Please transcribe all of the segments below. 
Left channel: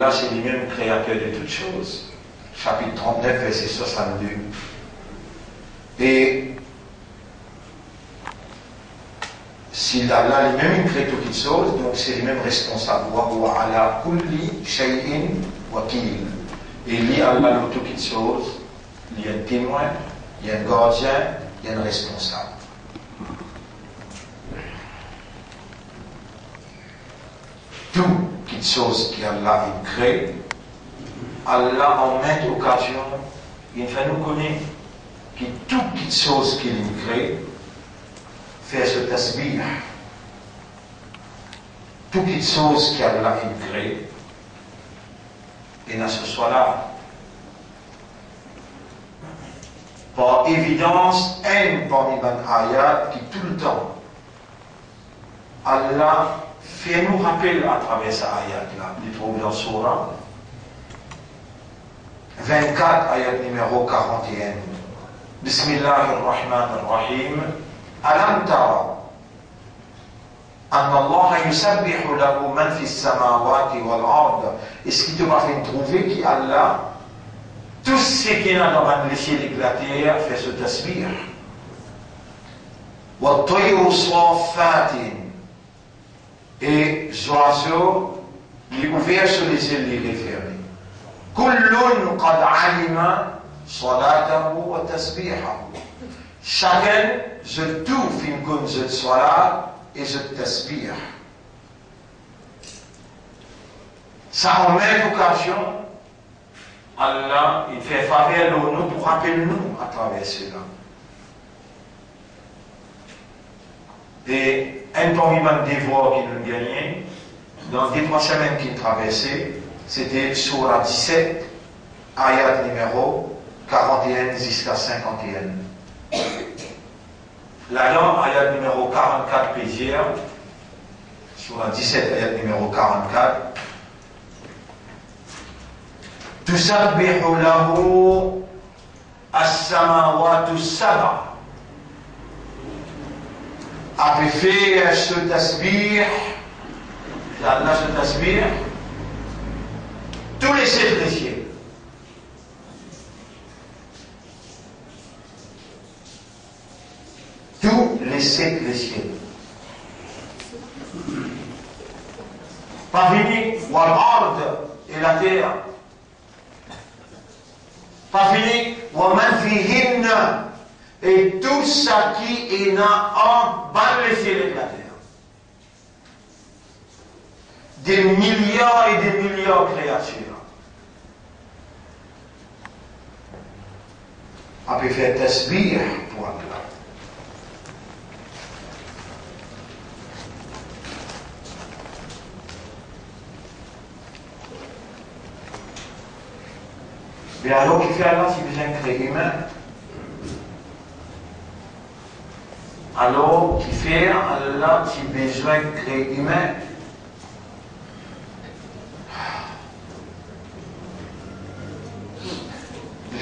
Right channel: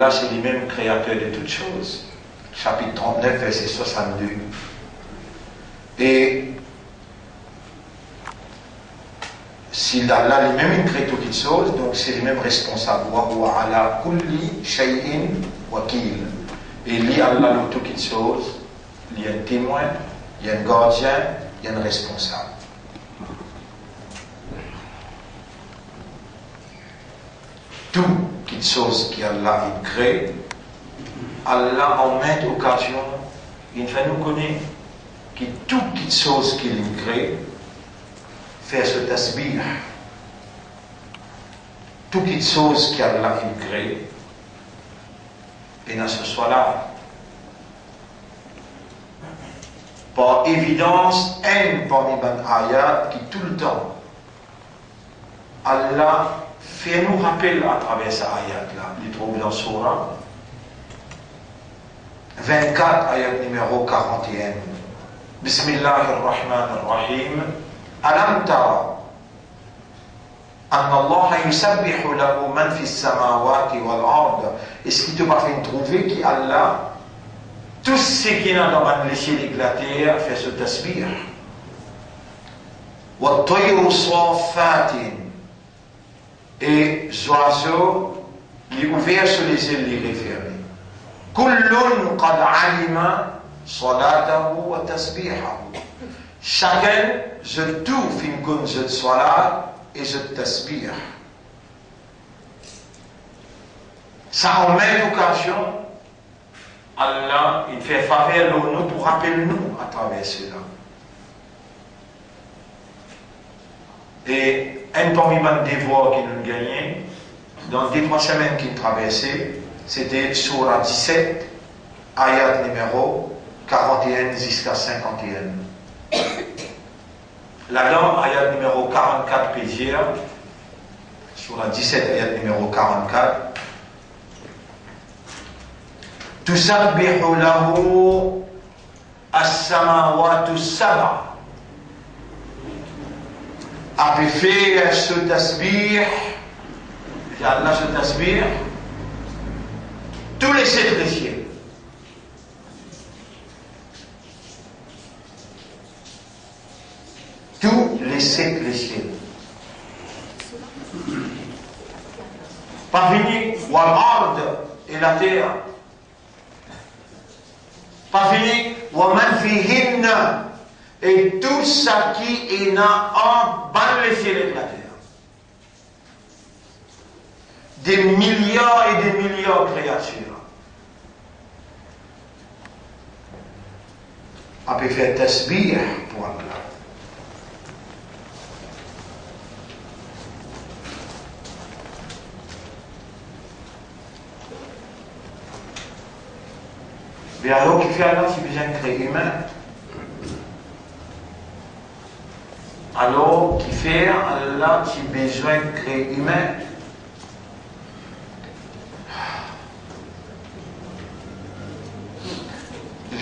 Là, c'est lui-même créateur de toutes choses. Chapitre 39, verset 62. Et si Allah lui-même crée toutes choses, donc c'est lui-même responsable. Wa huwa ala kulli shay'in wakil. Et lui, Allah, dans toutes choses, il y a un témoin, il y a un gardien, il y a un responsable. Tout quelque chose qu'Allah crée, Allah en maintes occasions, il fait nous connaître que tout quelque chose qu'il crée, fait ce tasbih. Tout quelque chose qu'Allah crée, et dans ce soit-là, par évidence, un parmi les ayats qui tout le temps, Allah fait nous rappeler à travers cette ayat-là, il trouve dans Surah 24, ayat numéro 41. Bismillahirrahmanirrahim. Alam tara anna Allah yusabbihu lahu man fi samawati wal ard. Est-ce qu'il te va faire trouver qu'Allah, tout ce qui est dans le ciel et la terre, fait ce tasbih. Wa tayru safatin. Et oiseaux, il est ouvert sur les ailes, il est fermé. Kullun qad alima salatahu wa tasbihahu. Chacun, je tout fin kun je salat et je tasbih. Ça en même occasion, Allah, il fait faveur à nous pour rappeler nous à travers cela. Et un parmi les devoirs qui nous gagnaient, dans les 3 semaines qui traversaient, c'était Surah 17, ayat numéro 41 jusqu'à 51. Là-dedans, ayat numéro 44 pédière, Surah 17, ayat numéro 44. Tusabbihu lahu as-samawatu sab'a. Après faire ce tasbih, Allah ce tasbih, tous les 7 cieux. Tous les 7 cieux. Pas fini, wa l'ard et la terre. Pas fini, wa man fihinna. Et tout ça qui est en bas de ciel et de la terre. Des milliards et des milliards de créatures. On peut faire tasbih pour Allah. Mais alors, qui fait Allah si besoin de créer humain? Alors, qui fait Allah qui a besoin de créer humain?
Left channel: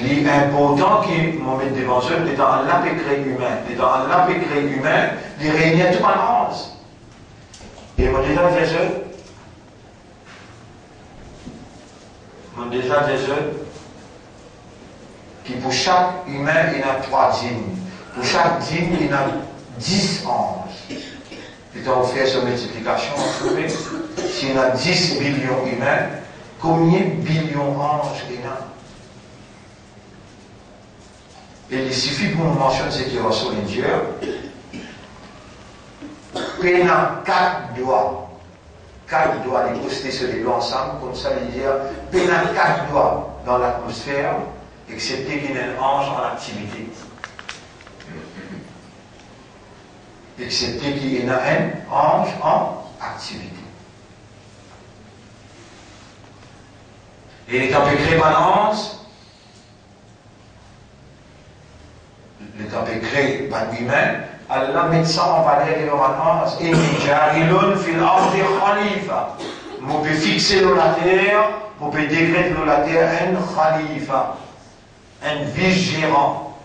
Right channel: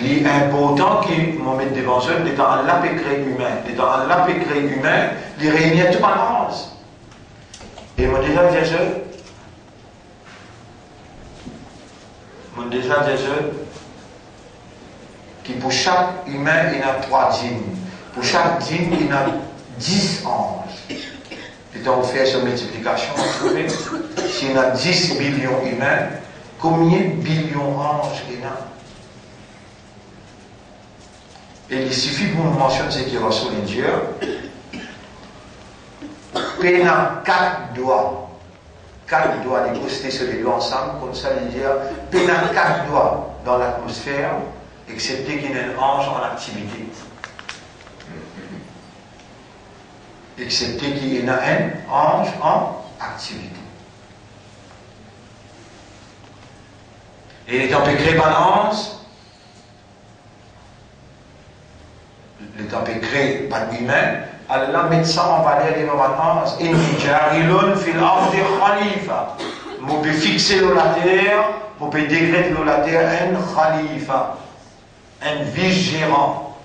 L'important qui m'en met devant eux, c'est dans Allah peut créer humain. Et dans Allah peut créer humain, il réunit tout en onze. Et mon déjà des eux, qui pour chaque humain, il y a 3 djinns. Pour chaque djinn, il y a 10 anges. Et quand on fait cette multiplication, on trouve, s'il y a 10 billions humains, combien de billions d'anges il y a? Et il suffit pour nous mentionner ce qui reçoit les dieux. Il a 4 doigts. 4 doigts, les poster sur les doigts ensemble, comme ça, les dire, il a 4 doigts dans l'atmosphère, excepté qu'il y ait un ange en activité. Excepté qu'il y en a un ange en activité. Et étant créé balance, l'étant créé par lui-même, Allah met ça en valeur de balance. Et jarilun fil ardi khalifa. On peut fixer dans la terre, on peut décréter dans la terre un khalifa, un vice-gérant,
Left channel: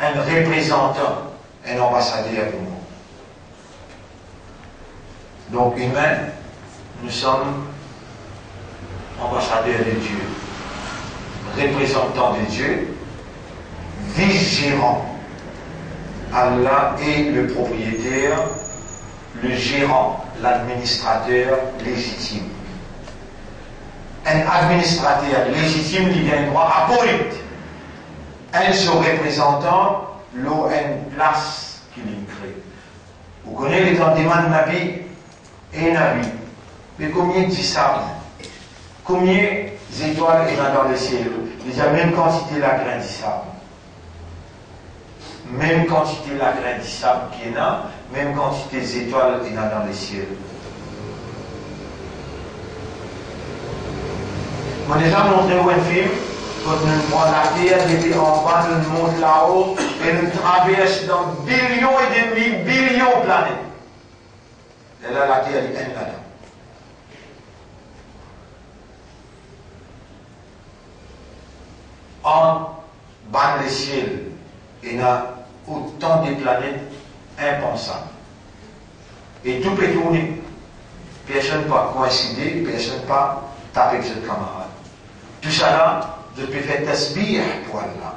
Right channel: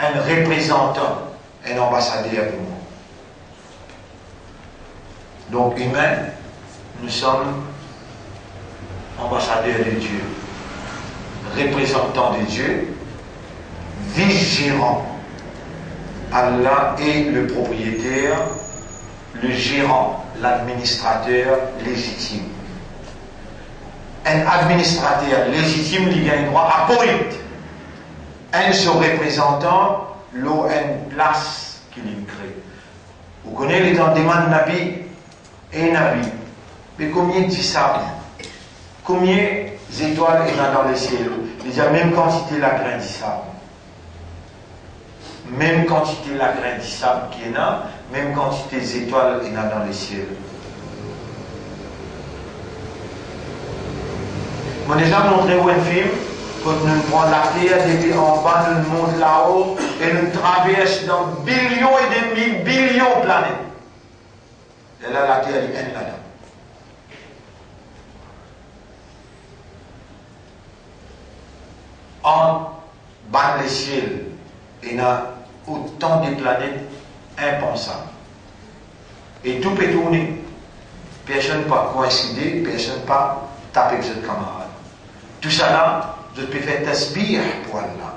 un représentant, un ambassadeur du monde. Donc humain, nous sommes ambassadeurs. ambassadeur de Dieu, représentant de Dieu, vice-gérant. Allah est le propriétaire, le gérant, l'administrateur légitime. Un administrateur légitime, il a un droit à appoint. Un son représentant, l'eau a une place qu'il crée. Vous connaissez les demande Nabi et Nabi. Mais combien de sable? Combien d'étoiles il y a dans le ciel? Il y a même quantité la graine de sable. Même quantité la graine de sable qu'il y a, même quantité d'étoiles il y a dans le ciel. Je vais déjà montrer un film, quand nous prenons la terre depuis en bas, nous montons là-haut, et nous traversons dans billions et demi, billions de planètes. Et là, la terre est là-dedans. En bas de ciel, il y a autant de planètes impensables. Et tout peut tourner. Personne ne peut coïncider, personne ne peut taper avec ses camarades. Tout ça là, je peux faire tasbih pour Allah.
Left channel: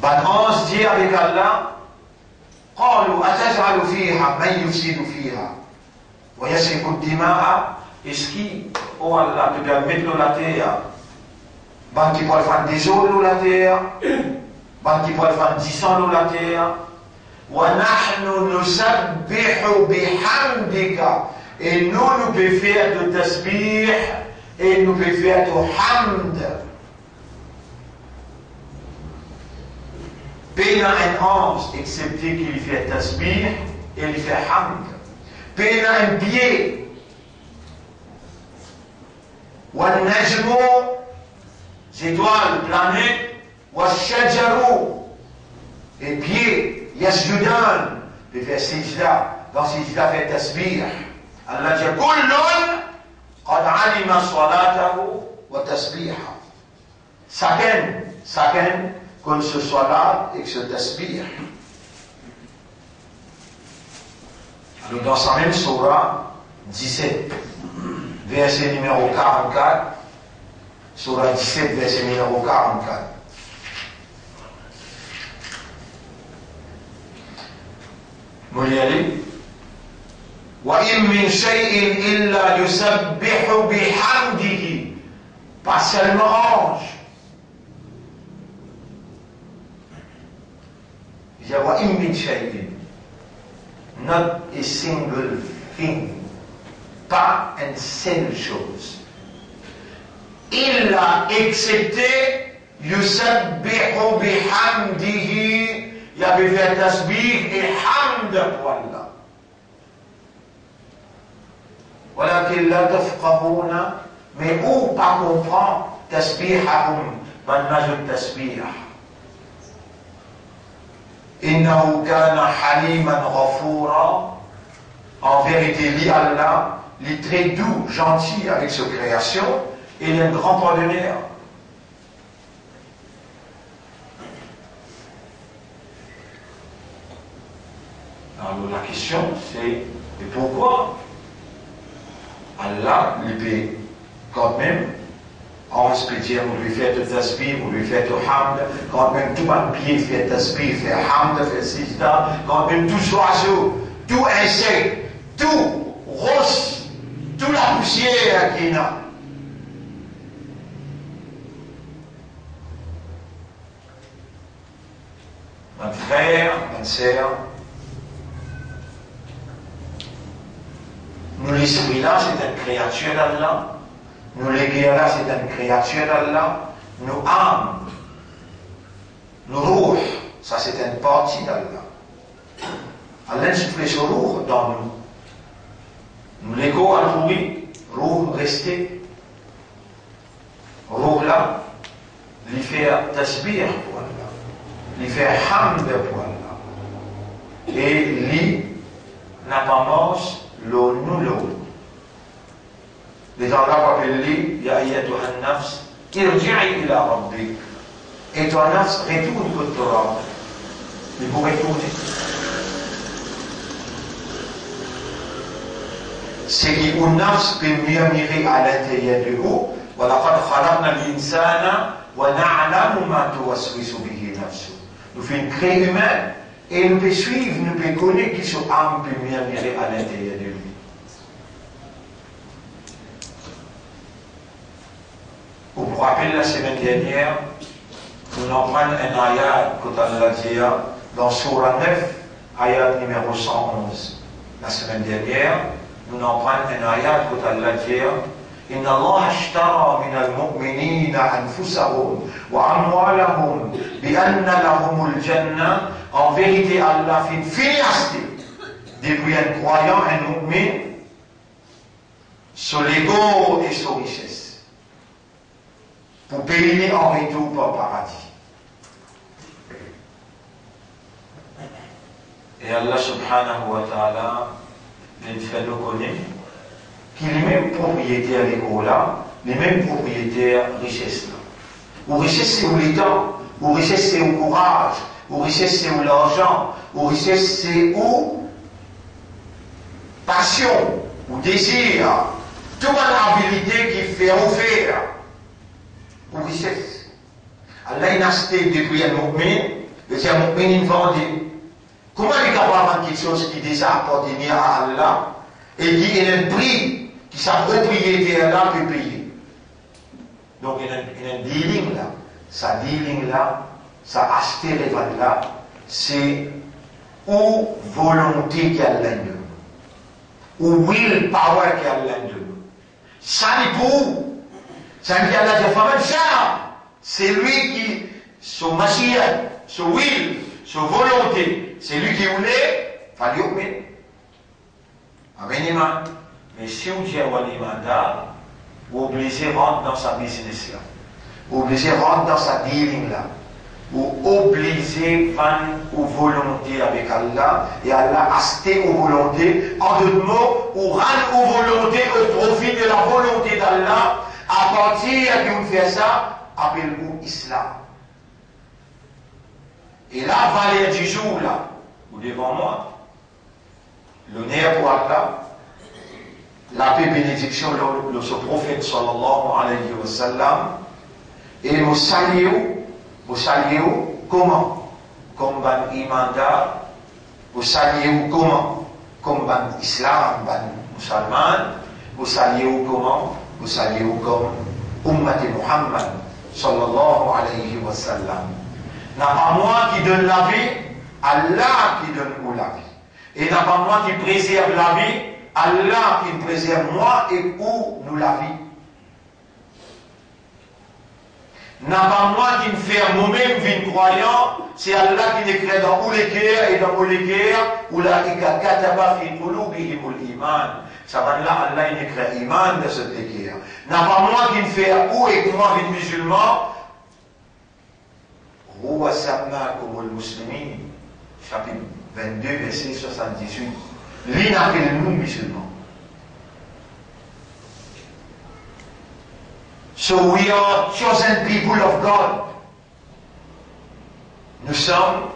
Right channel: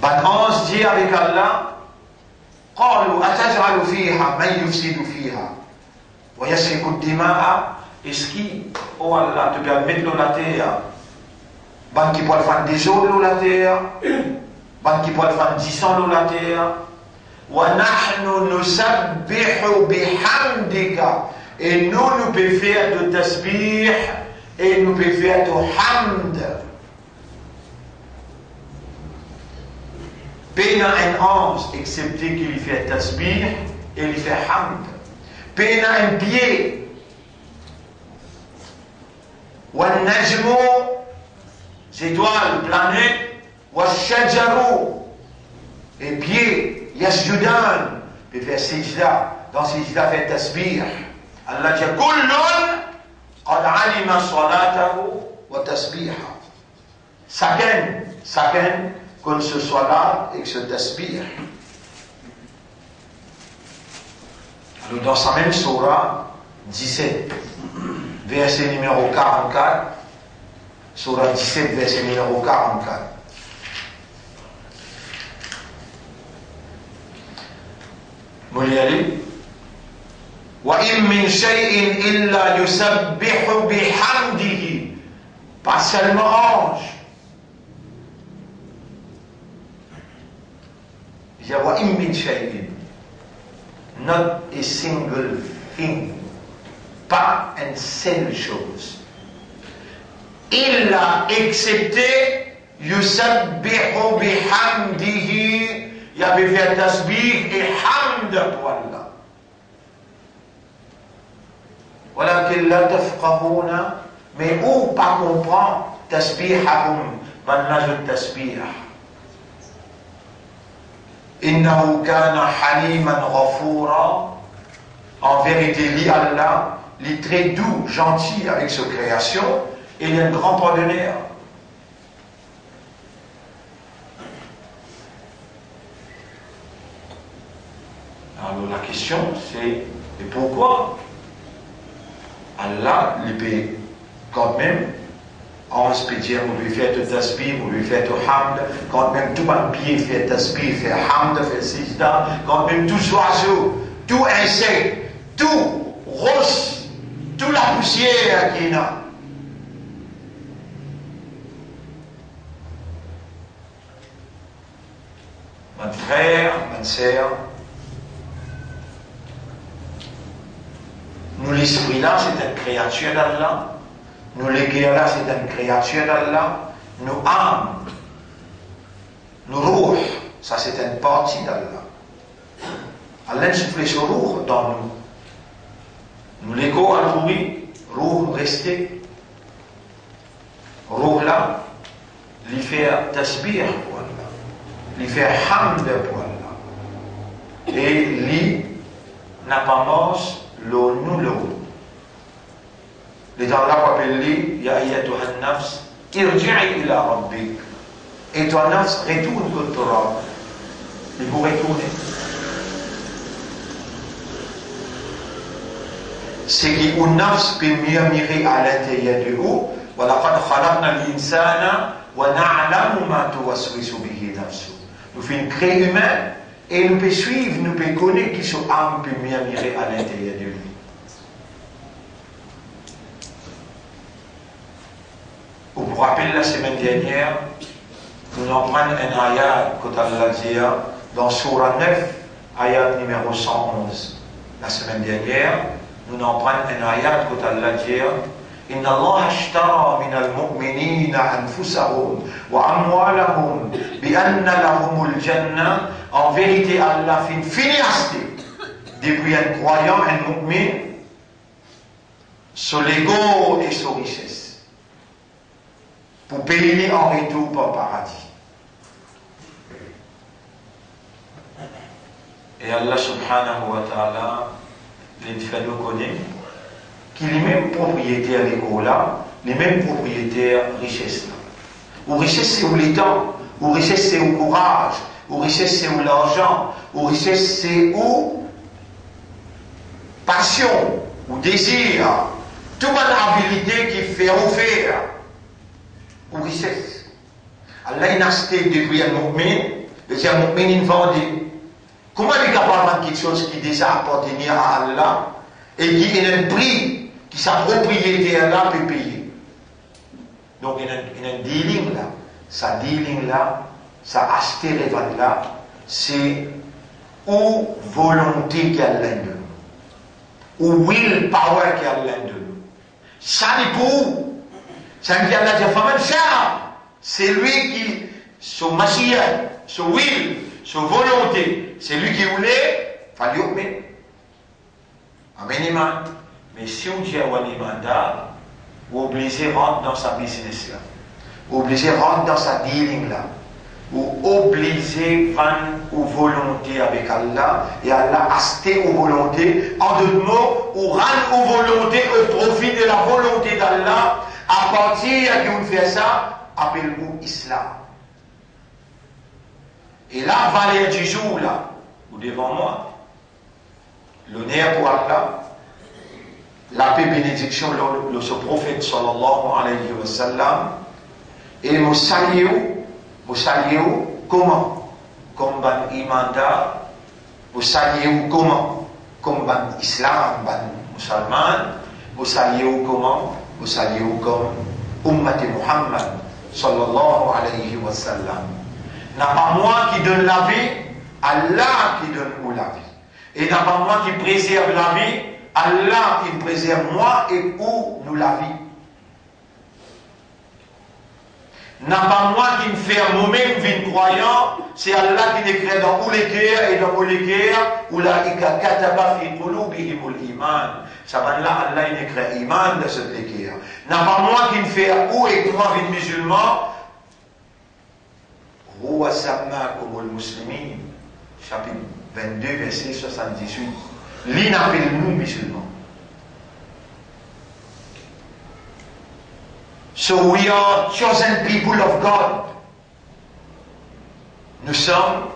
Ban se dit avec Allah, قالوا أتجعل فيها من يفسد فيها ويسفك الدماء. Est-ce qui, oh Allah, te permet de la terre? Ban qui peut faire des eaux de la terre, ban qui peut faire 10 ans de la terre. وَنَحْنُ نُسَبِّحُ بِحَمْدِكَ. Et nous pouvons faire de tasbih et nous pouvons faire de hamd. Pena un ange, excepté qu'il fait tasbih et il fait hamd. Pena un pied. وَالنَّجْمُ, étoiles, planètes. وَالشَّجَرُ, et pieds. يسجدان, il fait sijda. Dans sijda fait tasbih. Allah dit كل قد علم صلاته وتسبيحه. Chacun qu'on se soit là et que ce tasbih. Alors dans sa même surah 17, verset numéro 44, surah 17, verset numéro 44. Vous voulez y aller? وَإِن مِّن شَيْءٍ إِلَّا يُسَبِّحُ بِحَمْدِهِ. Pas seulement ange. Il dit وَإِن مِّن شَيْءٍ. Not a single thing. Pas une seule chose. إِلَّا excepté يُسَبِّحُ بِحَمْدِهِ. Il y avait fait tasbih et hamd pour Allah. ولكن لا تفقهون, mais où pas comprendre tasbihahum, manage tasbih. إنه كان حليما غفورا. En vérité, lui Allah, il est très doux, gentil avec sa création, et il est un grand pardonneur. Alors la question c'est, et pourquoi Allah lui peut quand même, on se peut dire, on lui fait de tasbih, on lui fait de hamd, quand même tout un pied fait tasbih, fait hamd, fait sijda, quand même tout oiseau, tout insecte, tout rose, toute la poussière qu'il y a. Mon frère, ma sœur, nous, l'esprit là, c'est une créature d'Allah. Nous, les guerres là, c'est une créature d'Allah. Nous, âmes, nous, ruh, ça, c'est une partie d'Allah. Allah souffle sur ruh dans nous. Nous, l'écho à rouhi, ruh resté. Ruh là, lui fait tasbih pour Allah. Lui fait hamd pour Allah. Et lui n'a pas mangé l'eau nous l'eau. Les gens là appellent lui, ya ayyatuha an-nafs, irji'i ila rabbik. Et ton nafs retourne contre toi. Il faut retourner. c'est qu'un nafs peut murmurer à l'intérieur de vous. وَلَقَدْ خَلَقْنَا الْإِنسَانَ وَنَعْلَمُ مَا تُوَسْوِسُ بِهِ نَفْسُهُ. Nous faisons une créer humain et nous peut suivre, nous peut connaître qui son âme peut murmurer à l'intérieur de lui. Vous vous rappelez la semaine dernière, nous en prenons un ayat que Allah dit dans Surah 9, ayat numéro 111. La semaine dernière, nous en prenons un ayat que Allah dit إن الله اشترى من المؤمنين أنفسهم وأموالهم بأن لهم الجنة. En vérité, Allah fait une finialité depuis un croyant, un mu'min, sur l'ego et sur richesse, pour payer en retour par paradis. Et Allah subhanahu wa ta'ala, les fait nous connaître qui les mêmes propriétaires légaux là, les mêmes propriétaires richesses là. Ou richesse c'est où les temps, ou richesse c'est où courage, ou richesse c'est où l'argent, ou richesse c'est où passion, ou désir, toute habilité qui fait offrir, ou richesse. Allah il a acheté depuis un mu'min, et un mu'min il vendait. Comment il est capable de faire quelque chose qui déjà appartenait à Allah et qui est un prix qui sa propriété là peut payer. Donc il y a un dealing là. Sa dealing là, sa acheter les ventes là, c'est ou volonté qui a l'un ou will power qui a l'un d'eux. Ça n'est pour. Ça veut dire Allah dit ça. C'est lui qui, son machia, son will, son volonté, c'est lui qui voulait, fallait obéir. Amen. Mais si on dit à Walimanda, vous obligez rentrer dans sa business là, vous obligez rentrer dans sa dealing là, vous obligez vendre aux volontés avec Allah, et Allah acheter aux volontés, en d'autres mots, ou rendre aux volontés au profit de la volonté d'Allah, à partir de vous fait ça, appelle-vous Islam. Et là, valeur du jour là, ou devant moi, l'honneur pour Allah, la paix bénédiction de ce prophète sallallahu alayhi wa sallam, et nous saluons comment? Comme ban imanda, nous saluons comment? Comme ban islam, ban musulman, nous saluons comment? Nous saluons comme ummat Muhammad sallallahu alayhi wa sallam. N'a pas moi qui donne la vie, Allah qui donne nous la vie. Et n'a pas moi qui préserve la vie, Allah qui préserve moi et où nous la vie. N'a pas moi qui me fait moi-même vie croyant, c'est Allah qui décrète dans tous les cœurs et dans tous les cœurs, où la kataba fi qulubihimul iman. Ça va là, Allah il décrète iman de ce cœur. N'a pas moi qui me fait où et moi vie musulman. Huwa sammakumul muslimin, chapitre 22, verset 78. L'île appelle nous musulmans. So we are chosen people of God. Nous sommes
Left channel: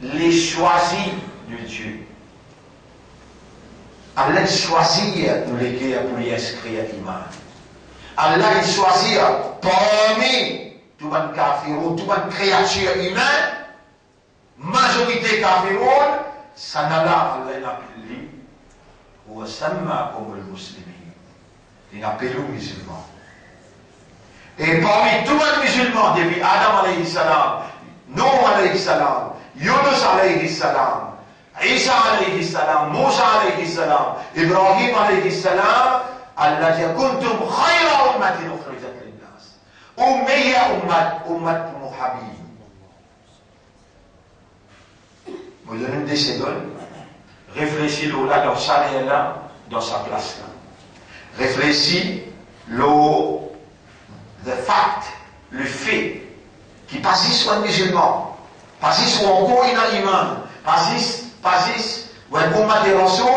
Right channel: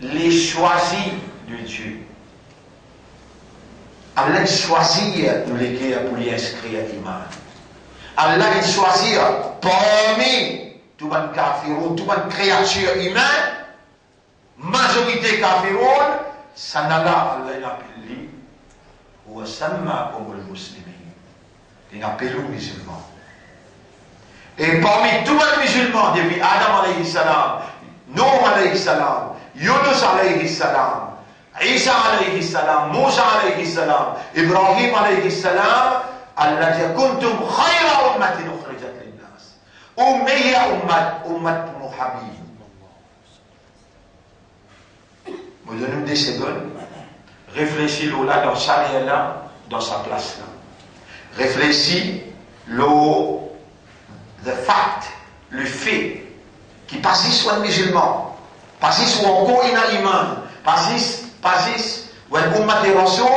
les choisis de Dieu. Allah choisit nous les cœurs pour les inscrire à l'imam. Allah choisit parmi tout le monde kafirou, tout le monde créature humaine, majorité kafirou, ça n'a là, Allah l'appelle lui, ou samma comme le musulman. Il appelle le musulman. Et parmi tous les musulmans, depuis Adam alayhi salam, Nuh alayhi salam, Yunus alayhi salam, Isa alayhi salam, Musa alayhi salam, Ibrahim alayhi salam, Allah dit kuntum khayra ummatin ukhrijat linnas. Ummiya ummat Muhammad. Vous donnez des secondes. Réfléchis là dans sa là, dans sa place là. Réfléchis the fact, le fait, qui passe sur un musulman, passe sur encore un iman, passe ou un ummat de Rasoul,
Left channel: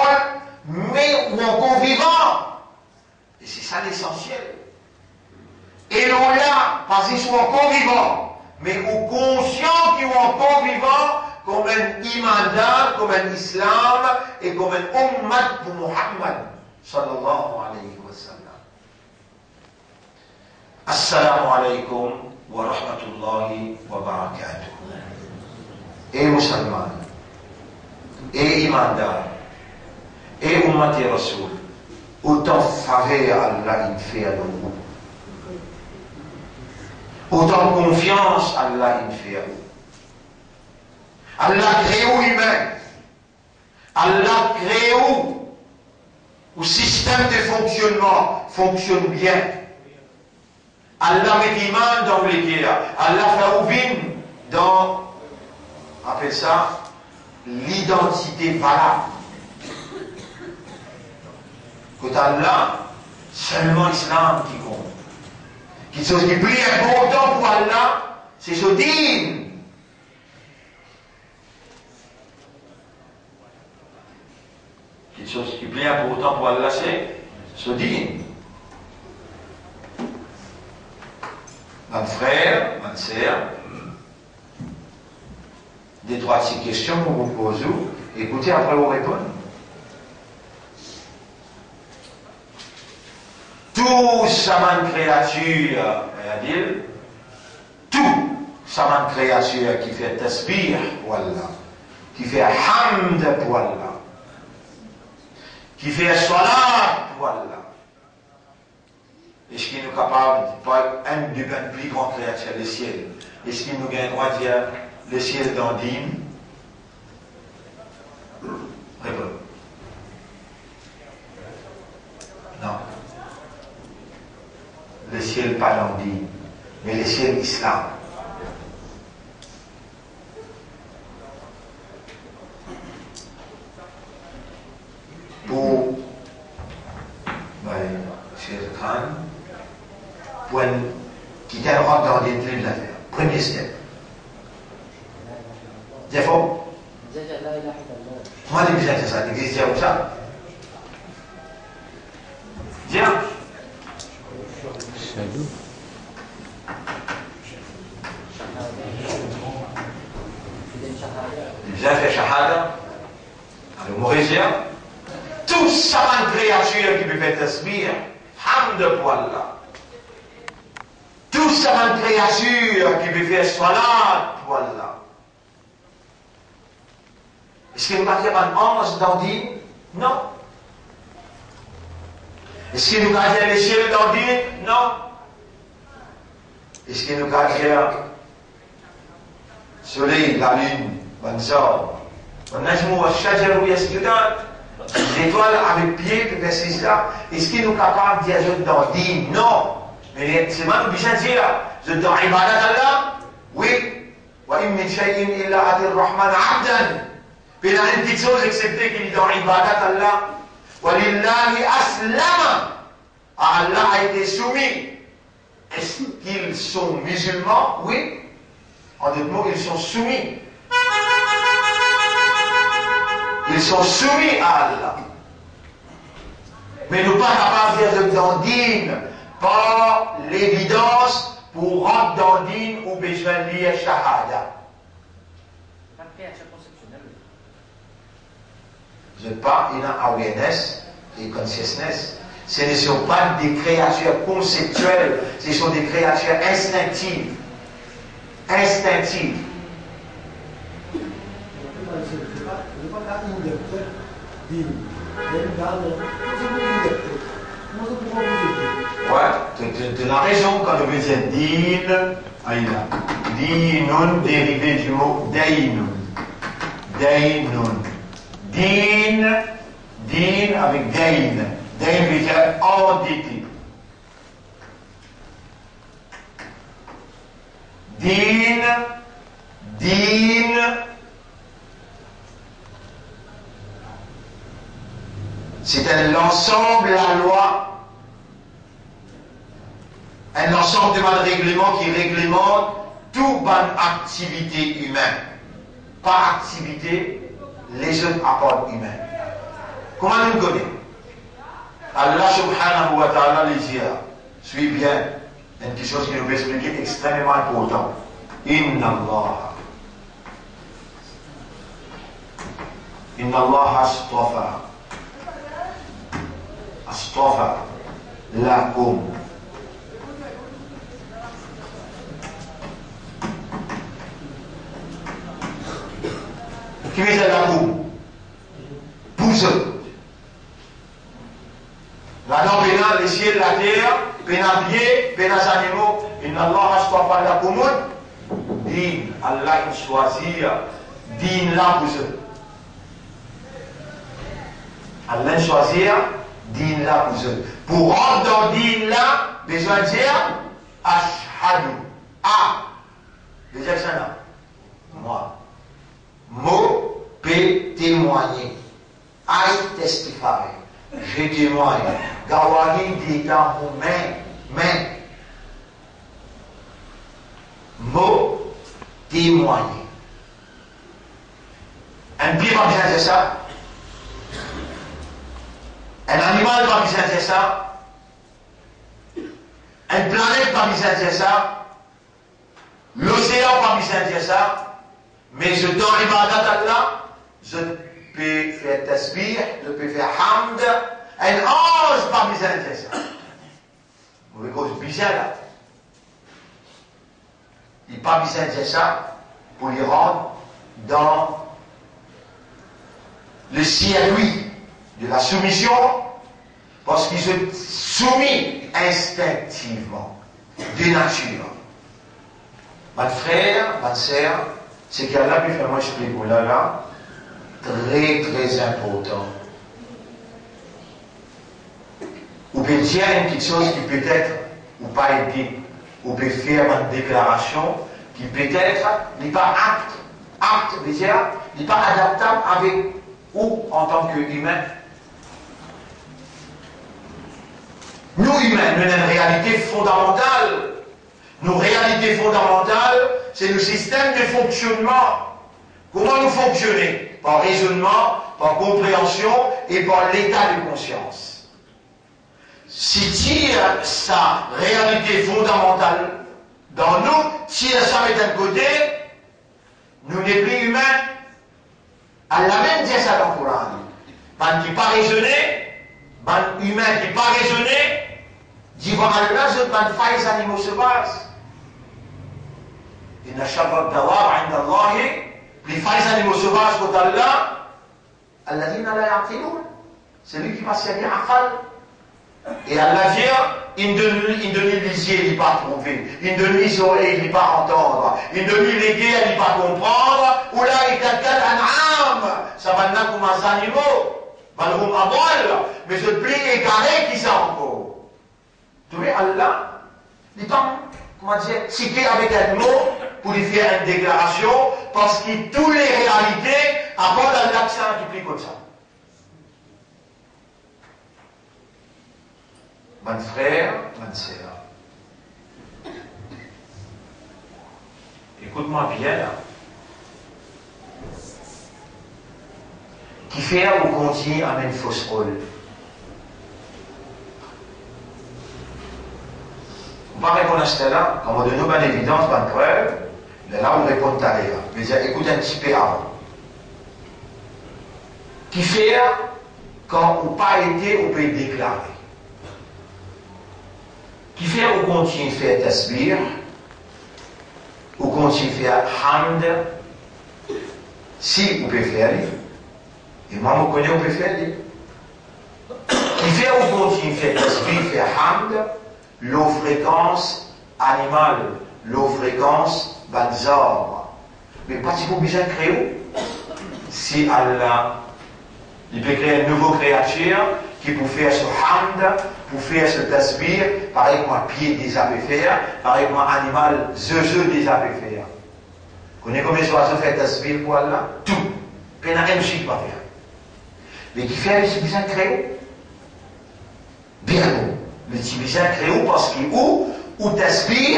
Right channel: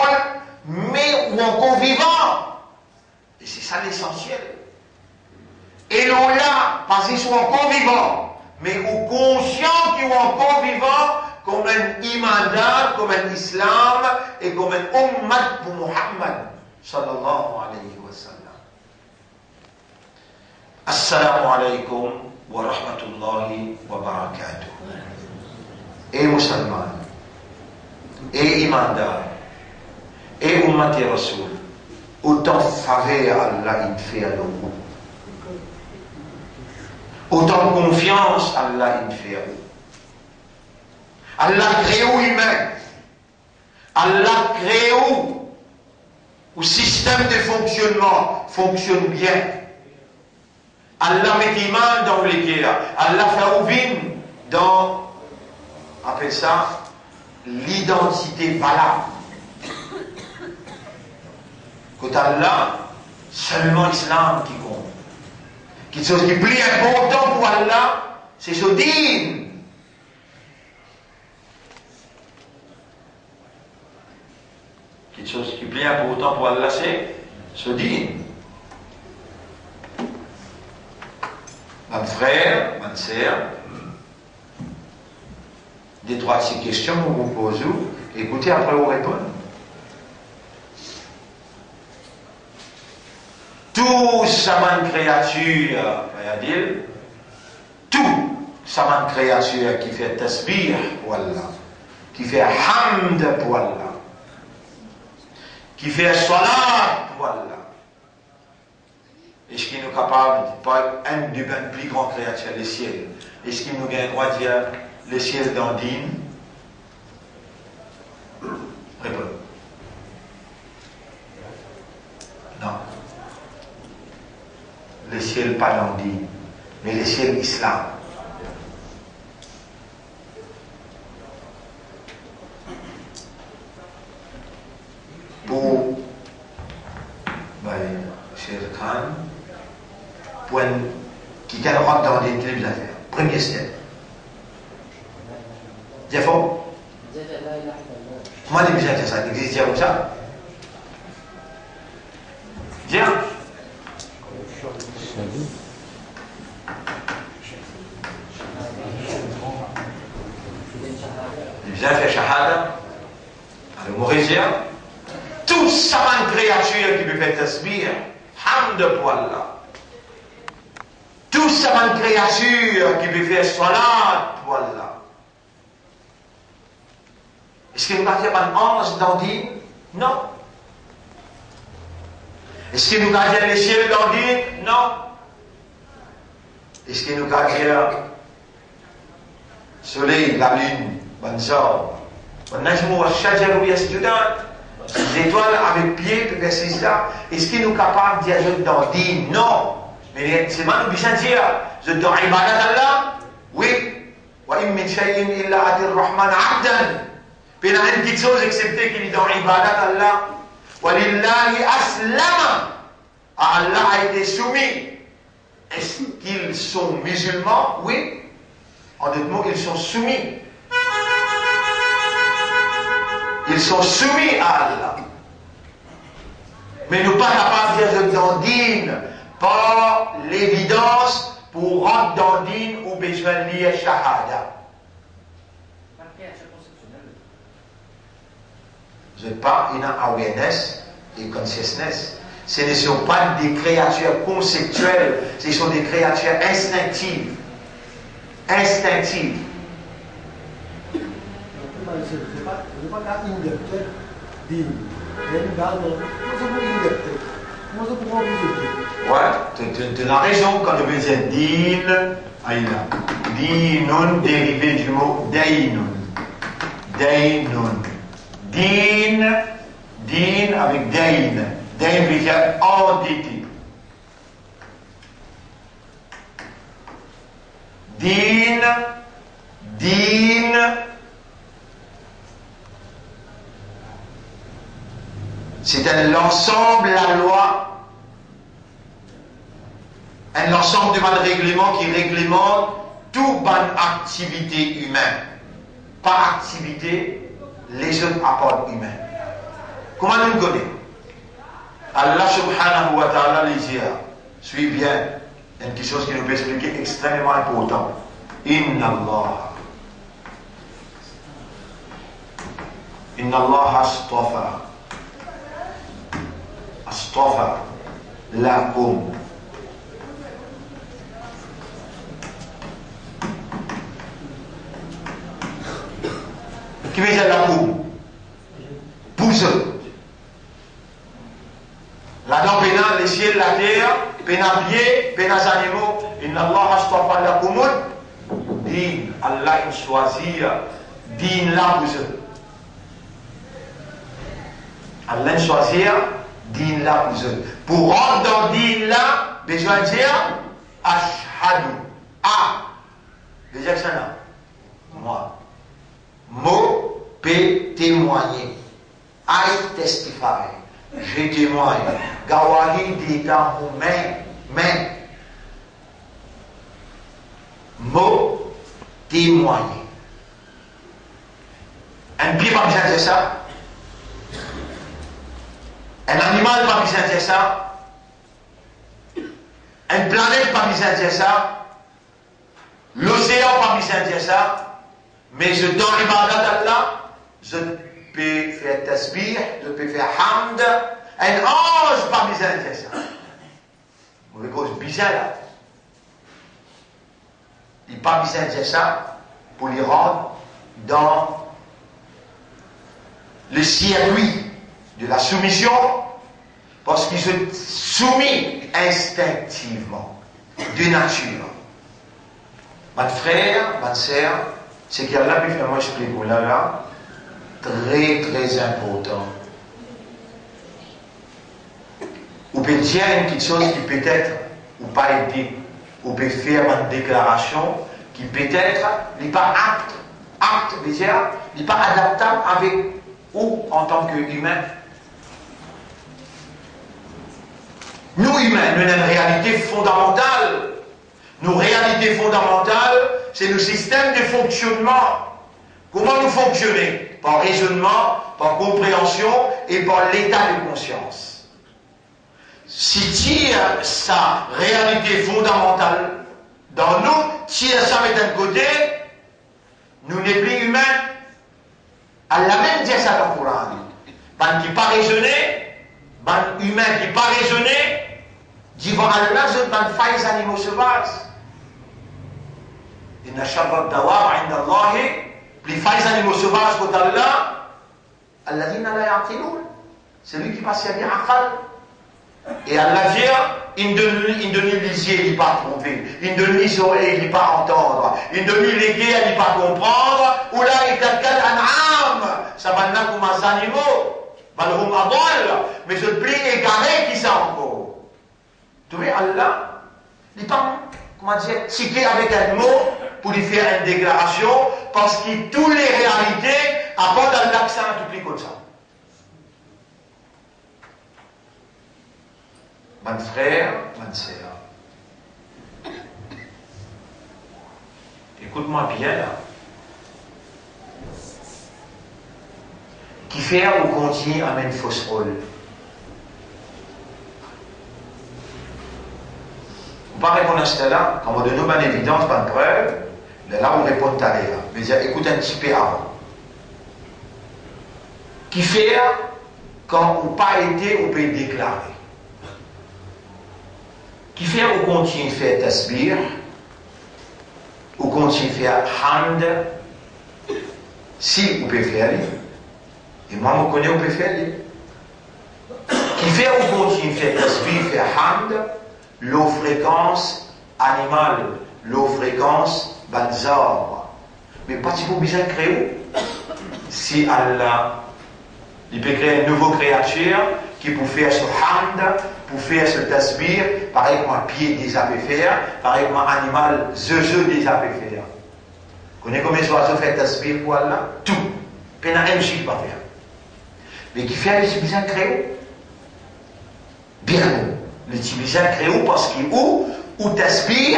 mais ou encore vivant. Et c'est ça l'essentiel. Et l'on là, passe sur encore vivant, mais ou conscient qu'il est encore vivant, comme un iman, comme un islam, et comme un ummat pour Muhammad, sallallahu alayhi wa sallam. Assalamu alaikum wa rahmatullahi wa barakatuh. Et musulmans, et imandar, et ummati rasoul, autant faveur Allah il fait à nous. Autant confiance Allah il fait à nous. Allah crée humain. Allah crée où système de fonctionnement fonctionne bien. Allah met iman dans l'équerre. Allah fait ouvin dans, on appelle ça, l'identité valable. Quant à Allah, seulement l'islam qui compte. Quelque chose qui est plus important pour Allah, c'est ce din. Quelque chose qui est plus important pour Allah, c'est ce din. Mon frère, ma sœur, des trois de ces questions que vous posez, écoutez après vous répondre. Tout sa créature, c'est-à-dire, tout sa créature qui fait tasbih pour Allah, qui fait hamd pour Allah, qui fait salat pour Allah. Est-ce qu'il est capable de parler du plus grand créature, le ciel? Est-ce qu'il nous gagne droit de dire le ciel d'Andine? Réponds. Non. Le ciel pas d'Andine, mais le ciel islam. Pour Cheikh Khan, qui rentre dans les clés de l'affaire. Premier step. C'est faux? Comment tu dis ça? Tu dis comme ça? Viens. Bien fait shahada. Alors, Maurizia. Tout ça, une créature qui peut faire tasbih, hamd pour Allah. Tout ça, une créature qui peut faire salat pour Allah. Est-ce qu'il nous a dit un ange d'Andine? Non. Est-ce qu'il nous a dit les cieux d'Andine? Non. Est-ce qu'il nous a dit le soleil, la lune, bonne sort? Les étoiles avec pied peuvent faire cela. Est-ce qu'il nous est capable de dire je t'en dis non? Mais c'est mal nous bien dire je t'en ibadat Allah? Oui. Wa im min shay'in illa ati ar-Rahman 'abdan. Mais il y a une petite chose excepté qu'il est dans ibadat Allah. Wa lillahi aslama. Allah a été soumis. Est-ce qu'ils sont musulmans? Oui. En d'autres mots, ils sont soumis. Ils sont soumis à Allah. Mais nous pas capables de dire dans dîne par l'évidence pour rentrer dans dîne ou besoin de lire shahada. Vous n'êtes pas une awareness et consciousness. Ce ne sont pas des créatures conceptuelles, ce sont des créatures instinctives. Instinctives. Ouais, tu as raison quand on veut dire din, dinun dérivé du mot dainun. Dainun. Din avec dain. Dain veut dire endetté. Din. C'est un ensemble, la loi, un ensemble de règlements qui réglemente toute bonne activité humaine. Par activité, les autres apportent humains. Comment nous connaissons? Allah subhanahu wa ta'ala les dit, suis bien, une quelque chose qui nous peut expliquer extrêmement important. Inna Allah astafa astafa lakum. Qui veut dire lakum? Pour eux. Là-dedans, pénal, les ciels, la terre, pénal pied, pénal animaux. Inna Allah astafa lakum. Din, Allah il choisit din là pour eux. Allah choisir din là pour eux. Pour rentrer dans din là, besoin de dire ashhadu. Ah, déjà ça là. Moi. Mot, P, témoigner. I testify. Je témoigne. Gawahi dit dans mon main. Mot, témoigner. Un pied pas besoin de ça. Un animal pas besoin de ça. Une planète pas besoin de ça. L'océan pas besoin de ça. Mais je donne l'ibadat d'Allah, je peux faire tasbih, je peux faire hamd. Un ange pas besoin de ça. Vous voyez cause bizarre là. Il n'a pas besoin de ça pour les rendre dans le circuit de la soumission, parce qu'il se soumet instinctivement, de nature. Ma frère, ma sœur, c'est qu'il y a là, puis finalement, je explique là, très très important. Ou peut dire une petite chose qui peut-être, ou pas été, ou peut faire une déclaration qui peut-être n'est pas apte, dire, n'est pas adaptable avec ou en tant qu'humain. Nous humains, nous avons une réalité fondamentale. Nos réalités fondamentales, c'est le système de fonctionnement. Comment nous fonctionnons? Par raisonnement, par compréhension et par l'état de conscience. Si tire sa réalité fondamentale dans nous, tire ça met d'un côté, nous n'est plus humains. Elle a même dit ça dans le Coran. Ben qui pas raisonné, ben humain qui pas raisonné, dit bon Allah, je ben failles les animaux sauvages. Inna sharra dawab inda Allah, les failles animaux sauvages pour Allah, alladhina la ya'qilun, c'est lui qui passe bien aqal. Et Allah vient, il donne les yeux, il ne pas tromper, il donne les oreilles, il ne pas entendre, il donne les guets, il ne pas comprendre, ou là il calcule an'am, ça va n'a comme un animaux, malhum adol, mais je plie égaré qui ça encore. Tu vois, Allah, il pas, comment dire, cité avec un mot pour lui faire une déclaration, parce que toutes les réalités apportent à l'accent qui plie comme ça. Mon frère, ma sœur, écoute-moi bien là. Qui fait ou continue à une fausse rôle. On ne va pas répondre à cela, quand on donne une évidence, pas de preuve, là on répond à l'air. Mais écoute un petit peu avant. Qui fait quand on n'a pas été, on peut déclarer. Qui fait ou continue à faire tasbih, ou continue à faire hamd, si vous pouvez faire, et moi je connais, vous pouvez faire. Qui fait ou continue à faire tasbih, faire hamd, l'eau fréquence animale, l'eau fréquence banzar. Mais pas si vous besoin de créer, si Allah, il peut créer une nouvelle créature qui peut faire ce hamd, pour faire ce tasbih, pareil comme un pied des abeilles faire, pareil comme un animal, zeu des abeilles faire. Vous connaissez combien de oiseaux fait tasbih pour Allah? Tout. Peine à un chiffre pas faire. Mais qui fait les civilisations créées? Bien, les civilisations créées parce qu'il ou tasbih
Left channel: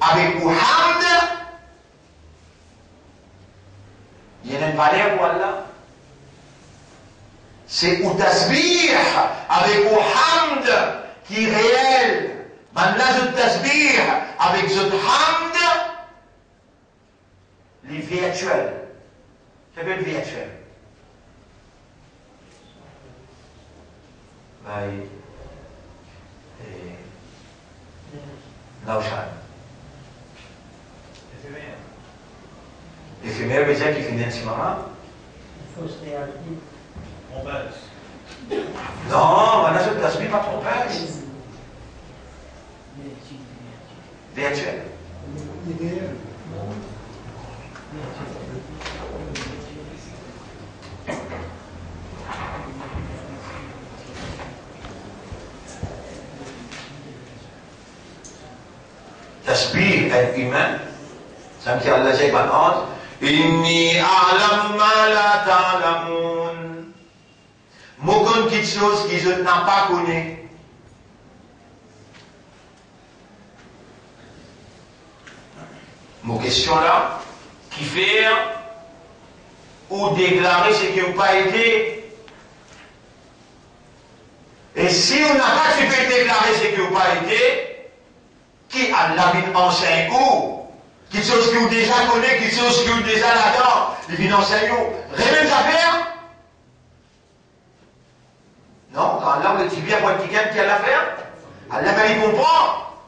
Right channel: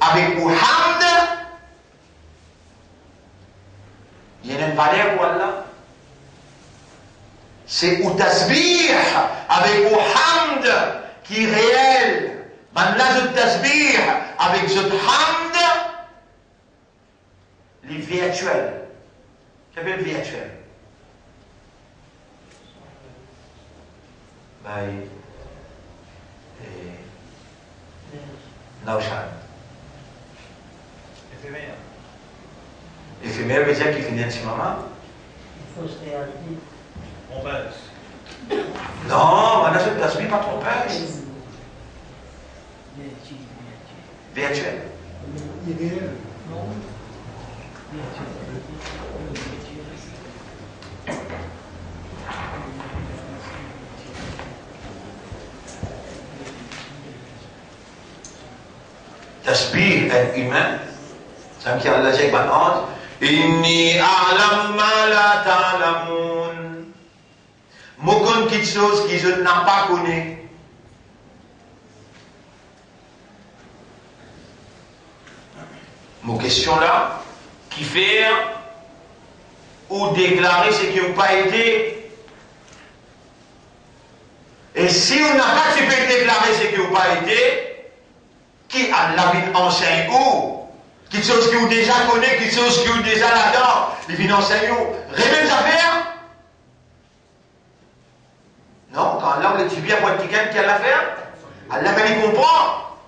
avec ou hamd, il y a une valeur pour Allah. C'est ou tasbih avec ou hamd qui est réel. Maintenant, le tasbih avec ce hamd, les virtuels. Qu'est-ce que virtuel? Naushan. Éphémère. Éphémère veut dire qu'il finit un maman. Fausse réalité. Trompeuse. Non, on a ce tasbih pas trompeuse. Virtuel. Idéal. Tasbih est humain. Ça me dit Allah dit maintenant, Inni a'lamu ma la ta'lamun. M'aucune petite chose qui je n'ai pas connu. Mon question là, qui fait ou déclarer ce qui n'a pas été. Et si on n'a pas tu peux déclarer ce qui n'a pas été, qui a la vie enseigne où? Quelque chose qui vous déjà connaît, quelque chose qui vous déjà là-dedans, il vient enseigner où? Révèle les affaires? Non, quand Allah le dit bien pour quelqu'un qui a l'affaire, Allah va y comprendre.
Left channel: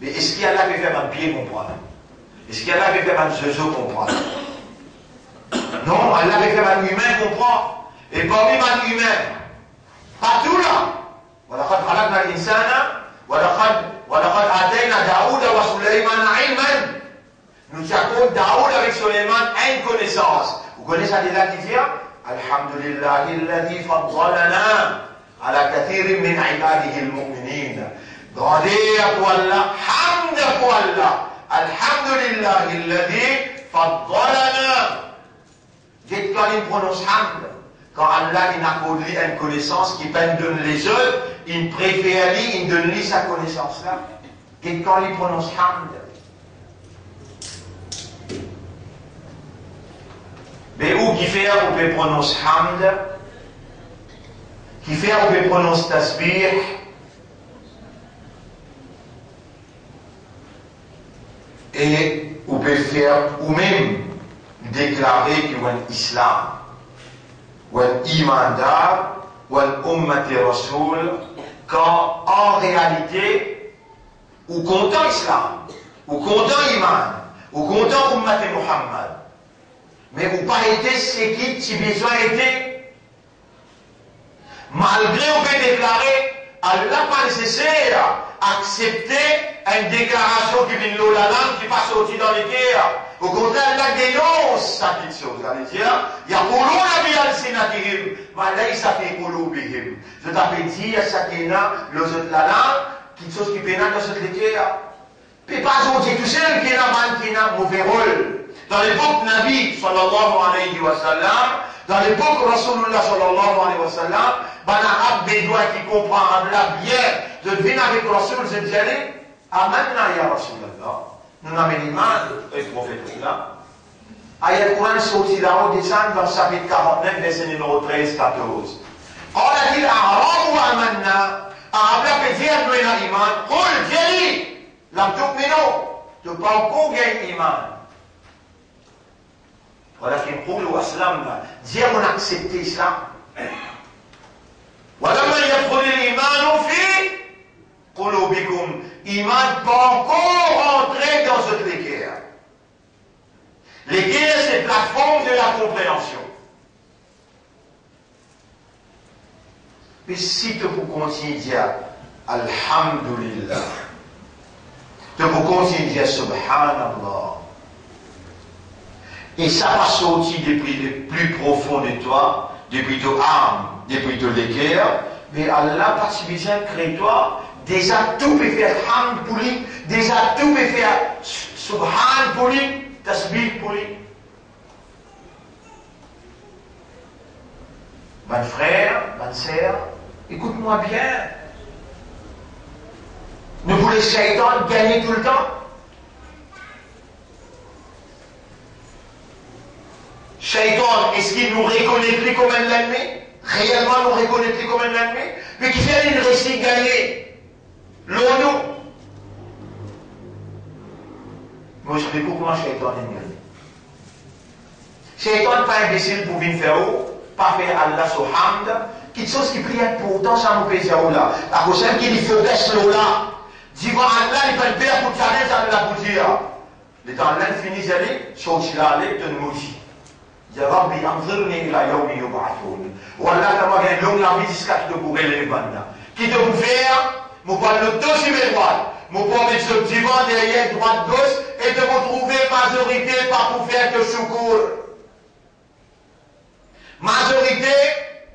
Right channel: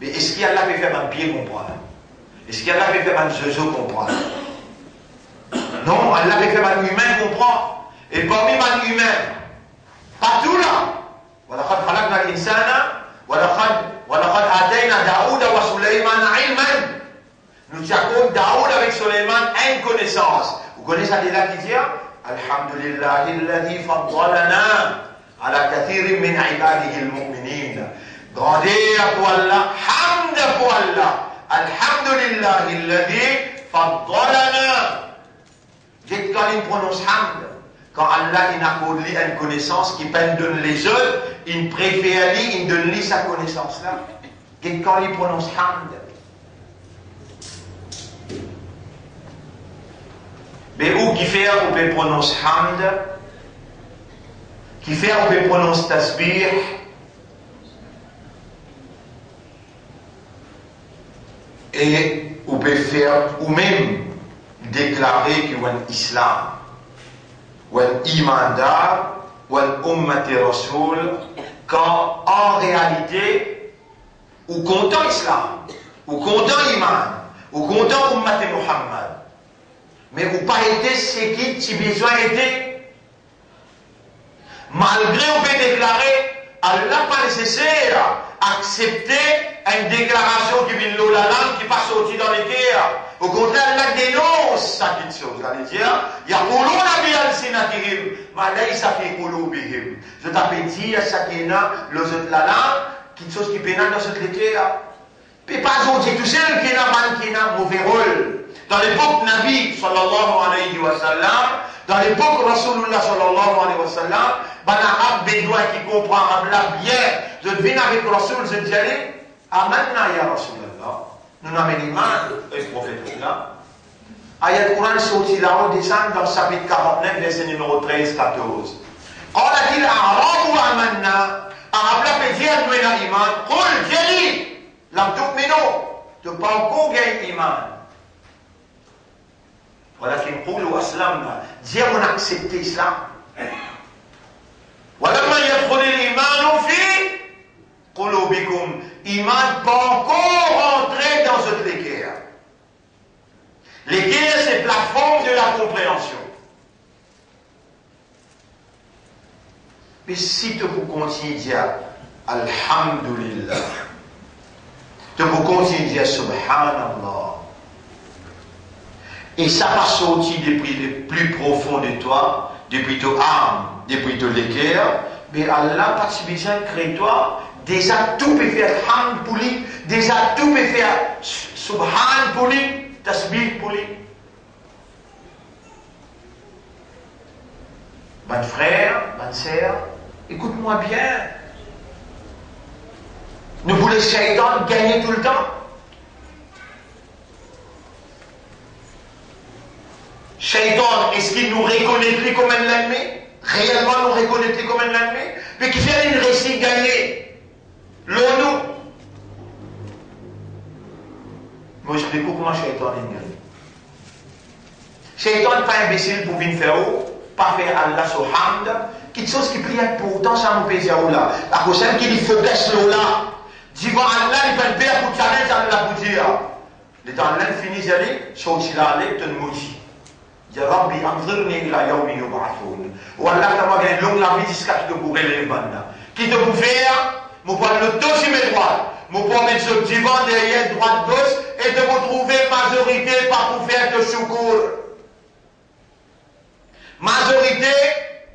Mais est-ce qu'Allah peut faire un pied comprendre? Est-ce qu'Allah peut faire un zozo comprendre? Non, Allah peut faire un humain comprendre. Et parmi les humains, partout là, وَلَقَدْ خَلَقْنَا الْإِنسَانَ وَلَقَدْ آتَيْنَا دَاوُودَ وَسُلَيْمَانَ عِلْمًا. Nous avons Daoud avec Suleiman une connaissance. Vous connaissez Allah qui dit Alhamdulillahi alladhi faddalana ala kathirin min ibadihi al-mu'minin. Grandeur pour Allah, hamd pour Allah. Alhamdulillahi alladhi faddalana. Dites quand il prononce hamd, quand Allah il accorde une connaissance qui peine donner les autres, il préfère lui, il donne lui sa connaissance là. Dites quand il prononce hamd. Mais où qui fait on peut prononcer hamd, qui fait on peut prononcer tasbih, et on peut faire ou même déclarer qu'il y a un islam, ou un imandar, ou un ummati rasoul, quand en réalité, ou content islam, ou content iman, ou content ummati Muhammad. Mais vous pas été ce qui besoin été. Malgré on peut déclarer, Allah pas nécessaire accepter une déclaration qui vient de la langue qui passe sorti dans les terres. Au contraire, Allah dénonce sa petite chose. Vous allez dire, Yaquluna bi alsinatihim, ma laysa fi qulubihim. Je t'appelle dire ça qui est là, le la langue, quelque chose qui pénale dans cette terre. Puis pas aujourd'hui tout seul qui est là, qui a un mauvais rôle. Dans l'époque Nabi sallallahu alayhi wa sallam, dans l'époque Rasulullah sallallahu alayhi wa sallam, ben arabe bédouin qui comprend arabe là bien, je devine avec Rasul, je dis allez, amanna ya Rasulallah, nous n'avons l'iman, et le prophète là. Ayat Quran sorti là-haut, descend dans le chapitre 49, verset numéro 13-14. On a dit l'arabe ou amanna, arabe là peut dire nous avons l'iman, qul, dis-lui, l'abdouk mino, tu pas encore gagné l'iman. ولكن قولوا أسلمنا dire on accepte l'islam ولما يدخل الإيمان في قلوبكم إيمان pas encore entré dans cette équerre. L'équerre c'est la forme de la compréhension. Mais si tu vous continuez à dire Alhamdulillah, tu vous continuez à dire Subhanallah, et ça va sortir depuis le plus profond de toi, depuis ton âme, depuis ton l'équerre, mais Allah, pas si besoin de créer toi, déjà tout peut faire hamd pour lui, déjà tout peut faire subhan pour lui, tasbih pour lui. Mon frère, ma sœur, écoute-moi bien. Ne vous laissez pas gagner tout le temps. Shaitan, est-ce qu'il nous reconnaît plus comme un ennemi? Réellement nous reconnaît plus comme un ennemi? Mais qui fait une réussite gagnée? L'ONU. Moi je dis comment Shaitan est gagné. Shaitan n'est pas imbécile pour venir faire où? Pas faire Allah sur hamd, quelque chose qui prie important, ça nous pèse là. La prochaine qui dit faut baisser là. Dis moi Allah, il peut le faire pour challenge, ça ne l'a pas dit. Les temps là, finit d'aller, sorti là, aller, te nous dit. Ya Rabbi, anzirni ila yawmi yub'athun. Wallah, tu vas gagner longue la vie jusqu'à ce que vous relèvez maintenant. Qui te vous faire, vous prenez le dos sur mes droites, vous prenez ce divan derrière droite gauche et de vous trouver majorité par vous faire de secours. Majorité,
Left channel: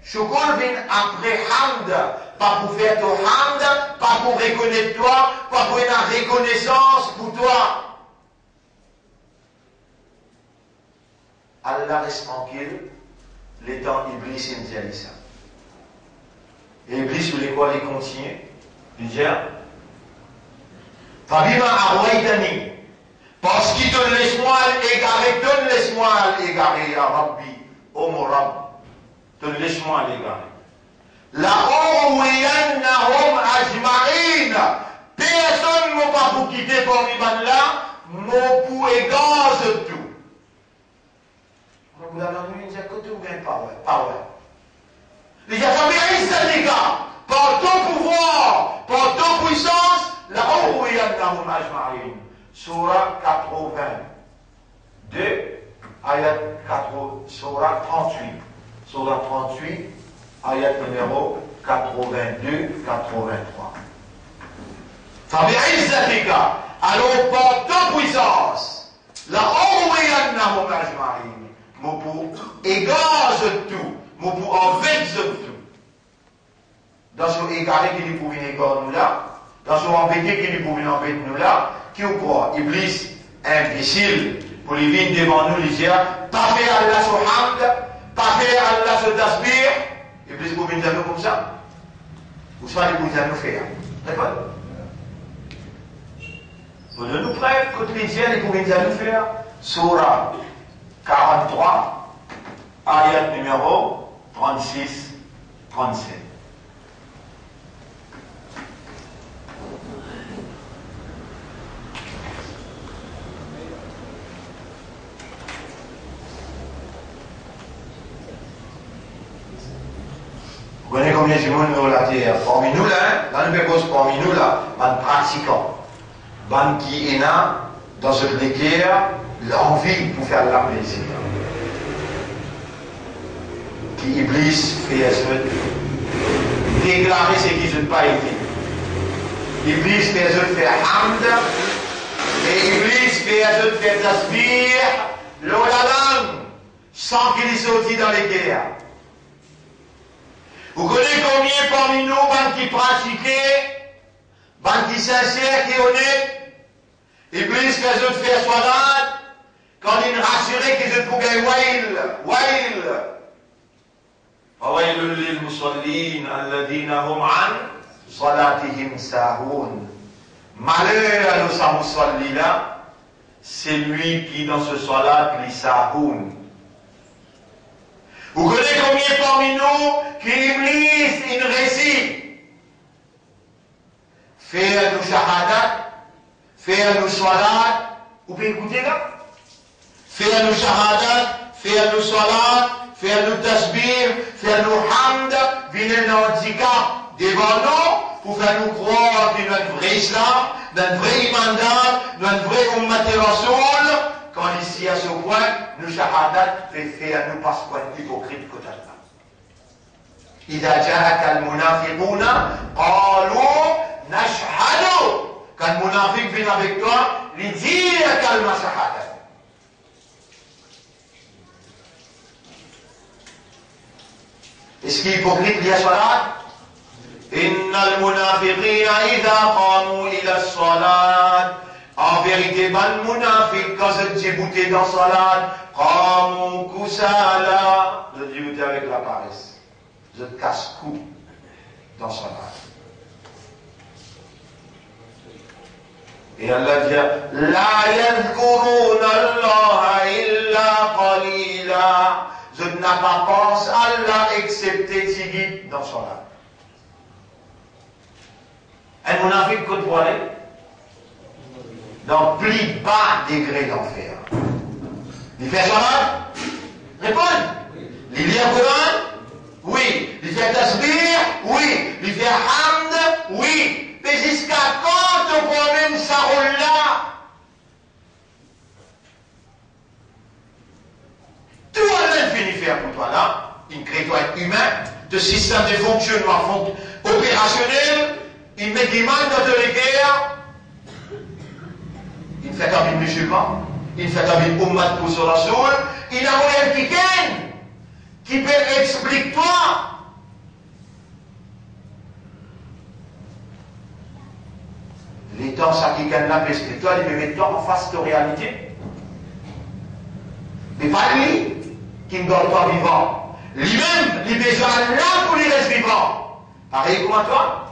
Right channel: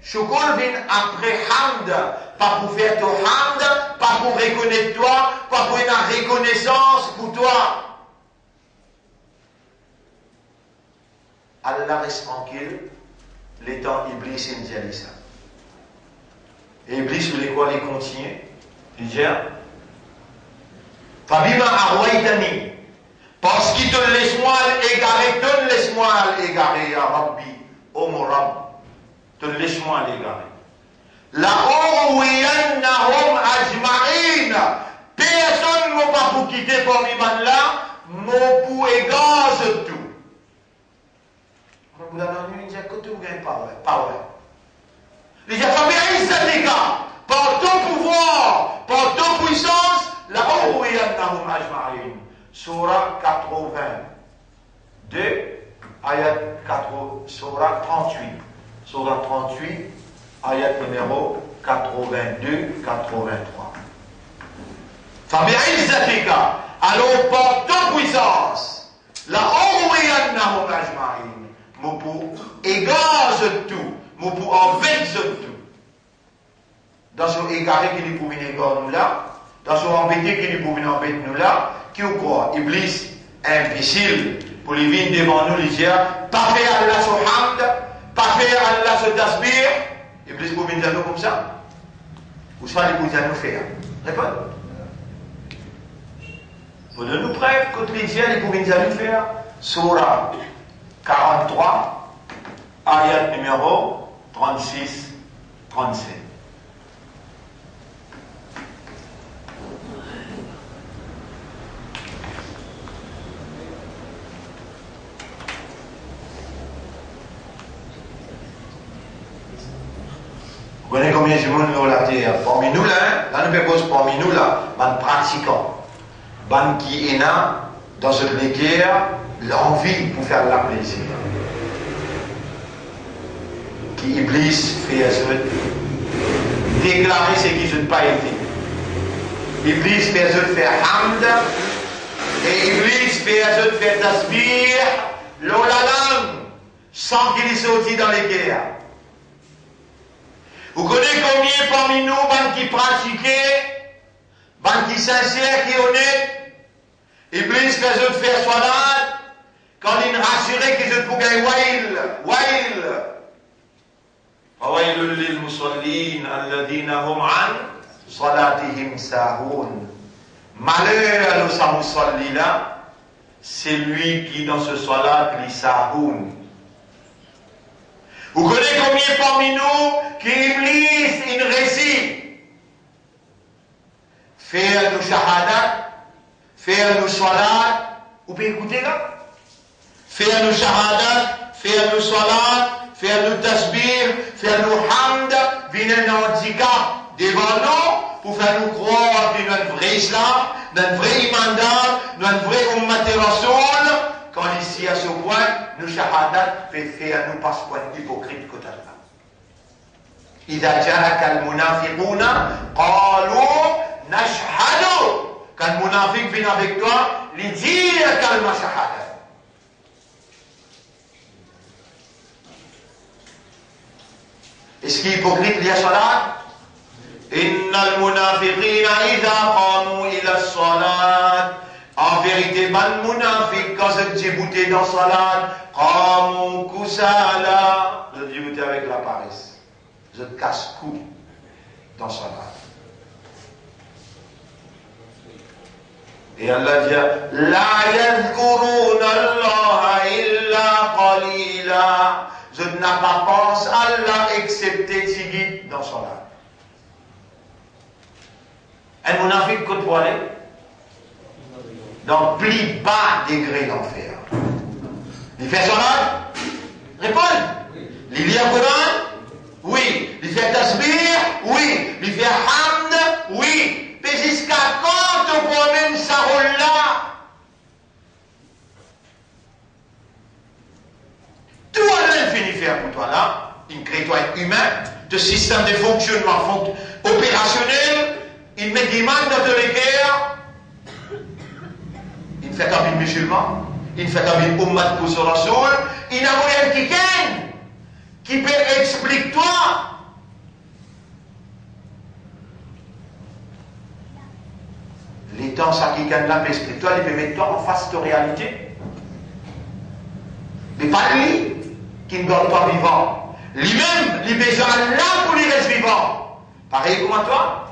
secours vient après hamd, pas pour faire ton hamd, pas pour reconnaître toi, pas pour une reconnaissance pour toi. Allah reste tranquille, les temps Iblis et me dit ça. Et Iblis voulait quoi les continuer? Il dit, Fabima arwaitani, parce qu'il te laisse-moi l'égarer, te laisse-moi l'égarer, ya Rabbi, ô mon Rabb, te laisse-moi l'égarer. La urwiyannahum ajma'in, personne ne m'a pas pour quitter pour l'iman là, mon pour égage tout. Vous l'avez entendu, il dit, écoute, vous gagnez pas, ouais, pas ouais. Il dit, par ton pouvoir, par ton puissance, la urwiyannahum ajma'in. Surah 82, ayat 4, Surah 38. Surah 38, ayat numéro 82-83. Fabi'izzatika, alors par ton puissance, la urwiyannahum ajma'in. Mon pour égage tout, mon pour envers tout. Dans ce égaré qui nous pouvait égarer nous là, dans ce embêté qui nous pouvait embêter nous là, qui ou quoi? Iblis, imbécile, pour les vignes devant nous, les dire, pas faire Allah sur hamd, pas faire Allah sur tasbir. Iblis pouvait nous comme ça. Ou soit il pouvait nous faire. Répondez. Vous nous preuve, quand les dieux, ils pouvaient nous faire. Surah 43, ayat numéro 36, 37. Vous connaissez combien de monde nous la terre? Parmi nous là, dans le pépos, parmi nous là, ban pratiquants, ban qui est là, dans cette guerre, l'envie pour faire la plaisir. Qui Iblis fait déclarer ce qui ne pas été. Iblis fait faire hamd, et Iblis fait faire tasbih, l'olalang, sans qu'il y sorti dans les guerres. Vous connaissez combien parmi nous, qui pratiquaient, qui sincères, qui honnêtes, Iblis fait faire salat, quand il rassurait que je pouvais wail. فويل للمصلين الذين هم عن صلاتهم ساهون. Malheur à nos musallis là, c'est lui qui dans ce salat les sahoun. Vous connaissez combien parmi nous qui Iblis il récite faire nos shahadat, faire nos salat, vous pouvez écouter là? Faire nos shahadat, faire nos salat, faire nos tasbih, faire nos hamd, venir dans handicap devant nous pour faire nous croire que nous sommes un vrai islam, un vrai imandat, un vrai ummat rasoul. Quand ici à ce point, nous shahadat fait faire nous passe point hypocrite que Allah. إذا جاءك المنافقون قالوا نشهد. Quand le munafiq vient avec toi, il dit kalma shahada. Est-ce qu'il est hypocrite lié à salat? Innal munafiqina idha qamu ila salat. En vérité, ban munafiq, quand je dis bouté dans salat, qamu kusala. Je dis bouté avec la paresse. Je casse cou dans salat. Et Allah dit, la yadhkuruna Allah illa qalila. Je n'ai pas pensé à Allah excepté Tigit dans son âme. Un munafiq côte voilé dans plus bas degré d'enfer. Il fait son âme? Réponds. Il lit un Coran? Oui. Il fait tasbih, oui. Il fait hamd, oui. Mais jusqu'à quand on promène sa rôle là? Tout Allah finit faire pour toi là. Il crée toi être humain, de système de fonctionnement opérationnel. Il met des mains dans les guerres. Il fait comme une musulman. Il fait comme une ummat pour son rasoul. Il a moyen qui peut expliquer toi. Les temps, ça qui gagne la paix spirituelle, il peut mettre toi en face de réalité. Mais pas lui qui ne dort pas vivant. Lui-même, il a besoin là pour lui rester vivant. Pareil comme toi.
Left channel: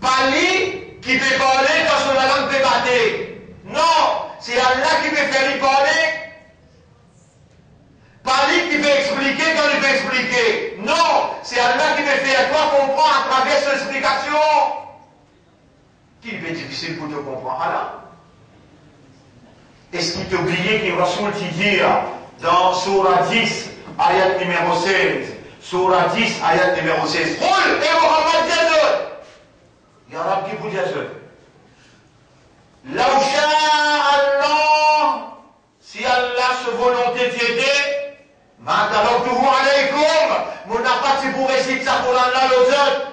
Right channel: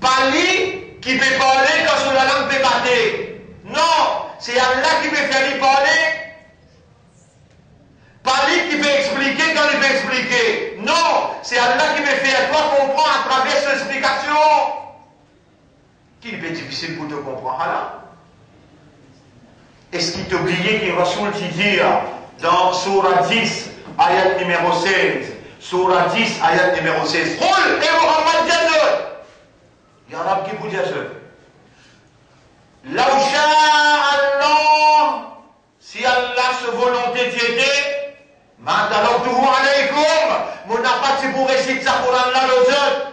Pas lui qui peut parler quand son langue peut battre. Non, c'est Allah qui peut faire lui parler. Pas lui qui peut expliquer quand il peut expliquer. Non, c'est Allah qui peut faire toi comprendre à travers son explication. Qui peut être difficile pour te comprendre Allah? Est-ce qu'il t'oubliait qu'il Rasoul dit dans Surah 10, ayat numéro 16, Surah 10, ayat numéro 16, Roule et Muhammad Jadot. Il y a un arabe qui vous dit ça. Là où Allah, si Allah se volonté d'aider, maintenant tout alaykoum, mon appart pour réciter ça pour Allah aux autres.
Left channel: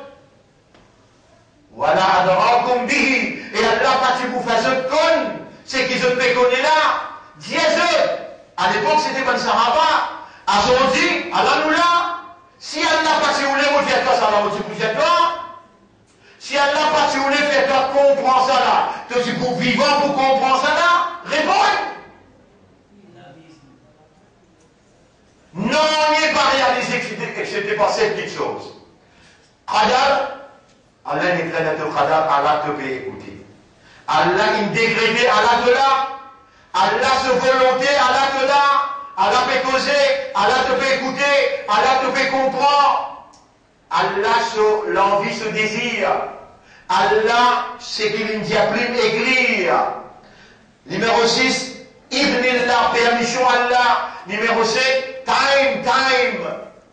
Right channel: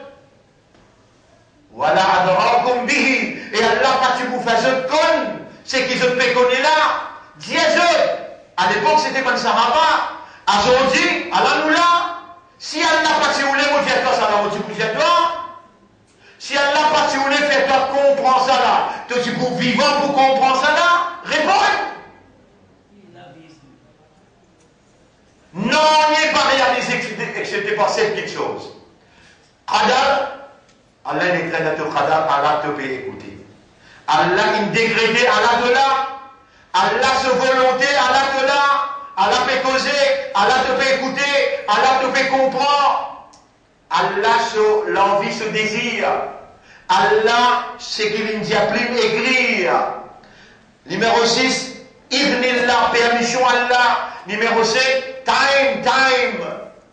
Voilà adrakum bihi, et Allah parti pour faire ce con, c'est qu'ils ont fait connaître là, Dieu. À l'époque c'était comme ça, à aujourd'hui, Allah nous là, si Allah parti voulait vous faire toi, ça va vous faire toi. Si Allah parti voulait faire toi comprendre ça là, toi tu pour vivant pour comprendre ça là, réponds. Non, il n'est pas réalisé excepté par cette petite chose. Qadar, Allah n'est pas de Qadar, Allah te peut écouter. Allah il dégradé, Allah te là. Allah se volonté, Allah te là. Allah peut causer, Allah te peut écouter, Allah te peut comprendre. Allah l'envie, ce désir. Allah, c'est qu'il ne dit plus écrire. Numéro 6, Ibnillah, permission Allah. Numéro 7, time,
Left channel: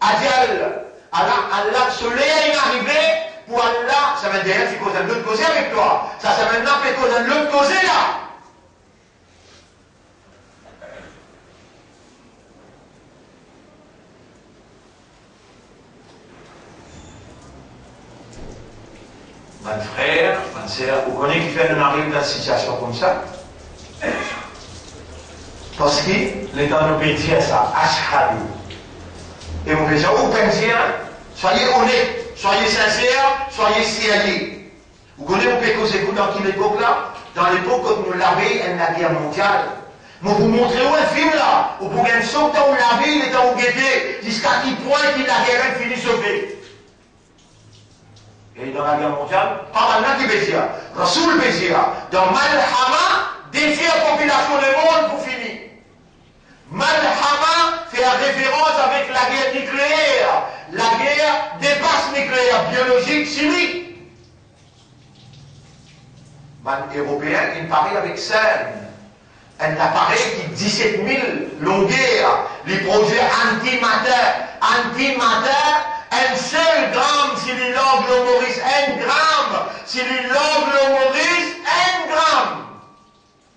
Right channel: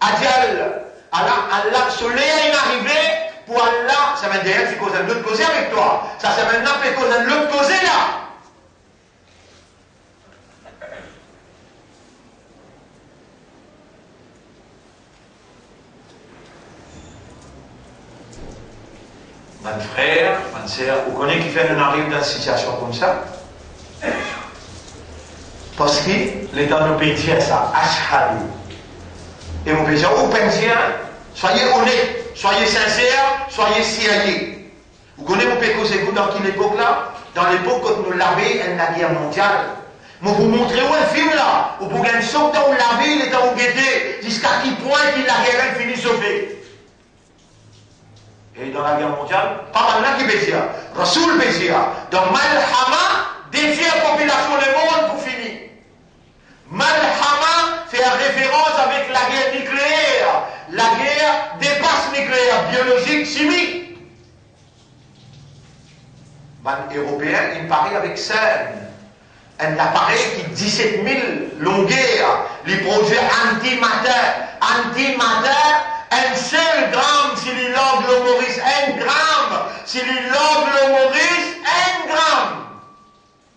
Adjal. Allah, soleil est arrivé pour Allah. Ça va dire, tu causes un autre causer avec toi. Ça maintenant fait causer un autre causer là. Mon frère, ma soeur, vous connaissez qui fait qu'on arrive dans une situation comme ça? Parce que les dans nos pays disent ça, ashhadu. Et vous pouvez dire, vous pensez, soyez honnêtes, soyez sincères, soyez sérieux. Vous connaissez, vous pouvez causer dans quelle époque là? Dans l'époque où nous l'avons la guerre mondiale. Mais vous montrez où un film là? Vous pouvez un son dans la ville et dans le guetté, jusqu'à quel point la guerre finit sauvée. Et dans la guerre mondiale, pas mal qui bézia. Rasoul bézia. Dans Malhama, défier la population du monde pour finir. Malhama fait référence avec la guerre nucléaire. La guerre dépasse nucléaire, biologique, chimique. Les Européens, ils parlent avec scène. Un appareil qui 17 000 longueurs. Les projets antimatter, un seul gramme, si l'angle humorise, 1 gramme, si l'angle humorise, 1 gramme.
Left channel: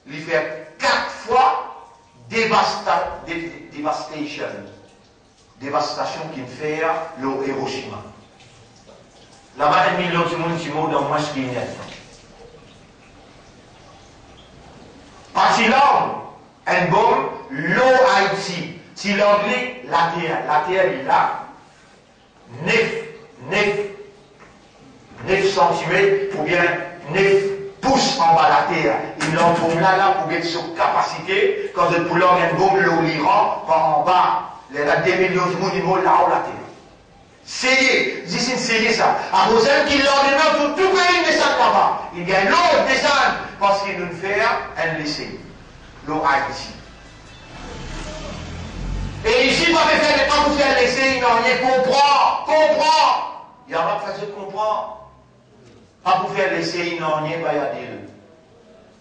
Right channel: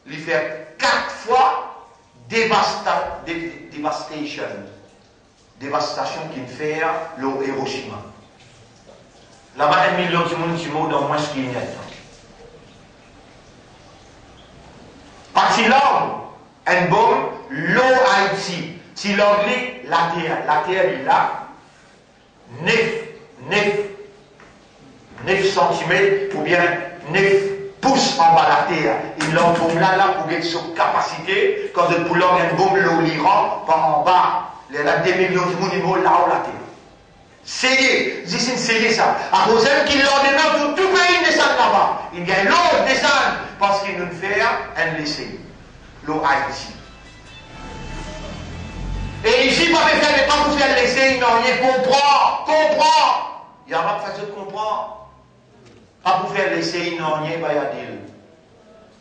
Il fait 4 fois dévastation qu'il fait le Hiroshima. Là-bas, 1 million de monde qui meurt dans moins ce qu'il y a. Parce que l'homme, un bon, l'eau Haïti, si l'homme lit la terre est là. 9 cm ou bien 9 pouces en bas de la terre. Il l'entoure là pour être sur capacité, quand le poulet a une bombe, l'Iran, par en bas. Il y a des millions de monde là-haut la terre. C'est ça. À cause qui l'ordonnent tout pays descend là-bas. Il y a l'eau descend parce qu'il nous fait un laisser. L'eau Haïti. Et ici, pas de faire des temps pour faire laisser, il n'en rien comprend. Il y a pas de façon de comprendre. Pas pour faire laisser, il n'en rien, bah, il y a des.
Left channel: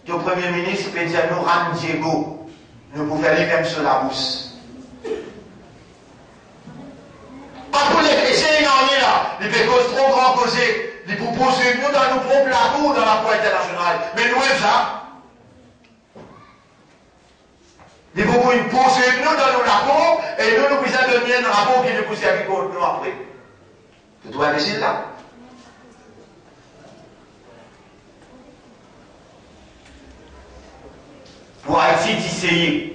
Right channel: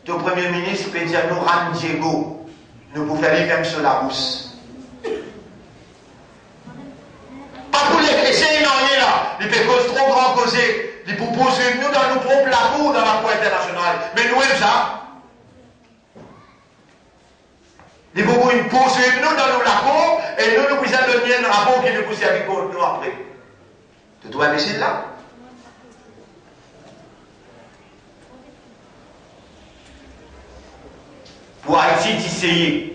Le Premier ministre peut dire, nous, Ran Diego, nous pouvons faire les mêmes sur la rousse. Mais c'est une année là, il peut cause trop grand causer, il peut poser nous dans nos propres labours dans la Cour internationale. Mais nous, ça. Il faut nous poser nous dans nos labours et nous pouvons donner un rapport qui nous pousse à vivre nous après. Tu dois imbécile là? Pour Haïti d'essayer.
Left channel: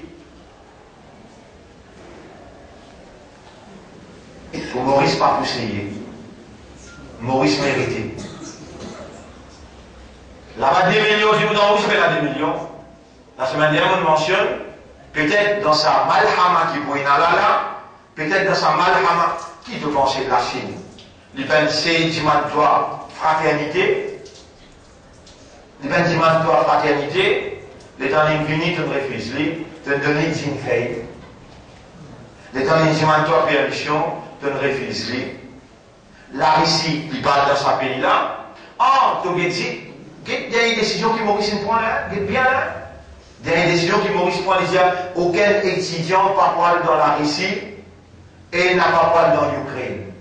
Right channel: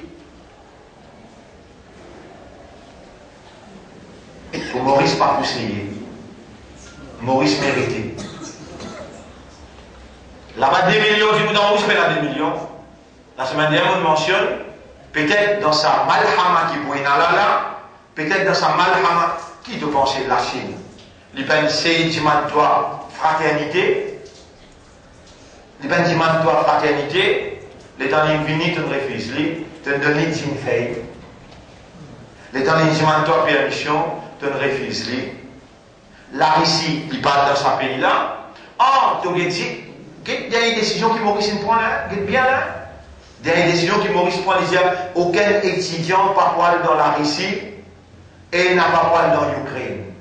Pour Maurice pas essayer. Maurice mérité. Là-bas 2 millions, je vous donne où je fais la 2 millions. La semaine dernière, on mentionne, peut-être dans sa malhama qui pourrait là, peut-être dans sa malhama, qui doit penser de la Chine? Il pense dimantoire fraternité. Il pense dimantoire fraternité. Les temps infinis, tu refuses, tu donnes une feuille. Les temps dimantoire permission, tu refuses. La Russie, il parle dans sa pays là. Ah, tu as dit, il y a une décision qui Maurice prend là, bien là. Il y a une décision qui Maurice prend, il y a aucun étudiant pas poil dans la Russie et n'a pas poil dans l'Ukraine.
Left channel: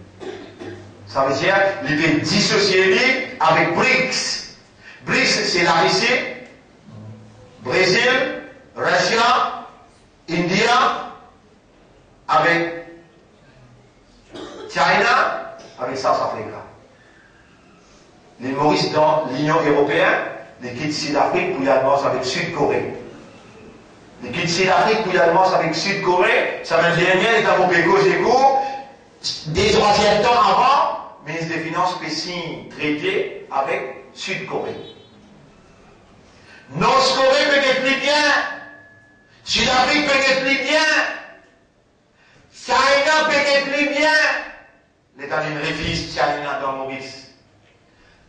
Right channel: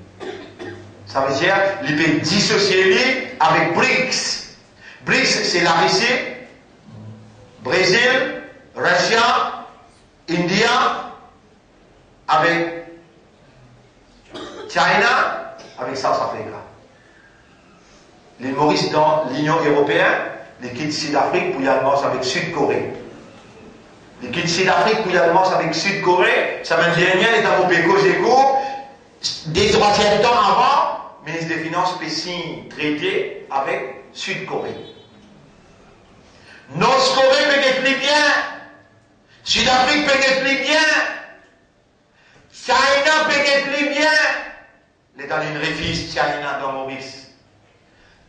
Ça veut dire, il peut dissocier avec BRICS. BRICS, c'est la Russie, Brésil, Russie, India, avec China, avec South Africa. Les Maurice dans l'Union européenne, les quittes Sud-Afrique pour y alliance avec Sud-Corée. Les quittes Sud-Afrique pour y alliance avec Sud-Corée, ça veut dire rien, les Européens Cogeco, des 3e temps avant, ministre des Finances peut signer traité avec Sud-Corée. Nord-Corée peut être plus bien, Sud-Afrique peut être plus bien, China peut être plus bien. L'État d'une révise China dans Maurice.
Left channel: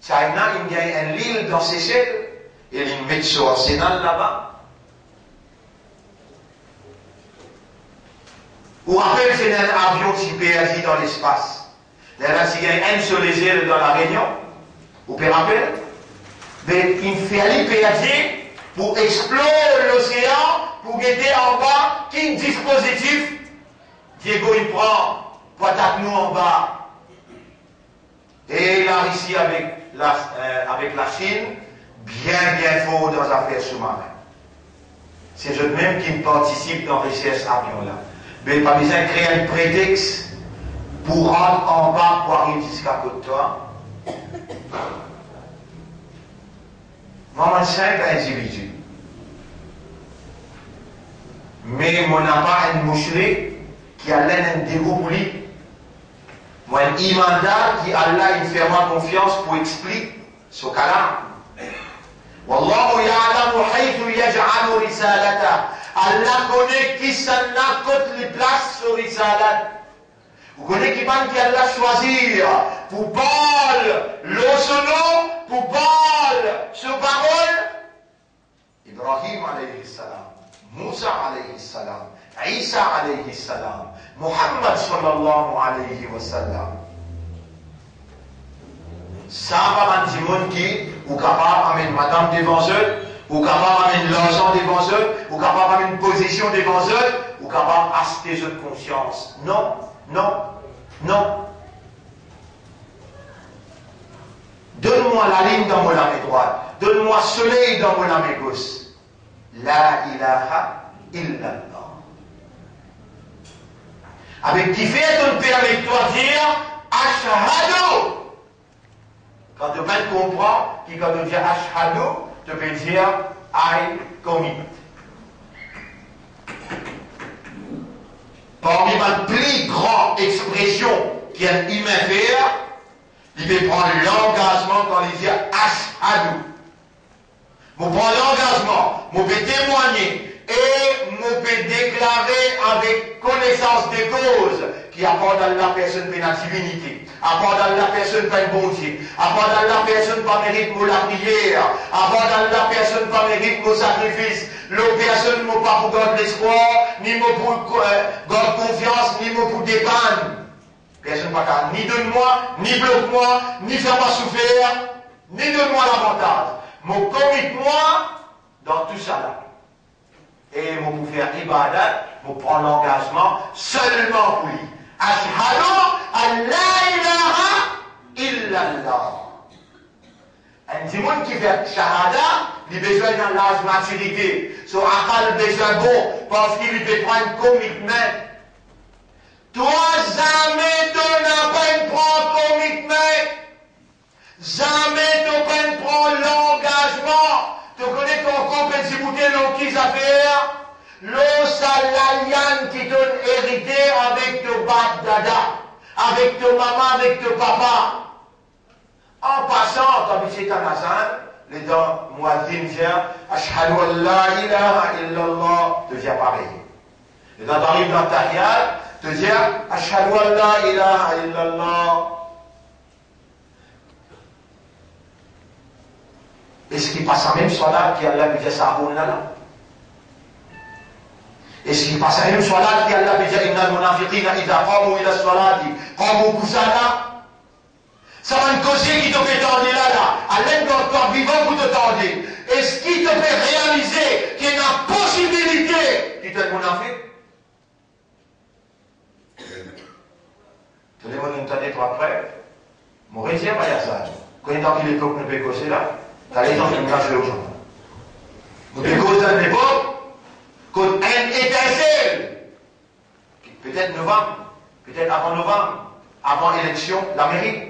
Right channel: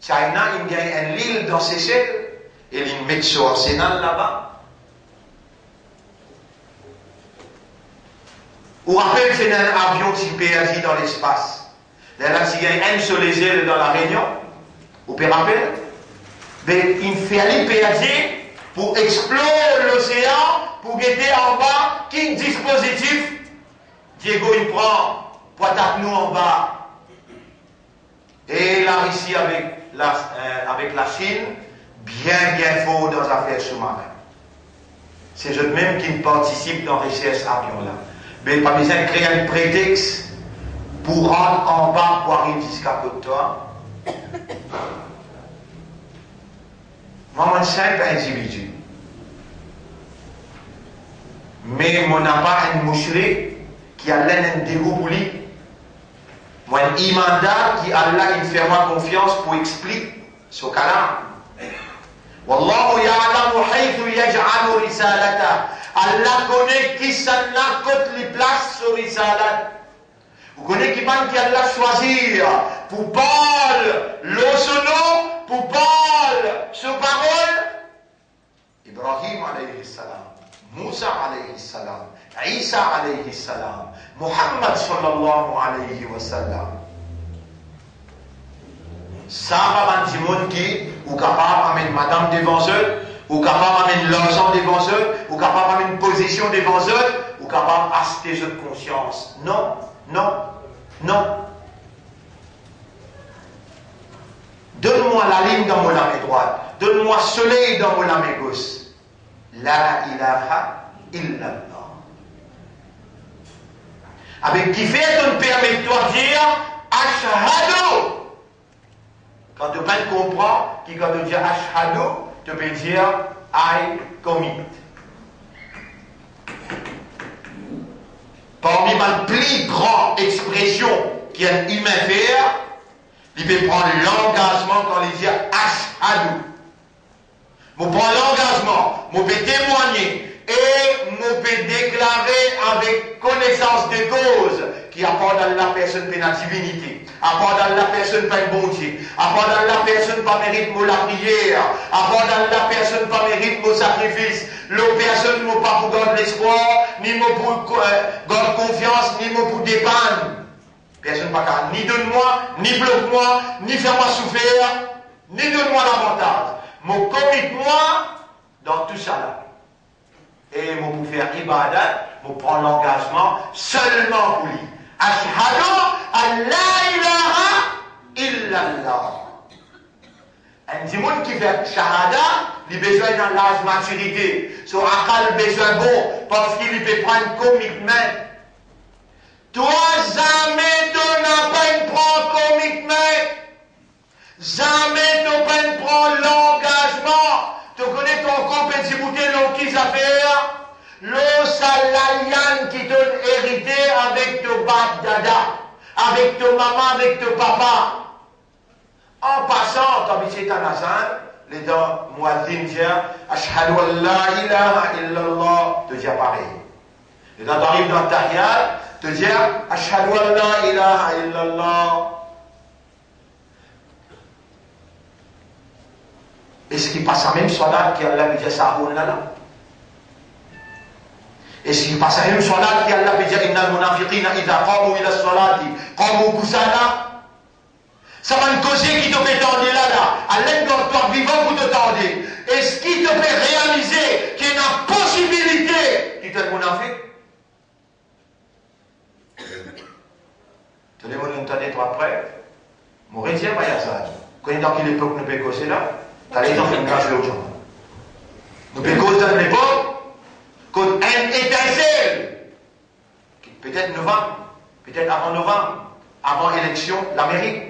China, il gagne une île dans Seychelles, et il met son arsenal là-bas. Ou rappelle, c'est un avion qui peut agir dans l'espace. Là, s'il gagne un sur les îles dans la Réunion, vous pouvez rappeler? Mais il fait aller péager pour explorer l'océan, pour guetter en bas, qui dispositif. Diego, il prend, pour attaquer nous en bas. Et la Russie avec la Chine, bien fort dans les affaires sous-marines. C'est eux-mêmes qui participent dans la recherche avion là. Mais pas besoin de créer un prétexte pour rentrer en bas pour arriver jusqu'à côté de toi. Moi, je suis un simple individu. Mais je n'ai pas un moucherie qui a l'air d'un dégoût pour lui. Moi, un imanda qui Allah il fait moi confiance pour expliquer ce cas-là. Wallahu ya'lamu haythu yaj'alu risalata. Allah connaît qui s'en a côté les places sur risalat. Vous connaissez qui man qui Allah choisir pour parler l'osono, pour parler ce parole. Ibrahim alayhi salam, Moussa alayhi salam, Isa alayhi salam, Muhammad sallallahu alayhi wa sallam. Ça va dans le monde qui ou capable d'amener madame devant eux, ou capable d'amener l'argent devant eux, ou capable d'amener une position devant eux, ou capable d'acheter cette conscience. Non, non, non. Donne-moi la ligne dans mon main droite. Donne-moi le soleil dans mon main gauche. La ilaha illallah. Avec qui fait on permet de toi dire ashhadu. Quand tu bien comprends, qui quand tu dis ashhadu, tu peux dire I commit. Parmi ma plus grande expression qu'un humain fait, il peut prendre l'engagement quand il dit ashhadu. Je prends l'engagement, je peux témoigner et je peux déclarer avec connaissance de cause qui apporte à la personne la divinité, apporte à la personne pas bon Dieu, apporte à la personne pas mérite pour la prière, apporte à la personne pas mérite pour sacrifice, la personne ne pas pour garder l'espoir, ni pour garder confiance, ni pour dépanner. Personne pas qu'à ni donne-moi, ni bloque-moi, ni fais-moi souffrir, ni donne-moi l'avantage. Mon commit-moi dans tout ça là. Et pour faire ibadat, pour prendre l'engagement seulement pour lui. Ashhadu an la ilaha illallah. Un dimoun qui fait shahada, il a besoin d'un l'âge maturité. Son akal besoin bon, parce qu'il peut prendre commitment. Toi, jamais tu n'as pas une prendre commitment. Jamais tu n'as pas une prendre l'engagement. Tu connais ton compétitivité dans qui affaires? Le salarian qui t'a hérité avec ton bab dada, avec ton maman, avec ton papa. En passant, tu habites à Nazan, les dents Mouadzin disent Ashhadu an la ilaha illallah, te dire pareil. Et quand tu arrives dans ta riad, te dire Ashhadu an la ilaha illallah. Est-ce qu'il passe la même salat qui Allah dit ça ou là? Est-ce qu'il passe la même salat qui Allah dit Inna al-munafiqina idha qamu ila salati qamu kusala? Ça va une cause qui te fait tendre là. À l'aide de toi vivant pour te tendre. Est-ce qui te fait réaliser qu'il y a une possibilité qui te le munafiq? Tu les mondes toi après. Mon récit, pas y a ça. Quand il est dans l'époque, nous peut causer là. T'as les gens qui nous cachent l'autre. Nous peut causer dans l'époque. Quand un étincelle. Peut-être novembre. Peut-être avant novembre. Avant l'élection, l'Amérique.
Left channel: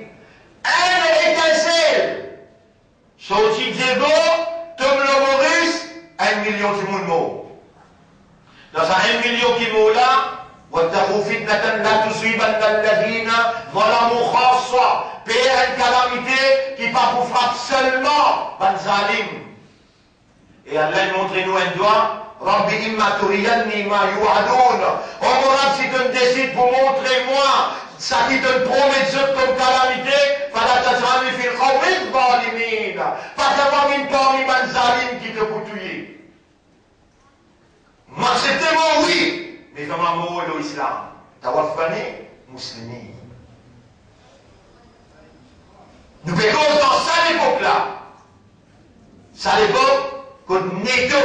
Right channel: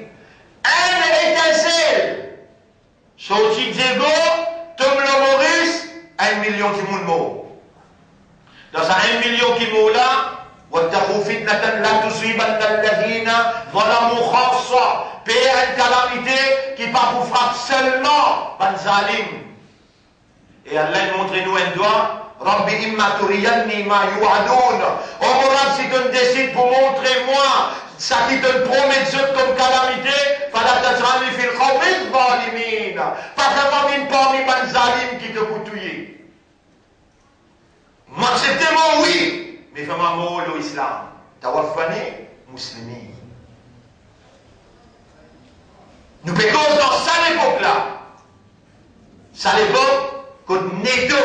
Un étincelle. Sorti Diego, Tom le Maurice, 1 million de monde mort. Dans ce 1 million qui mort là, وَاتَّقُوا فِتْنَةً لَا تُصِيبَنَّ الَّذِينَ ظَلَمُوا خَاصَّةً. Paix à une calamité qui pas pour frapper seulement ban zalim. Et Allah montre-nous un doigt. Rabbi imma turiyanni ma yu'adun. Oh mon Rab, si tu me décides pour montrer moi ça qui te promet comme calamité, fala tajrani fil qawmi zalimin. Pas vraiment une parmi ban zalim qui te coutouille. M'acceptez-moi, oui, mais vraiment moi l'islam. Tawafani muslimi. Nous payons dans cette époque-là. Ça l'époque, quand Neto,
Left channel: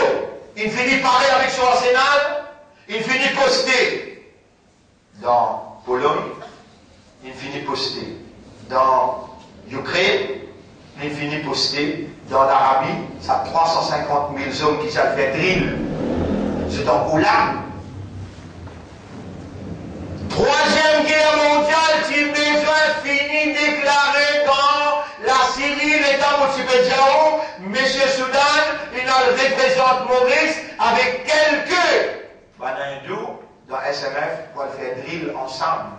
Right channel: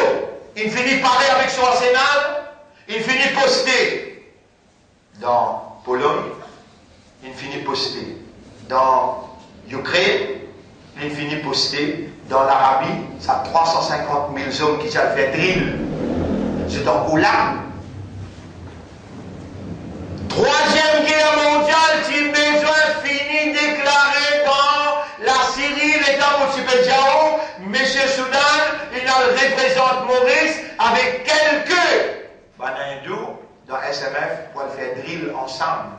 il finit de parler avec son arsenal, il finit de poster dans Pologne, il finit de poster dans Ukraine, il finit de poster dans l'Arabie, ça a 350 000 hommes qui savent faire drill. C'est en Oula. Troisième guerre mondiale, si besoin fini déclaré dans la Syrie, l'État Moutipédiao, M. Soudan, il représente Maurice avec quelques hindous dans SMF pour faire drill ensemble,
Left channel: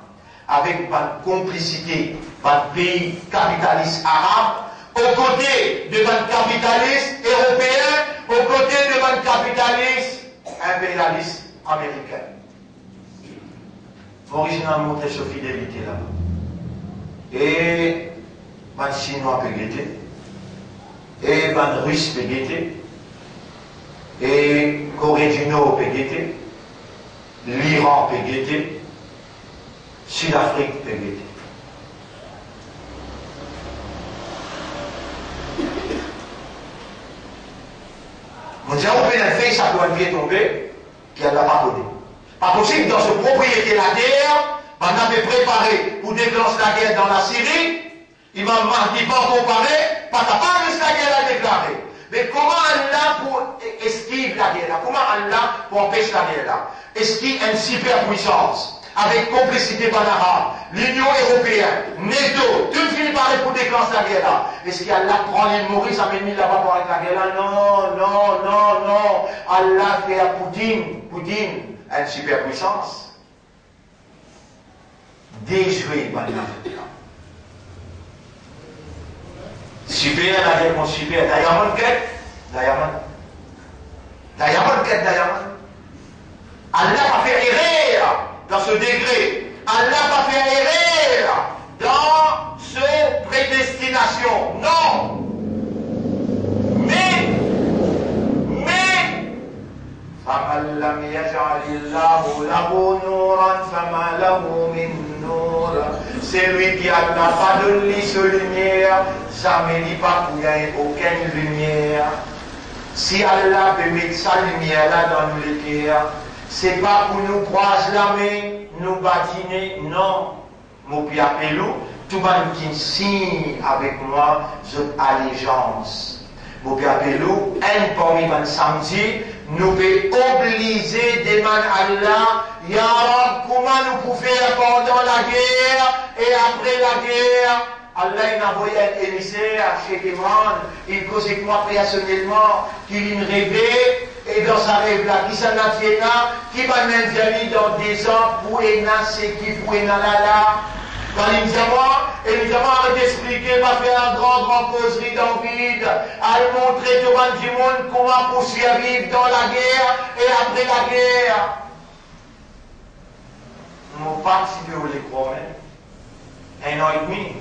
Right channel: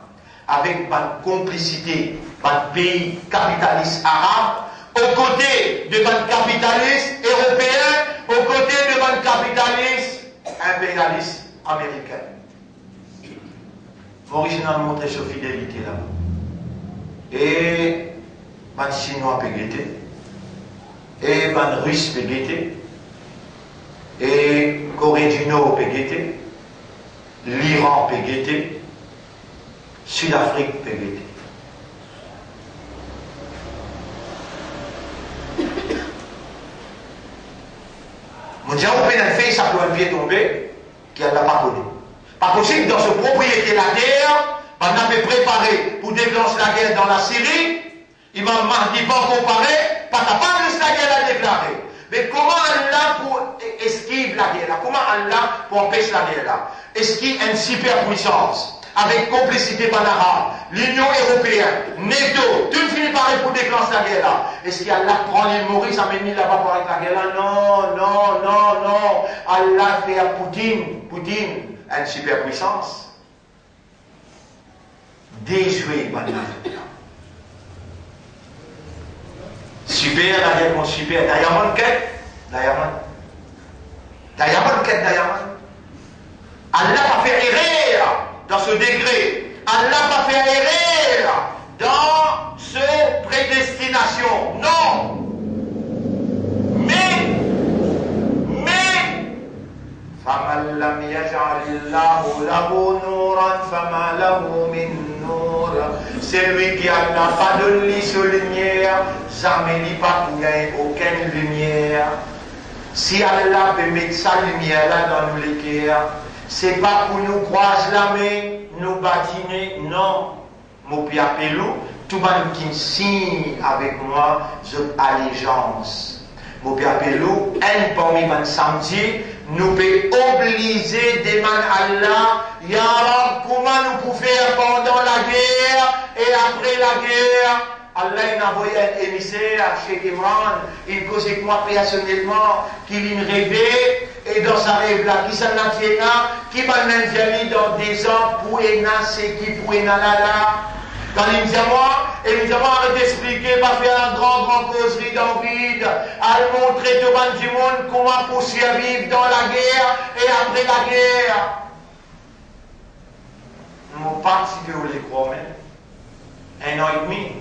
avec une complicité, un pays capitaliste arabe, aux côtés de un capitaliste européen, aux côtés de un capitaliste impérialiste américain. Maurice a montré sa fidélité là. Et un Chinois peut guetter, et un Russe peut guetter, et Corée du Nord peut guetter, l'Iran peut guetter, Sud-Afrique peut guetter. Mon Dieu, on peut faire ça pour un pied tombé, qu'elle n'a pas connu. Pas possible, dans ce propriété la guerre, on avait préparé pour déclencher la guerre dans la Syrie, il m'a dit pas comparé, pas capable de la guerre à déclarer. Mais comment Allah pour esquiver la guerre là? Comment Allah pour empêcher la guerre là? Esquive une superpuissance, avec complicité panarabe, l'Union européenne, NATO, tout finit par pour déclencher la guerre là. Est-ce qu'Allah prend les Maurice, amène là-bas pour arrêter la guerre là? Non, non, non, non. Allah fait à Poutine, une superpuissance. Déjouer Banafrica. Super, la guerre, mon super. Diamond quête, Diamond. Diamond quête, Diamond. Allah va faire erreur dans ce degré. Allah va faire erreur dans ce prédestination. Non. فَمَنْ لَمْ يَجْعَلِ اللَّهُ لَهُ نُورًا فَمَا لَهُ مِنْ نُورٍ. C'est lui qui n'a pas de lumière, jamais il n'y a pas aucune lumière. Si Allah veut mettre sa lumière là dans nous l'équerre, c'est pas pour nous croiser la main, nous bâtiner, non. Mon pied appelou, tout le monde qui signe avec moi, cette allégeance. Mon pied appelou, un parmi les samedi, nous pouvons obliger des man Allah, Ya Rab, comment nous pouvons faire pendant la guerre et après la guerre. Allah il a envoyé un émissaire à Cheikh Imran, il causait moi personnellement, qu'il me rêvait, et dans sa rêve là, qui s'en a fait là, qui m'a même dans des ans, pour c'est qui, pour là. Quand il me dit moi, évidemment, arrête d'expliquer, pas faire une grande causerie dans le vide, à montrer devant du monde comment pour survivre dans la guerre et après la guerre. Mon participé au l'écran, un an et demi.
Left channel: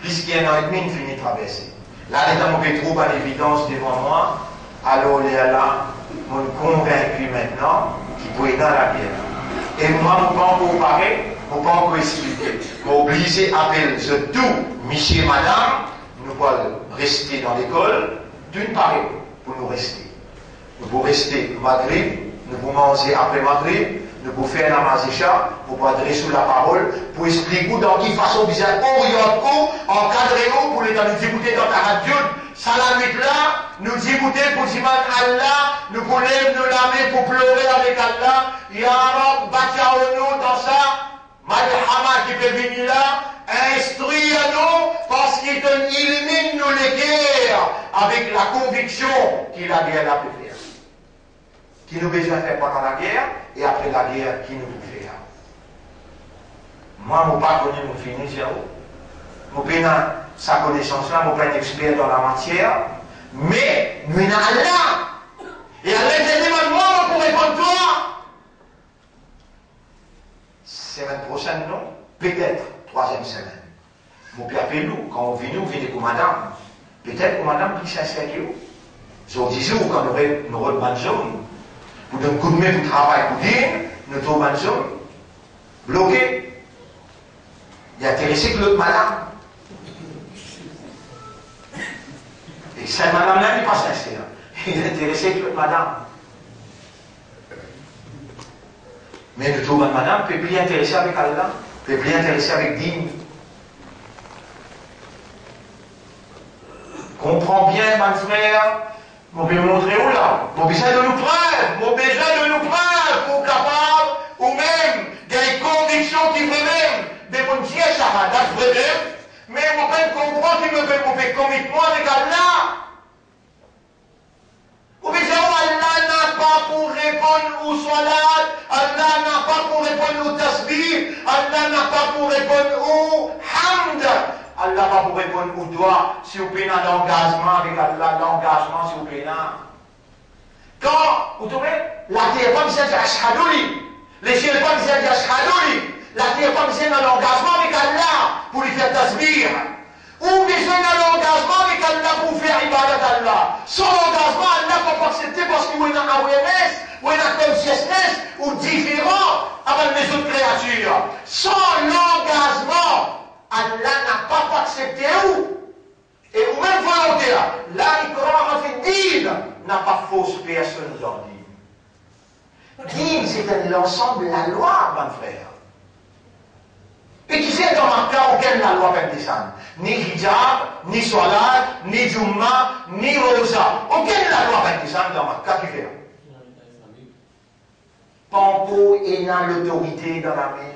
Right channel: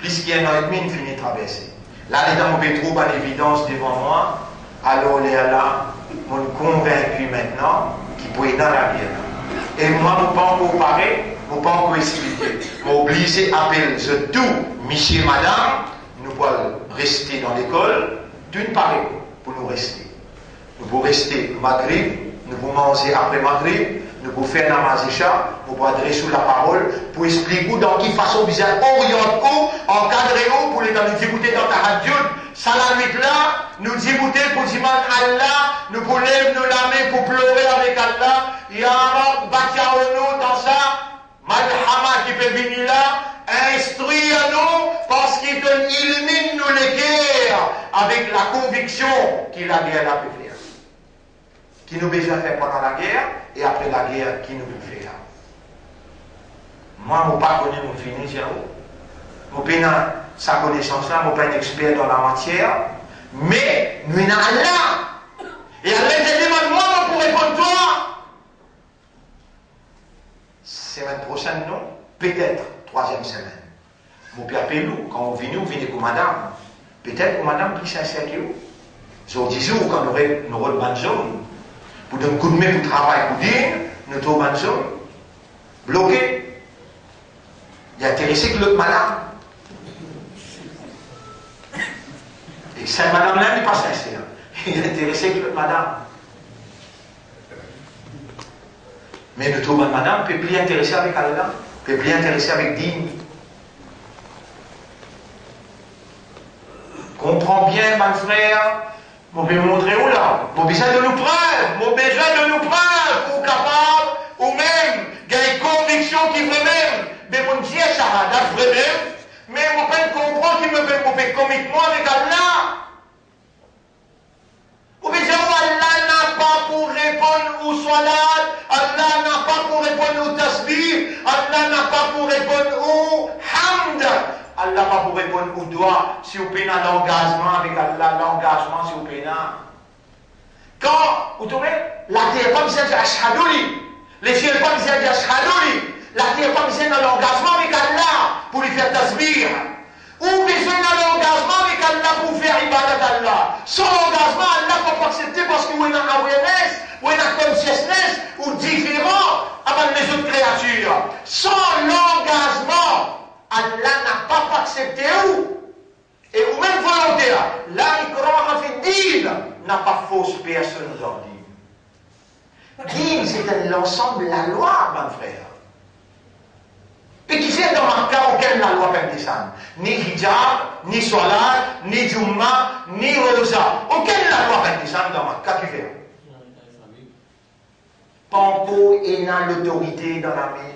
Plus qu'il y a un an et demi, il finit de traverser. Là, les gens m'ont trop en évidence devant moi. Alors, les là, m'ont convaincu maintenant qu'ils pouvaient dans la guerre. Et moi, je ne pas encore parler, je ne pas encore expliquer. Je obligé à appeler tout, monsieur, madame, nous allons rester dans l'école, d'une part, pour nous rester. Nous pouvons rester Maghrib, nous pouvons manger après Maghrib, nous pouvons faire la mazécha, nous pouvons adresser la parole, pour expliquer dans quelle façon vous êtes orienté, encadré pour les nous écouter dans ta radio. Ça la nuit là, nous écouter pour dire Allah, nous pouvons lever nos mains pour pleurer avec Allah. Ya Rab, bâtir-nous dans ça, Malhama qui peut venir là, instruire-nous parce qu'il illumine nous les guerres avec la conviction qu'il a bien la pu faire. Qui nous besoin de faire pendant la guerre et après la guerre, qui nous peut faire. Moi, je ne pas connu mon fini, je n'ai pas sa connaissance-là, je ne suis pas un expert dans la matière, mais nous sommes Allah. Et Allah te demande moi pour répondre toi. Semaine prochaine, non? Peut-être, 3e semaine. Mon père Pélou, quand on vient, pour madame. Peut-être que madame plus sincère que vous. Sur 10 jours, quand nous aurons une bonne zone, pour donner un coup de main pour travail, pour dire, nous trouvons une bonne zone. Bloqué. Il est intéressé que l'autre madame. Et cette madame-là n'est pas sincère. Il est intéressé que l'autre madame. Mais le trouve une madame peut plus intéresser avec Allah, peut plus intéresser avec Dine. Comprends bien, mon frère, je vais montrer où là. J'ai besoin de nous preuves, j'ai besoin de nous preuves pour capable, ou même, il y a une conviction qui veut même, mais mon Dieu, Shahada, veut même, mais on peut comprendre qu'il me fait committement avec Allah. Ou bien Allah n'a pas pour répondre au salat, Allah n'a pas pour répondre au tasbih, Allah n'a pas pour répondre au hamd, Allah n'a pas pour répondre au doigt, si vous payez l'engagement avec Allah, l'engagement si vous payez. Quand vous trouvez, la terre pas besoin de ashhadouli, les cieux pas besoin de ashhadouli, la terre pas besoin de l'engagement avec Allah pour lui faire tasbih. Ou besoin d'un engagement avec Allah pour faire ibadat Allah. Sans engagement, Allah ne peut pas accepter parce qu'il y a une awareness, ou une consciousness, ou différent avec les autres créatures. Sans l'engagement, Allah n'a pas accepté où. Et ou même volonté là, la ikraha n'a pas fausse personne dans le dîme. C'est l'ensemble de la loi, mon frère. Et qui c'est dans un cas auquel la loi peut descendre? Ni hijab, ni salat, ni jumma, ni rosa. Auquel la loi peut descendre dans un cas qui fait? Panko et n'a l'autorité dans la main.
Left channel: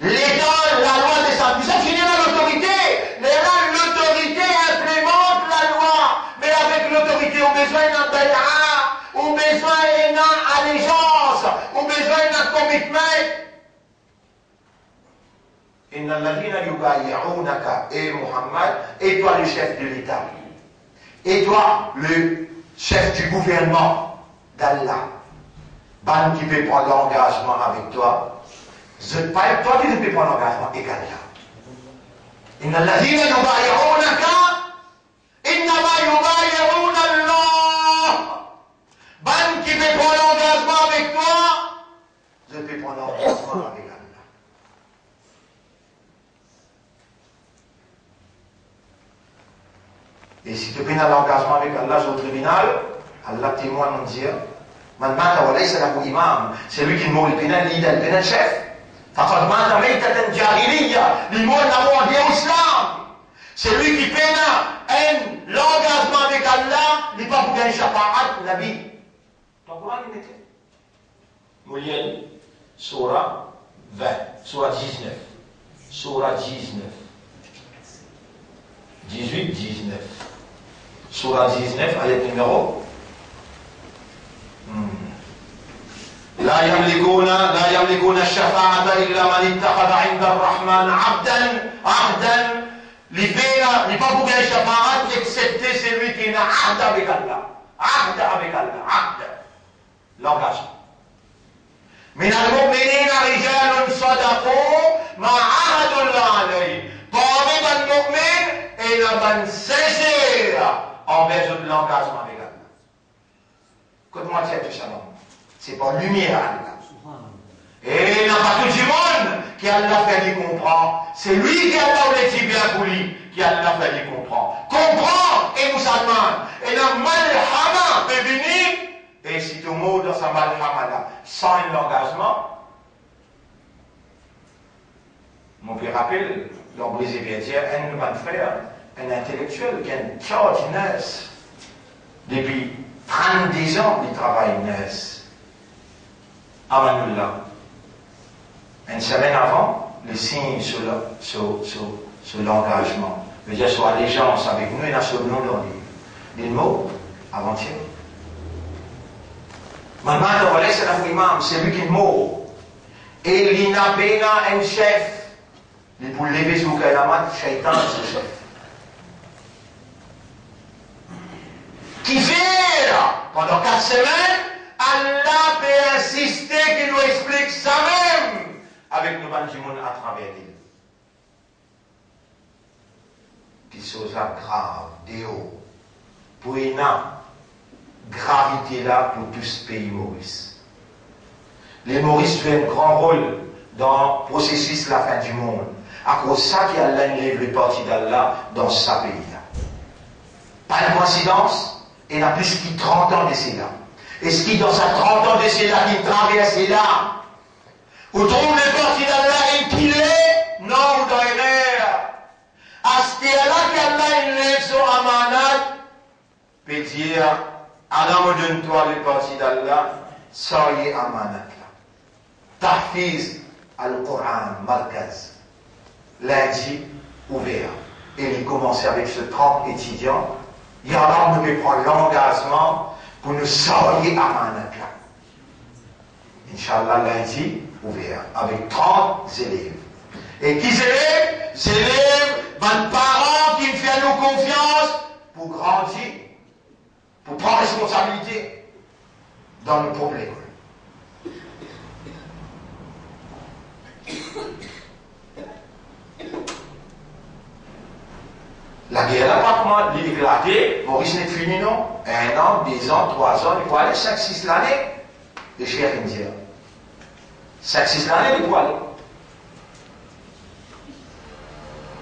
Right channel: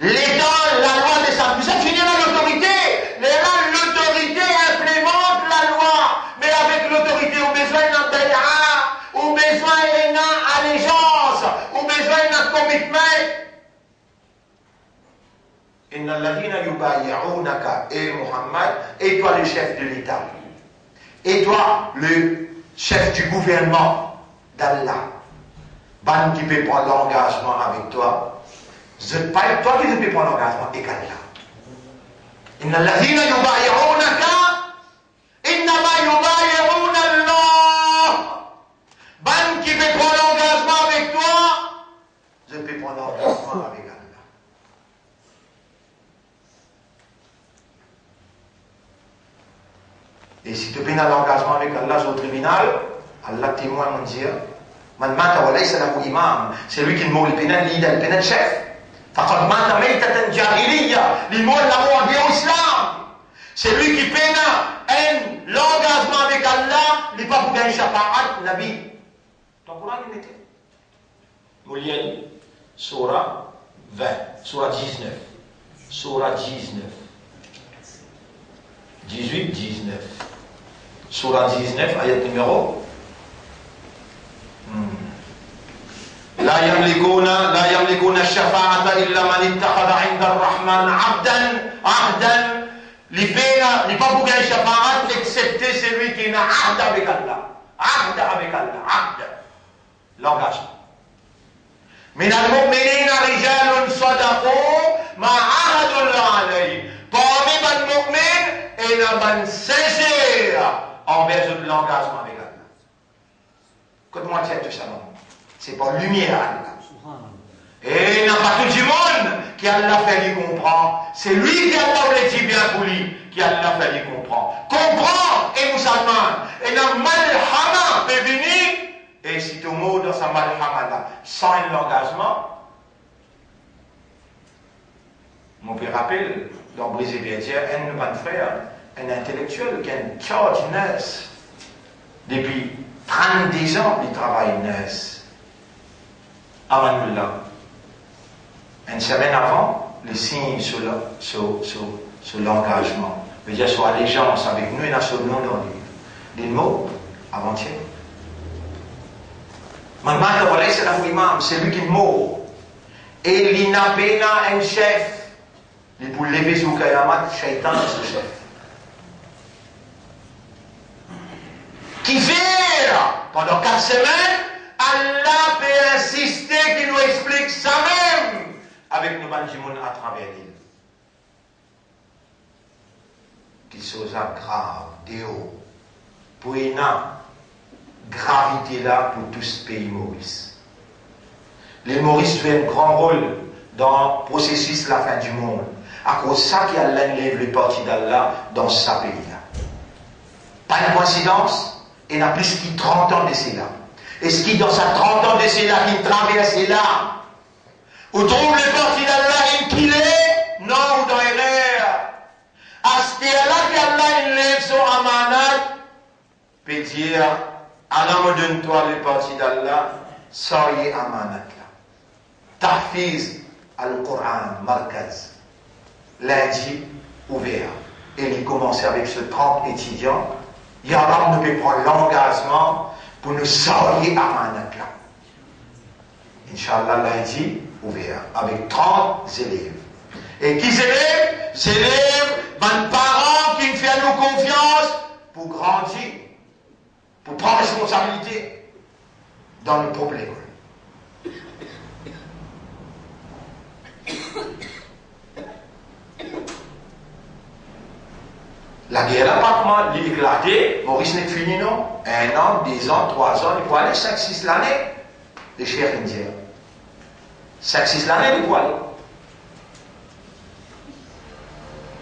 L'État, la loi descend. Vous savez, finir l'autorité. L'autorité implémente la loi. Mais avec l'autorité, on a besoin d'un bay'a, on a besoin d'une allégeance, on a besoin d'un commitment. Inna alladhina yubay'unaka, et Muhammad, et toi le chef de l'État, et toi le chef du gouvernement d'Allah, ban qui peut prendre l'engagement avec toi, c'est pas toi qui peux prendre l'engagement avec Allah. Inna alladhina yubay'unaka, innama yubay'una Allah. Ban qui peut prendre l'engagement avec toi, je peux prendre l'engagement avec Allah. Et si tu prends l'engagement avec Allah au tribunal, Allah témoigne mon Dieu, من مات وليس له إمام, c'est lui qui mort le pénal leader, le pénal chef. فقد مات ميتة جاهلية, il mort la mort de l'islam. C'est lui qui peine l'engagement avec Allah, il n'est pas pour gagner shafa'at, Nabi. Dans le Coran, il mettait. Moulien, Surah 20, Surah 19, Surah 19, 18, 19. Surah 19, ayat numéro. لا يملكون الشفاعة إلا من اتخذ عند الرحمن عهدا لبينا لبابو جاي شفاعة excepté celui qui n'a عهد avec Allah. عهد l'engagement. من المؤمنين رجال صدقوا ما عاهدوا الله عليه. Parmi les mu'mins, il y a un sincère envers l'engagement avec Allah. Écoute-moi, tiens, tout ça, c'est pas lumière Allah. Et il n'y a pas tout le monde qui Allah fait lui comprendre. C'est lui qui Allah l'a dit bien pour lui, qui Allah fait lui comprendre. Comprends et musulman. Et la malhama peut venir, et si tout le monde dans sa malhama là, sans l'engagement, mon père rappelle, dans Brisé Bietière, un bon frère, un intellectuel qui a une charge nurse. Depuis 30 ans, il travaille nurse. Amanullah. Une semaine avant, les signes sur l'engagement. Je veux dire, sur allégeance avec nous et la sur le nom dans les mots avant-hier. Maman, c'est la imam, c'est lui qui est mort. Et il n'a pas un chef. Il pour lever sur le Kayamat, Shaitan est ce chef. Qui verra pendant 4 semaines, Allah peut insister qu'il nous explique ça même avec nous banjimoun à travers lui. Qu'il soit grave, déo, pour une gravité là pour tout ce pays Maurice. Les Maurice jouent un grand rôle dans le processus de la fin du monde. À cause de ça qu'Allah lève le parti d'Allah dans sa pays là. Pas une coïncidence, il y a plus que 30 ans de cela. Et ce qui dans sa 30 ans de cela qui traverse là, où trouve le parti d'Allah et qu'il est, non, ou dans l'erreur. À ce là qu'Allah lève son amanat, peut dire, Allah me donne-toi le parti d'Allah, ça y est amanat là. Tahfiz al-Qur'an, Markaz. Lundi, ouvert. Et il commence avec ce 30 étudiants. Yallah nous peut prendre l'engagement pour nous sortir à Manakla. Inch'Allah, lundi, ouvert. Avec 30 élèves. Et qui élèves? Élèves, ben parents qui font nous confiance pour grandir, pour prendre responsabilité dans nos problèmes. La guerre n'a pas comment l'éclater, Maurice n'est fini non? 1 an, 2 ans, 3 ans, il faut aller 5-6 l'année, les chers indiens. 5-6 l'année, il faut aller.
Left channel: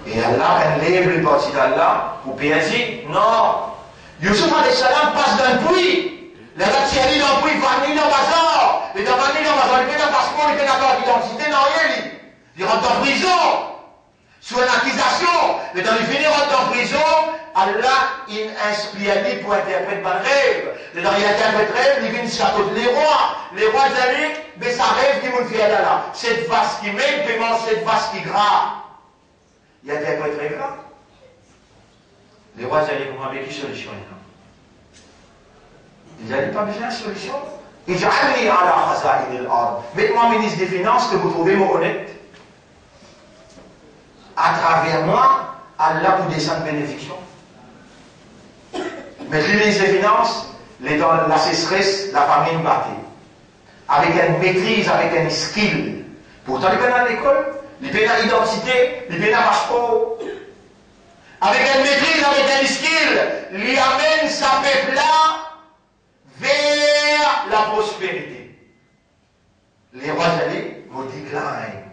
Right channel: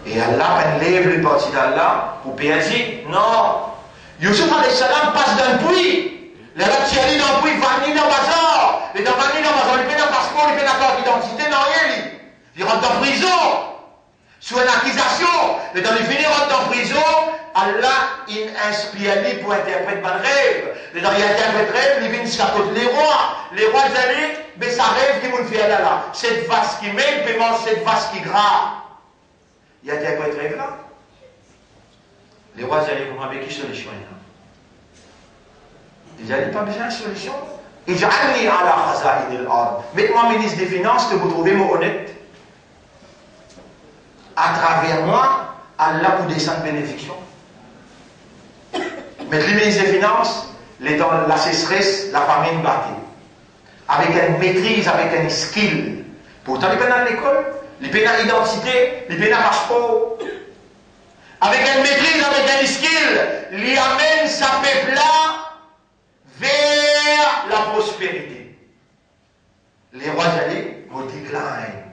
Et Allah lève le parti d'Allah pour bien dire, non, Yusuf alayhi salam passe d'un puits, les Ratsiali dans le puits, va venir dans le bazar, et dans le bazar, il fait un passeport, il fait une carte d'identité, non, il rentre en prison. Sous une accusation, et dans les finir en prison, Allah, il inspire pour interpréter par rêve. Et dans il interprète rêve, il vient de les rois. Les rois allaient, mais ça rêve qui m'ont fait là. Cette vache qui met, puis mange cette vache qui gras. Il interprète rêve là. Les rois allaient comprendre avec qui solution là. Ils n'avaient pas besoin de solution. Ils allaient à la khaza'in al-ard. Mettez-moi ministre des Finances que vous trouvez moi honnête. À travers moi, Allah vous descend bénédiction. Mais le ministre des Finances, dans la sécheresse, la famine battue. Avec une maîtrise, avec un skill. Pourtant, il est à l'école, il est à l'identité, il est à passeport. Avec une maîtrise, avec un skill, il amène sa peuple-là vers la prospérité. Les rois allaient, vous déclinent.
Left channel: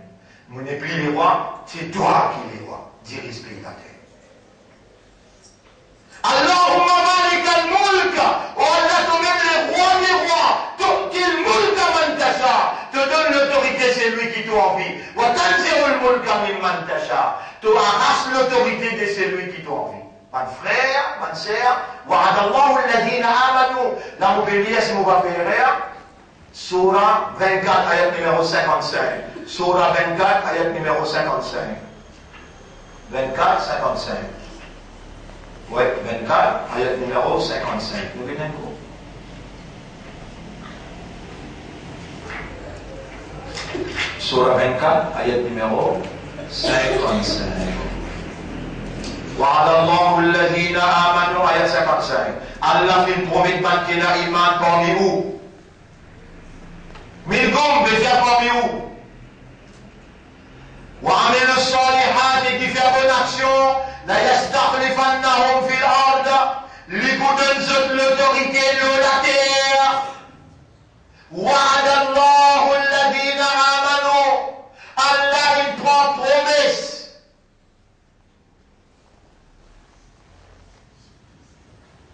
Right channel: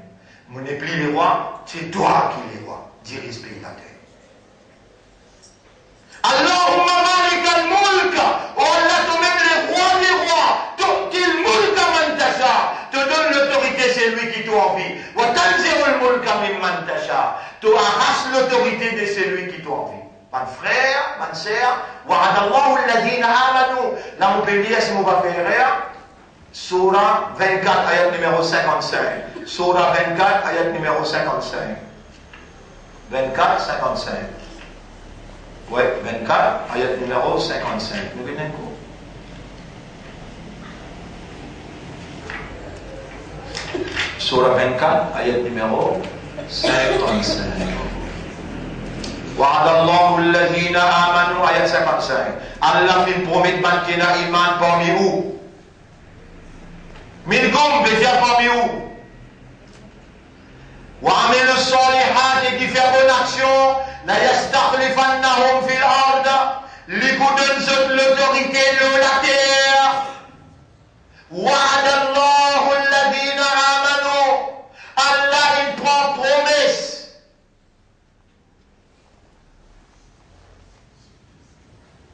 Vous n'êtes plus les rois, c'est toi qui es les rois. Dirige pays la terre. Allahumma malik al-mulk. Oh Allah, toi-même les rois des rois. l'autorité de celui qui doit vivre. Mon frère, ma sœur, wa'adallahu alladhina amanu. Là, on peut lire si on va faire Surah 24, ayat numéro 55. Surah 24, ayat numéro 55. 24, 55. Oui, 24, ayat numéro 55. Nous venons quoi? Surah 24, ayat numéro 55. Wa'adallahu alladhina amanu, ayat 55. Allah fait promettre qu'il y a iman parmi vous. Minkum, bézia parmi vous. وعملوا الصالحات qui fait bonne action la yastakhlifannahum fil ard li donne l'autorité de la terre wa'ada Allahu alladhina amanu Allah il prend promesse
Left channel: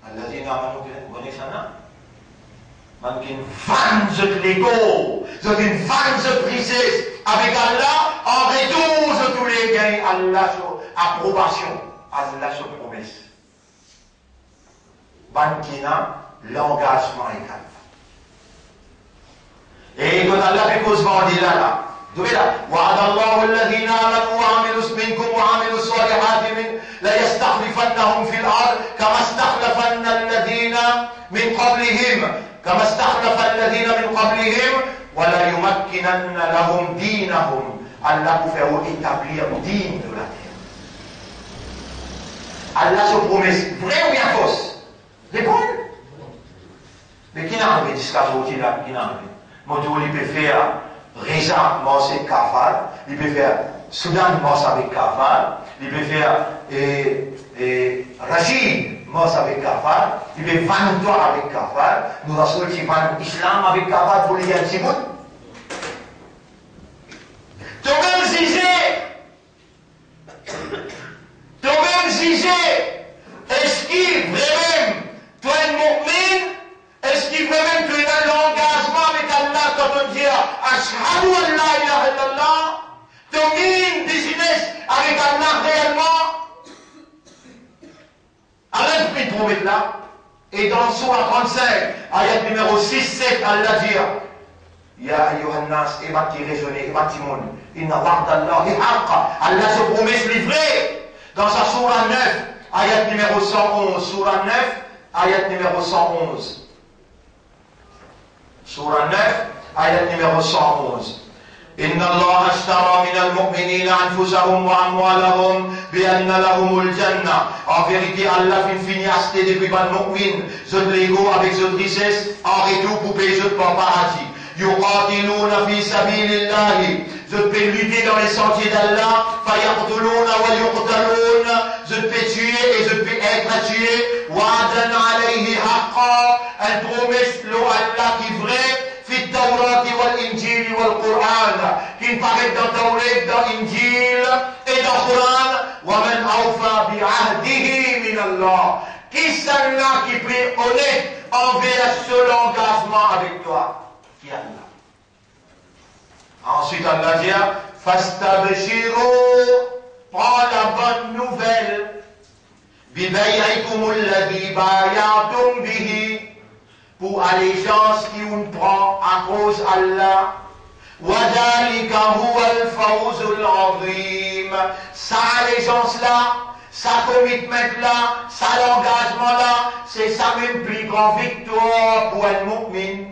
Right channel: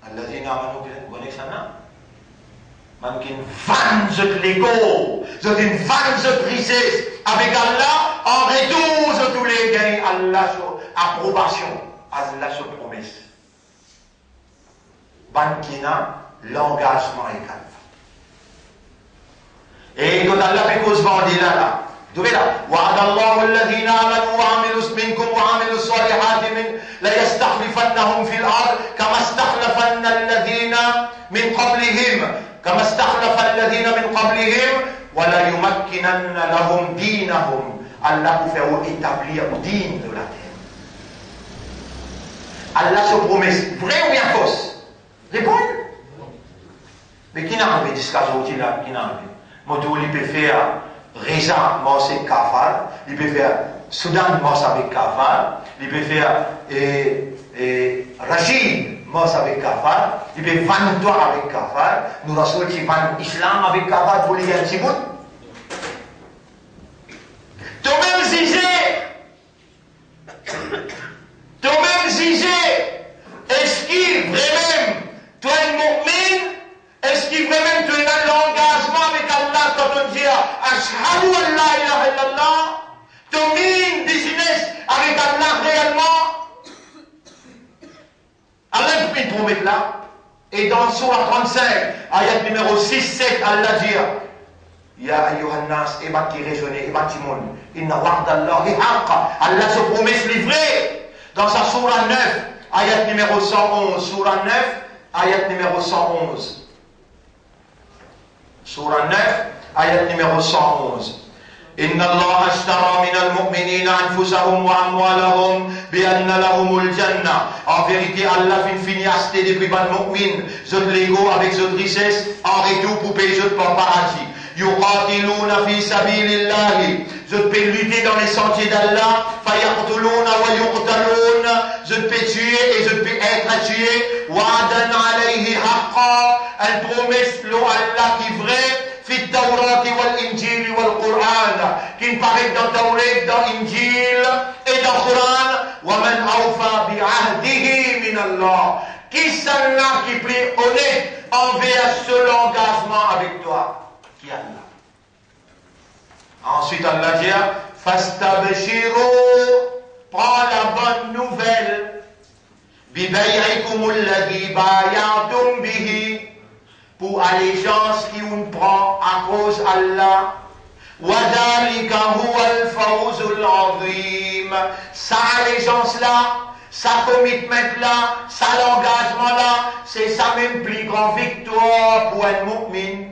alladhina amanu vous connaissez ça man qui vanne l'ego une vanne richesse avec Allah en retour de tous les gains Allah sur approbation Allah sur promesse Bankina l'engagement est calme et quand Allah fait cause vendée là vous voyez là wa'adallahu alladhina amanu wa amilu minkum wa amilu salihati min la yastakhlifannahum fil ard kama istakhlafanna alladhina min qablihim كما استخلف الذين من قبلهم ولا يمكنن لهم دينهم Allah pour faire établir digne de la terre. Allah se promesse vrai ou bien fausse? Répondez. Mais qui n'a envie de ce cas aujourd'hui là? Qui n'a envie? Moto il peut faire Reza mors avec Kafar, il peut faire Soudan mors avec Kafar, il peut faire Rachid mors avec Kafar, il peut faire toi avec Kafar, nous avons aussi Islam avec Kafar pour les gens qui moutent. Toi-même jugé, est-ce qu'il vraiment, toi un mu'min, est-ce qu'il vraiment tu as l'engagement avec Allah quand on dit Ashhadu an la ilaha illallah, tu mines business avec Allah réellement? Allah il promet là, et dans Surah 35, ayat numéro 6-7, Allah dit Ya ayyuhan nas, et bâti raisonner, et bâti monde. Inna wa'dallahi haqqa. Allah se promet livré. Dans sa Surah 9, ayat numéro 111. Surah 9, ayat numéro 111. Surah 9, ayat numéro 111. Inna Allah ashtara min al-mu'minina anfusahum wa amwalahum bi anna lahumul jannah. En vérité, Allah fin fini acheter depuis ban mu'min, zot l'ego avec zot richesse, en retour pour payer zot pour paradis. Yuqatiluna fi sabilillahi. Je peux lutter dans les sentiers d'Allah. Fayaqtuluna wa yuqtaluna. Je peux tuer et je peux être tué. Wa'adan alayhi haqqa. Elle promesse l'eau Allah qui est vrai. Fi Tawrat wal Injil wal Qur'an. Qui paraît dans Tawrat, dans Injil et dans Qur'an. Wa man awfa bi ahdihi min Allah. Qui celle-là qui prie honnête envers ce engagement avec toi? Qui Allah. Ensuite, Allah dit Fastabshiru, prends la bonne nouvelle. Bibay'ikum alladhi bay'atum bihi, pour allégeance qui on prend à cause Allah. Wadhalika huwa al-fawzul azim. Sa allégeance là, sa commitment là, sa l'engagement là, c'est sa même plus grande victoire pour un mu'min.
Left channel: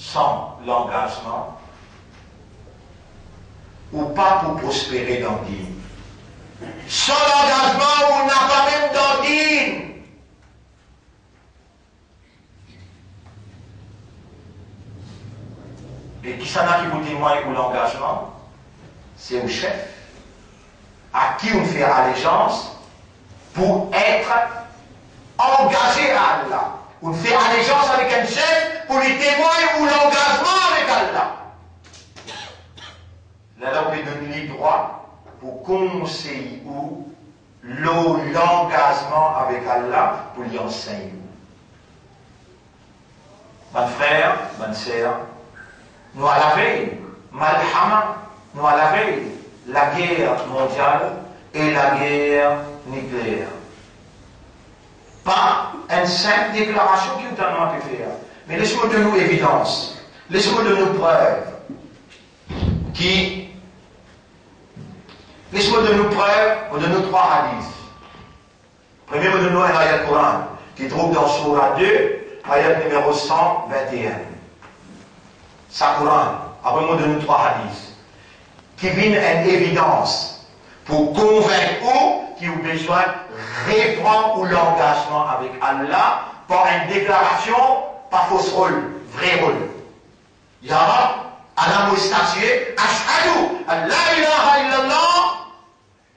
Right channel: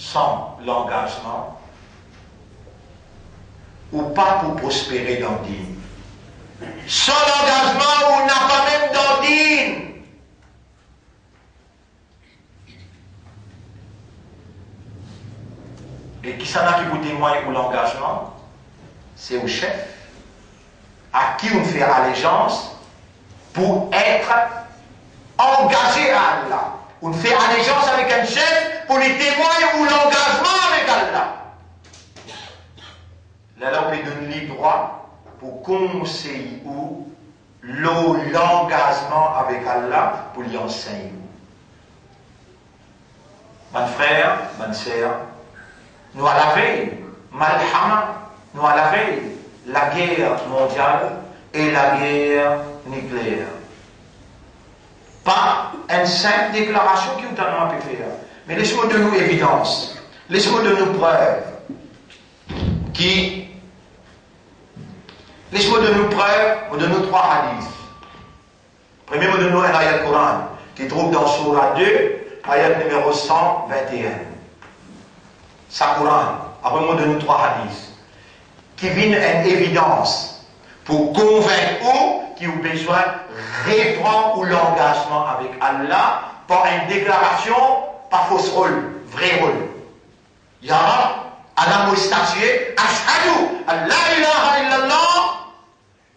Sans l'engagement, ou pas pour prospérer dans dîme. Sans l'engagement, on n'a pas même dans dîme. Et qui s'en a qui vous témoigne pour l'engagement? C'est au chef, à qui on fait allégeance pour être engagé à Allah. On fait allégeance avec un chef pour les témoins ou l'engagement avec Allah. Là, on peut donner le droit pour conseiller ou l'engagement avec Allah pour lui enseigner. Mon frère, ma sœur, nous à la veille Malhama, nous à la veille, la guerre mondiale et la guerre nucléaire. Pas une simple déclaration qui nous a fait faire, mais laissez-moi de nous évidence, laissez-moi de nous preuves, laissez-moi de nous preuves de nos trois hadiths. Premier mot de nous, un ayat Coran, qui trouve dans Surah 2, ayat numéro 121. Ça Coran, après mot de nous trois hadiths, qui viennent en évidence pour convaincre eux qui ont besoin de reprendre l'engagement avec Allah par une déclaration, pas fausse rôle, vrai rôle. Ya Allah m'a statué, Ashhadu an la ilaha illallah,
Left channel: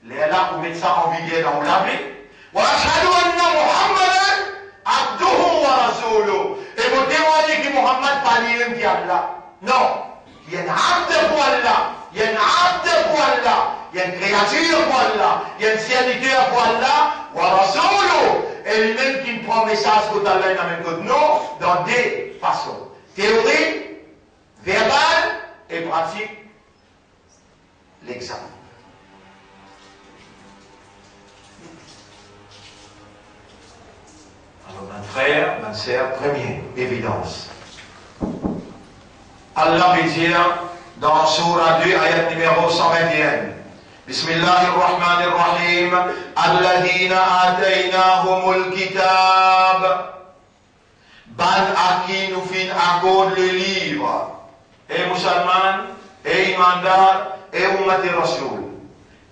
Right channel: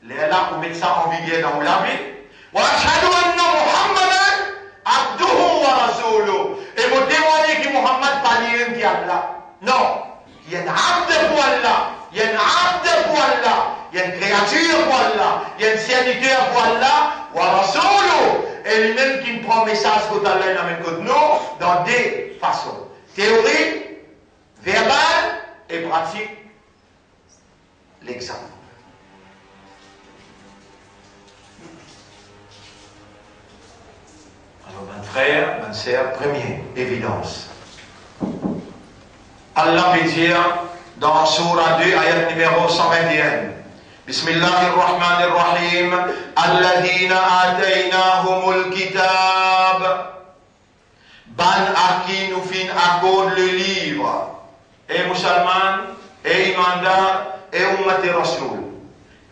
les Allah pour mettre ça en vigueur dans la vie. وأشهد أن محمدا عبده ورسوله et vous témoignez que Muhammad parle de Allah. Non, il y a un abd pour Allah, il y a un abd pour Allah, il y a une créature pour Allah, il y a un serviteur pour Allah, wa rasuluh, et lui-même qui prend message pour Allah dans même côté nous dans des façons. Théorie, verbale et pratique. L'exemple. Alors, mon frère, ma sœur, première évidence. Allah veut dire dans Surah 2, ayat numéro 121. Bismillahirrahmanirrahim. Alladhina ataynahumul kitab. Ban aki nous fin accorde le livre. Et musulman, et imandar, et ummati rasoul.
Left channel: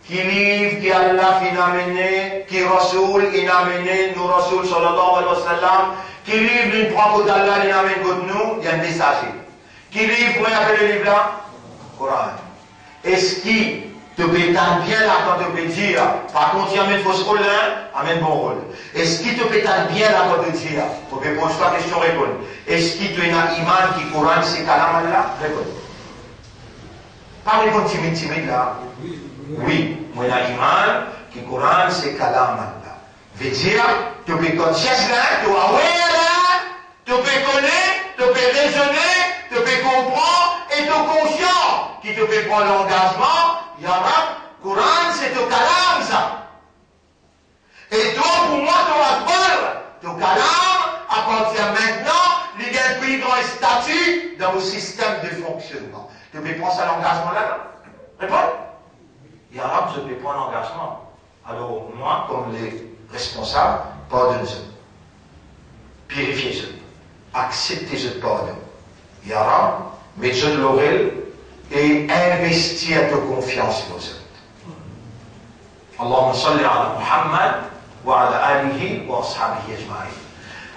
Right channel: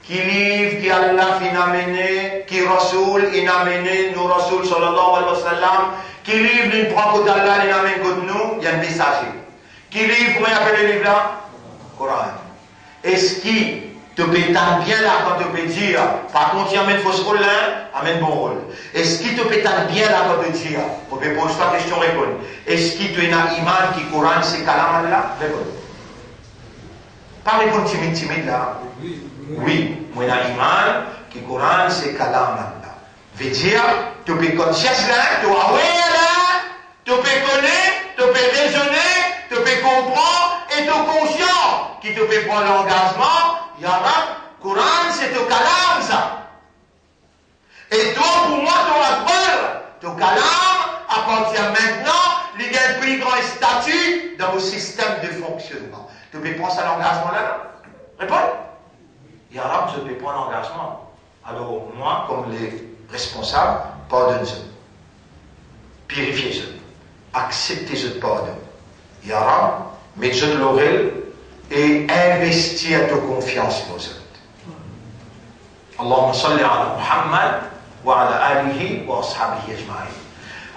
Qui livre, qui Allah fin amené, qui Rasoul, in amené, nous Rasoul sallallahu alayhi wa sallam, qui livre, il prend côté d'Allah, il amène côté nous, il y a un messager. Qui livre, comment il appelle le livre là? Coran. Est-ce qui te peut bien là quand tu peux dire, par contre, il amène fausse rôle là, amène bon rôle. Est-ce qui te peut bien là quand tu dire, pour me poser ta question, répondre. Est-ce qui te a iman qui Coran, c'est kalam Allah? Répondre. Pas répondre timide là. Oui, moi j'ai iman que le Coran c'est kalam Allah. Veut dire, tu peux connaître là, tu peux avoir là, tu peux connaître, tu peux raisonner, tu peux comprendre et tu es conscient qui te peut prendre l'engagement. Yara, Coran c'est le kalam ça. Et toi pour moi tu vas voir, le kalam à partir de maintenant, il y a un plus grand statut dans le système de fonctionnement. Tu peux prendre ça l'engagement là? Réponds. Yara, je peux prendre l'engagement. Alors, moi, comme les responsables, pardonne-se. Purifiez-se. Acceptez ce pardon. Yara, mettez de l'oreille et investir de confiance dans eux. Allahumma salli ala Muhammad wa ala alihi wa ashabihi ajma'in.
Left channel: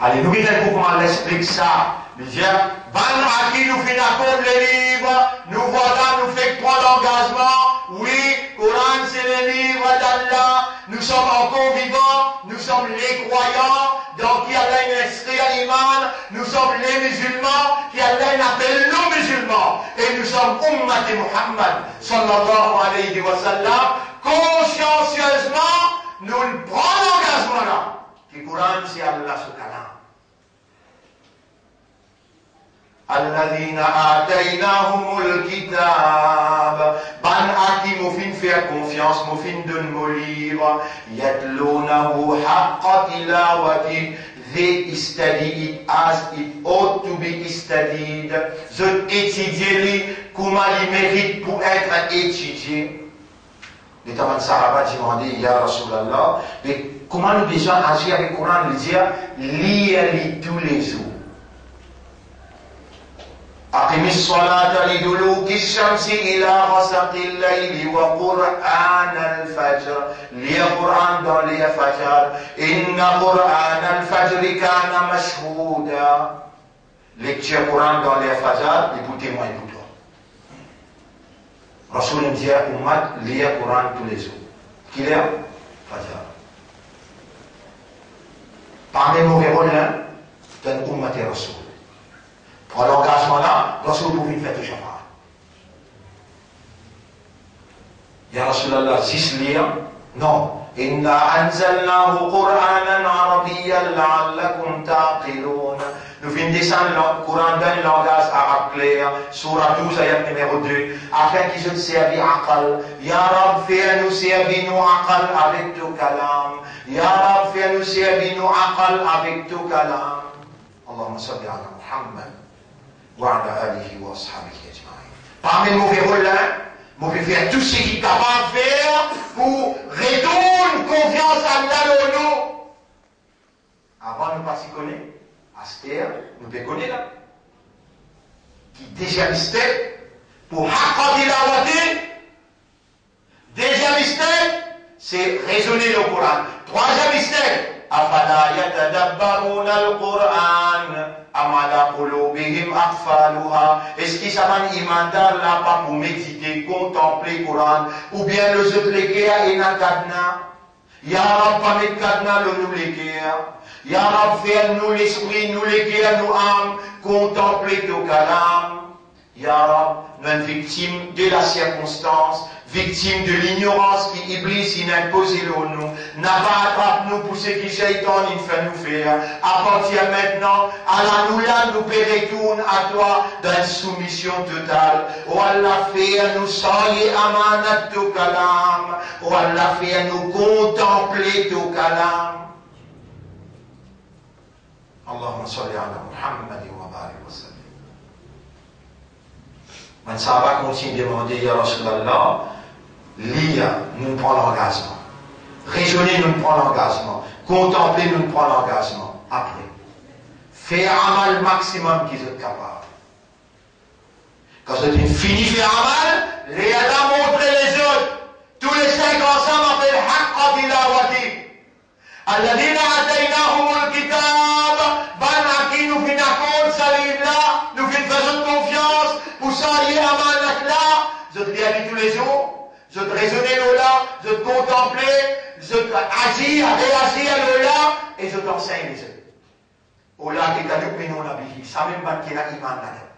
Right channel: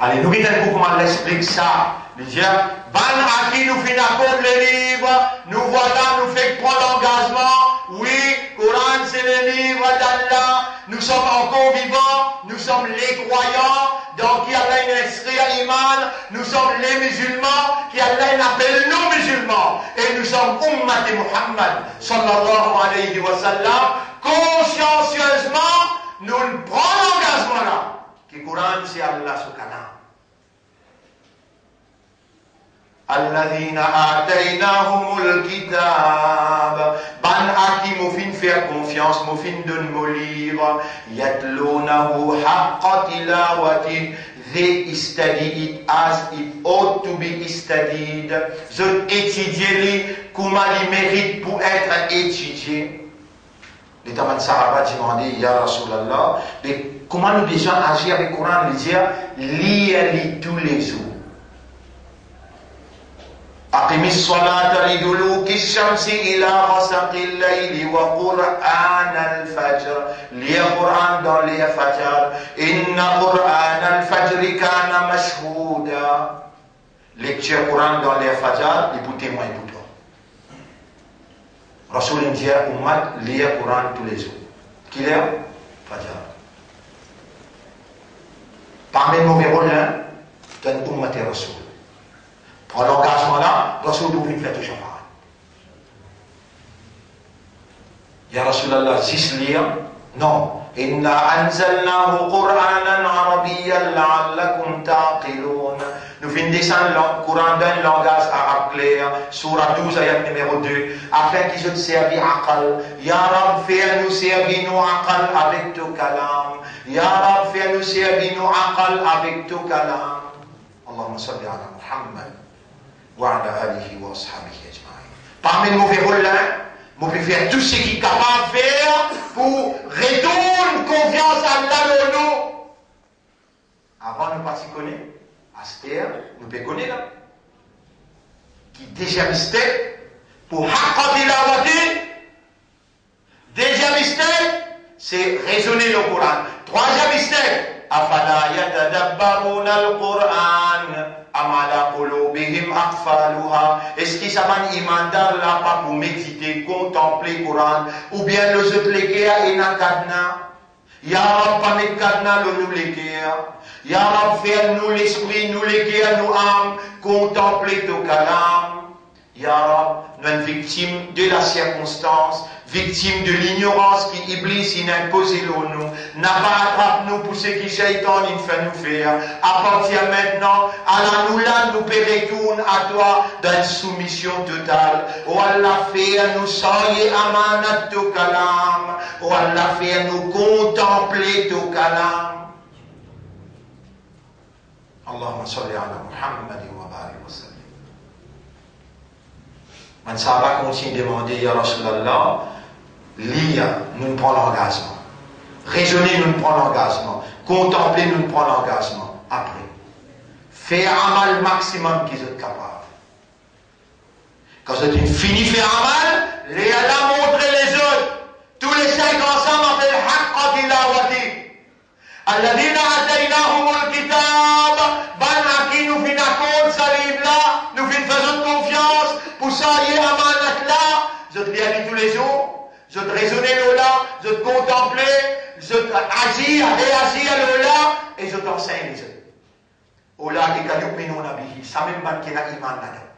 Allez, nous vite un coup comment elle explique ça. Il dit, ban à qui nous fait d'accord le livre, nous voilà, nous fait prendre l'engagement. Oui, Coran c'est le livre d'Allah. Nous sommes encore vivants, nous sommes les croyants, donc qui Allah inscrit à l'Iman. Nous sommes les musulmans, qui Allah appelle nous musulmans. Et nous sommes Ummat de Muhammad, sallallahu alayhi wa sallam. Consciencieusement, nous prenons l'engagement là. Que Coran c'est Allah ce kalam. الذين آتيناهم الكتاب بان أكي مفين فيها confiance مفين دون مولير يتلونه حق تلاوته they study it as it ought to be studied je étudie comment il mérite pour être étudié. Les Taman Sahaba demandé Ya Rasulallah mais comment nous devons agir avec le Coran, lui dire lire tous les jours. أقم الصلاة لدلوك الشمس إلى غسق الليل وقرآن الفجر لي قرآن dans les فجر إن قرآن الفجر كان مشهودا lecture Coran dans les fajr et pour témoin pour toi. Rasoul dit à Ummat lire Coran tous les jours. Qui lit Fajr. Parmi les mauvais rôles d'un Ummat et Rasoul. Pour l'engagement là, Rasoul pouvait faire tout ça. Ya Rasulallah, 6 lire? Non. Inna anzalnahu Qur'anan Arabiyyan la'allakum ta'qilun. Nous venons descendre le Coran d'un langage arabe clair, Surah 12, ayat numéro 2, afin qu'ils se servent aqal. Ya Rab, fais-nous servir nos aqal avec ton kalam. Ya Rab, fais-nous servir nos aqal avec ton kalam. Allahumma salli ala Muhammad wa ala alihi wa ashabihi ajma'in. Parmi nos verrous-là, vous pouvez faire tout ce qu'il est capable de faire pour retourner confiance à Allah le nous. Avant, nous ne pas s'y connaître. Aster, nous pouvons connaître là. Qui déjà mystère pour accorder la vérité. Deuxième mystère, c'est raisonner le Coran. Troisième mystère, afala yatadabbaruna al-Quran am ala qulubihim aqfaluha. Est-ce qu'ils savent imandar là pas pour méditer, contempler le Coran, ou bien le autres l'équerre et na kadna. Ya Rab, pas mettre kadna le nous l'équerre. Ya Rab, fais-nous l'esprit, nous l'équerre, nous âmes, contempler ton kalam. Ya Rab, nous sommes victimes de la circonstance, victimes de l'ignorance qui Iblis il a imposé nous. N'a pas attrapé nous pour ce qui Shaitan il fait nous faire. À partir maintenant, Allah nous là, nous retourne à toi dans une soumission totale. Oh Allah, fais-nous soigner amanat ton kalam. Oh Allah, fais-nous contempler ton kalam. Allahumma salli ala Muhammad wa barik wa sallim. Man Sahaba continue de demander, Ya Rasulallah, lire, nous prend l'engagement. Raisonner, nous prend l'engagement. Contempler, nous prend l'engagement. Après, faire un mal maximum qu'ils sont capables. Quand c'est une finie faire un mal, les Allah montrer les autres. Tous les cinq ensemble appellent Haqqa tilawati. Alladhina ataynahumul kitab. Ban à qui nous finissons compte, ça livre là, nous faisons confiance. Pour ça, il y a un manat là, je te réagis tous les jours, je te raisonner là, je te contempler, je te agir, réagir là, et je t'enseigne les autres. Ola qui a nous pinon la vie, ça même ban qui a iman là-dedans.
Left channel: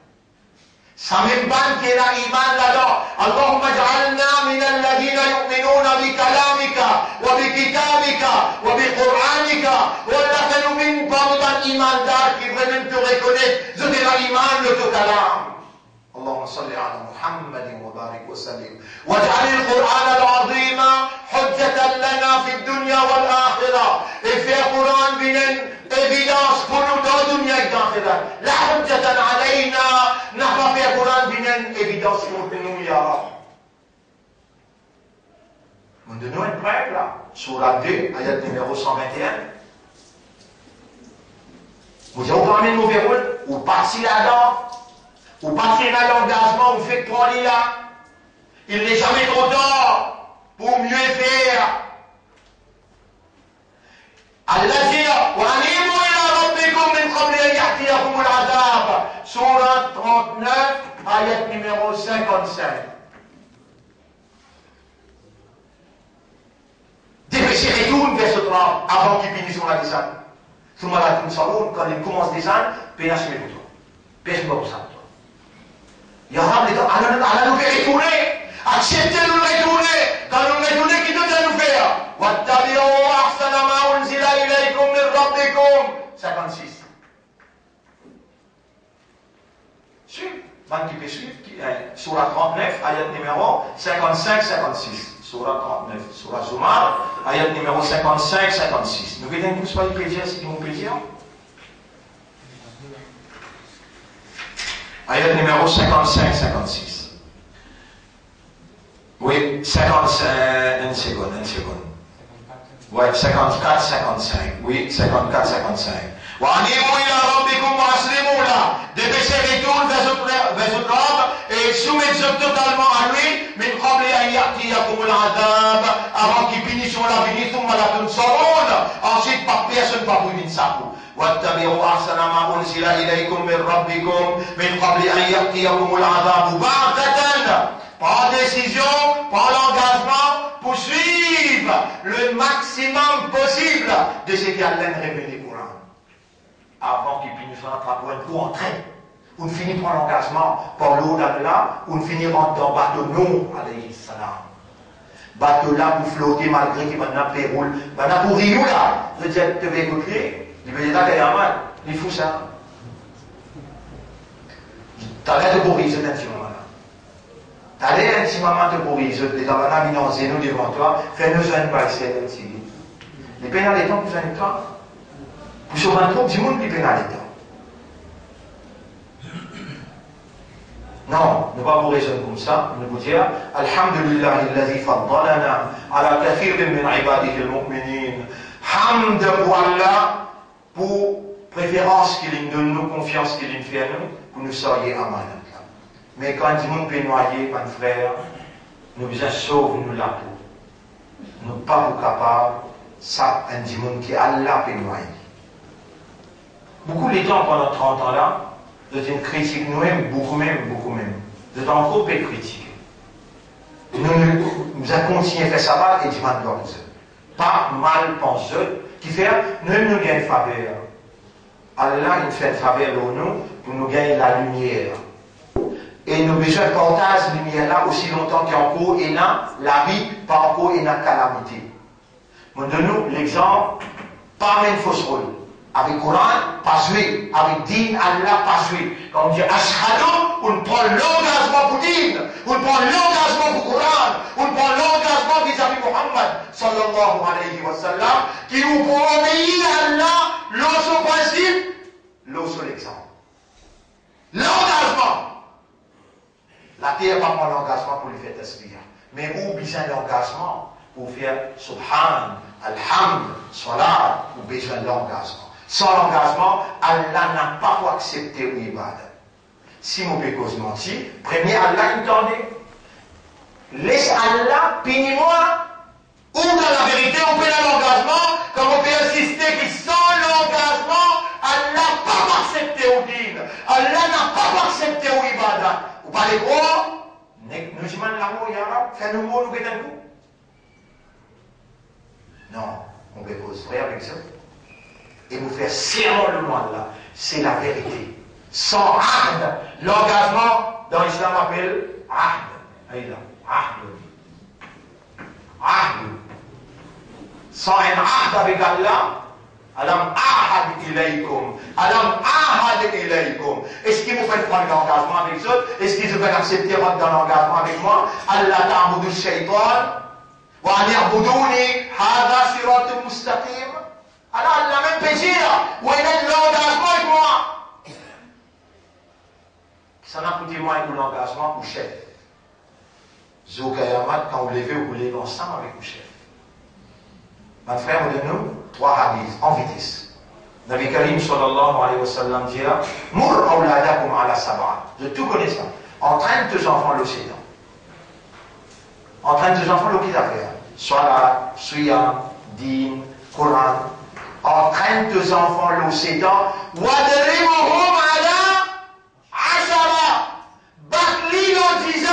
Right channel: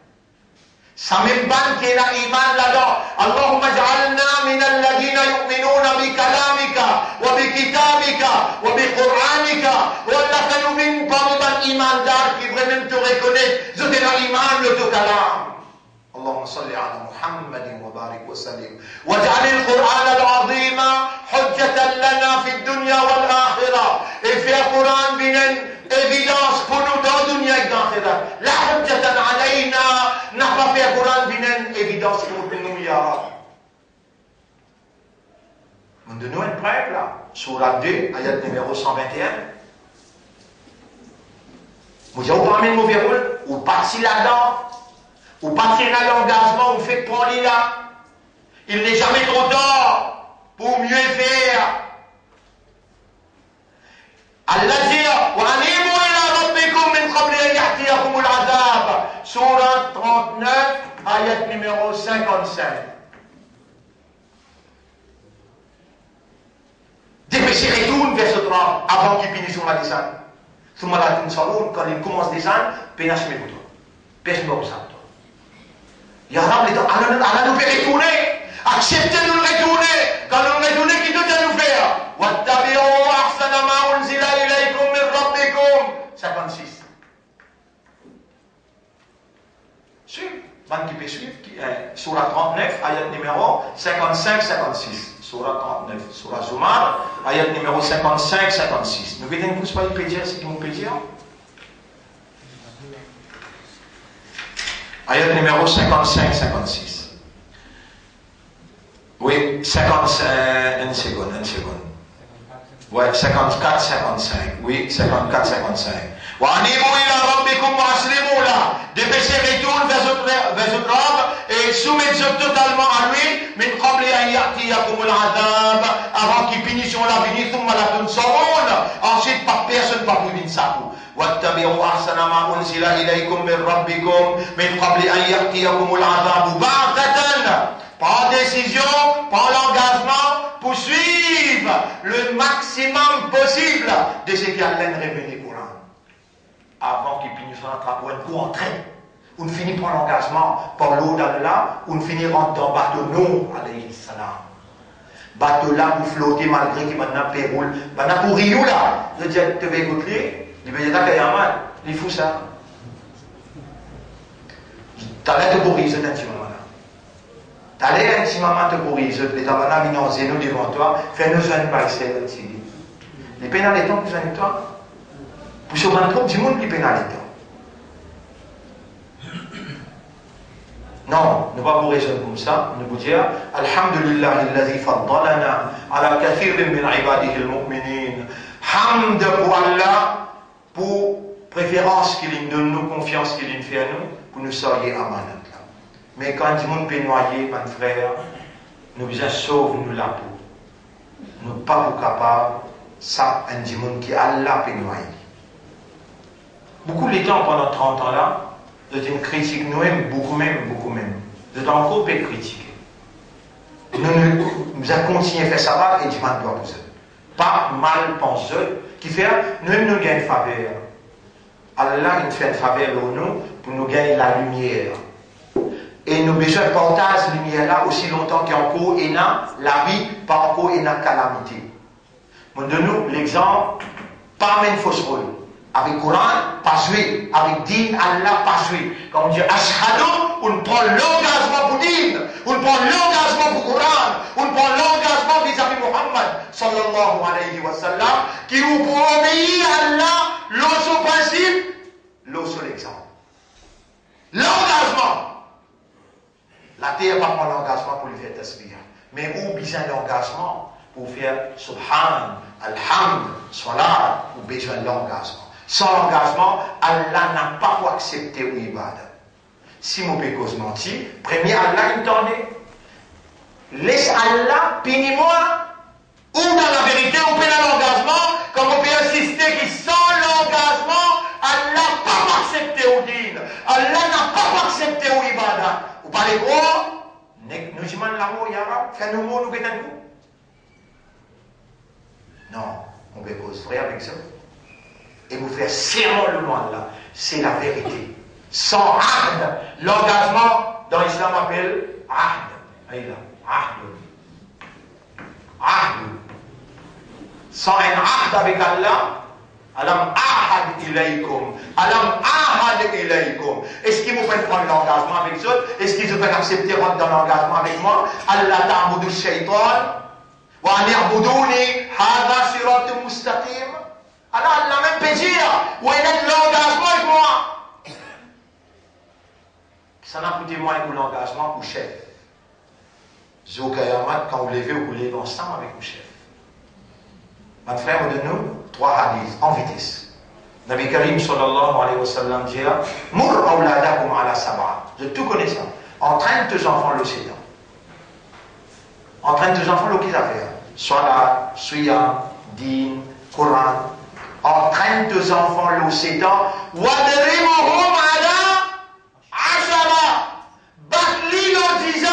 Ça même ban qui a iman là-dedans. Allahumma ja'alna min alladhina yu'minuna bi kalamika, wa bi kitabika, wa bi qur'anika, wa la kanumin parmi ban iman d'art qui vraiment te reconnaît, je te la iman le to kalam. اللهم صل على محمد وبارك وسلم واجعل القرآن العظيم حجة لنا في الدنيا والآخرة. Et fais le Coran une évidence pour nous dans la dunya et dans l'آخرة. لا حجة علينا. N'a pas fait le Coran une évidence pour nous, ya Rab. Nous donnons une preuve là. Surah 2, ayat numéro 121. Vous avez parmi nos verrous, ou parti là-dedans. Ou passer dans l'engagement, ou fait prendre là. Il n'est jamais trop tard pour mieux faire. Allah dit, وَأَنِيبُوا إِلَىٰ رَبِّكُمْ مِنْ قَبْلِ أَنْ يَأْتِيَكُمُ الْعَذَابُ. Sourate 39, ayat numéro 55. Dépêchez, retourne vers ce 30 avant qu'il finisse sur la descente. Quand il commence à descendre, pénage mes boutons. Pêche-moi au centre. Ya Rab, Allah nous fait retourner. Acceptez de nous retourner. Quand nous retourner, qui doit nous faire? وَاتَّبِعُوا أَحْسَنَ مَا أُنزِلَ إِلَيْكُم مِّن رَّبِّكُم. 56. Suivez. Ban qui peut suivre. Surah 39, ayat numéro 55-56. Surah 39. Surah Zumar, ayat numéro 55-56. Nous voulons tous pas y pédir, c'est qui nous pédir? Ayat numéro 55-56. Oui, 55, une seconde. Ouais, 54-55. Oui, 54-55. وَأَنِيبُوا إِلَىٰ رَبِّكُمْ وَأَسْلِمُوا لَهُ. Dépêchez, retourne vers votre Rab et soumettez-vous totalement à lui. مِنْ قَبْلِ أَنْ يَأْتِيَكُمُ الْعَذَابُ. Avant qu'il finisse sur la vie, ثُمَّ لَا تُنصَرُونَ. Ensuite, par personne, pas vous d'une sapou. واتبعوا أحسن ما أنزل إليكم من ربكم من قبل أن يأتيكم العذاب بغتة. Par décision, par l'engagement, pour suivre le maximum possible de ce qui allait révéler au Coran. Avant qu'il puisse nous attraper un coup en train. On finit par l'engagement, par l'eau d'Allah, on finit rentre dans le bateau Nuh, alayhi salam. Bateau là, vous flottez malgré qu'il maintenant péroule. Maintenant pour Rio là, je dis, tu vas écouter. Il veut dire qu'il y a un mal. Il faut ça. T'allais te bourriser un petit moment. T'allais un petit moment te bourriser, les tabanas vinazés nous devant toi, fais-nous un passer d'un petit. Les pénalités plus en toi. Pour se rendre compte du monde qui pénalité. Non, ne pas vous raisonner comme ça, ne vous dire Alhamdulillah, alladhi faddalana ala kathirin min ibadihi al-mu'minin. Hamd pour Allah, pour préférence qu'il donne nous, confiance qu'il fait à nous, pour nous soyez amanat. Mais quand du monde peut noyer, mon frère, nous besoin sauve nous la peau. Nous pas vous capables, ça, un du monde qui Allah peut noyer. Beaucoup de temps pendant 30 ans là, vous êtes une critique nous-mêmes, beaucoup même. Vous êtes encore peu critiquer. Nous avons continué à faire ça et du mal doit vous. Pas mal penseux, qui fait, nous gagnons une faveur. Allah il fait une faveur pour nous gagner la lumière. Et nous besoin de porter cette lumière là aussi longtemps qu'encore et là, la vie, pas encore et la calamité. Donne-nous l'exemple, pas même fausse rôle. Avec Coran, pas joué. Avec Din, Allah, pas joué. Quand on dit Ashhadu, on prend l'engagement pour Din, on prend l'engagement pour Coran, on prend l'engagement vis-à-vis Muhammad, sallallahu alayhi wa sallam, qui nous pour obéir à Allah, l'autre principe, l'autre l'exemple. L'engagement. La terre va prendre l'engagement pour lui faire tasbih. Mais où besoin l'engagement pour faire Subhan, Alhamd, Salat, ou besoin de l'engagement. Sans l'engagement, Allah n'a pas pour accepter l'ibad. Si mon pécose menti, premier Allah il tendait. Laisse Allah, punis-moi, ou dans la vérité, on peut l'engagement, comme on peut insister que sans l'engagement, Allah n'a pas accepté au din. Allah n'a pas accepté au ibadah. Vous parlez quoi? Nous disons l'amour, Yara, fais-nous mot, nous pétons nous. Non, on peut cause frère avec ça. Et vous faire serment le monde là, c'est la vérité. Sans ahd, l'engagement dans l'islam appelle ahd. Ahd. Sans un ahd avec Allah, alam ahad ilaykum. Est-ce qu'il vous fait prendre l'engagement avec eux? Est-ce qu'ils vous fait accepter rentrer dans l'engagement avec moi? Allah ta'budu shaytan wa an ya'buduni hadha siratun mustaqim. Alors, la même pédire, où il est l'engagement avec moi. Ça n'a coûté moins que l'engagement pour chef. Zokayamat, quand vous levez, vous levez ensemble avec le chef. Mon frère, on donne nous 3 hadiths en vitesse. Nabi Karim sallallahu alayhi wa sallam dit Mur awladakum ala sab'a. Je tout connais ça. Entraîne tes enfants le sédan. Entraîne tes enfants le qu'ils affaire. Salat, Siyam, Din, Coran. Entraîne tes enfants le sédan. Wadrimuhum ala ashara. Bat-li dans 10 ans.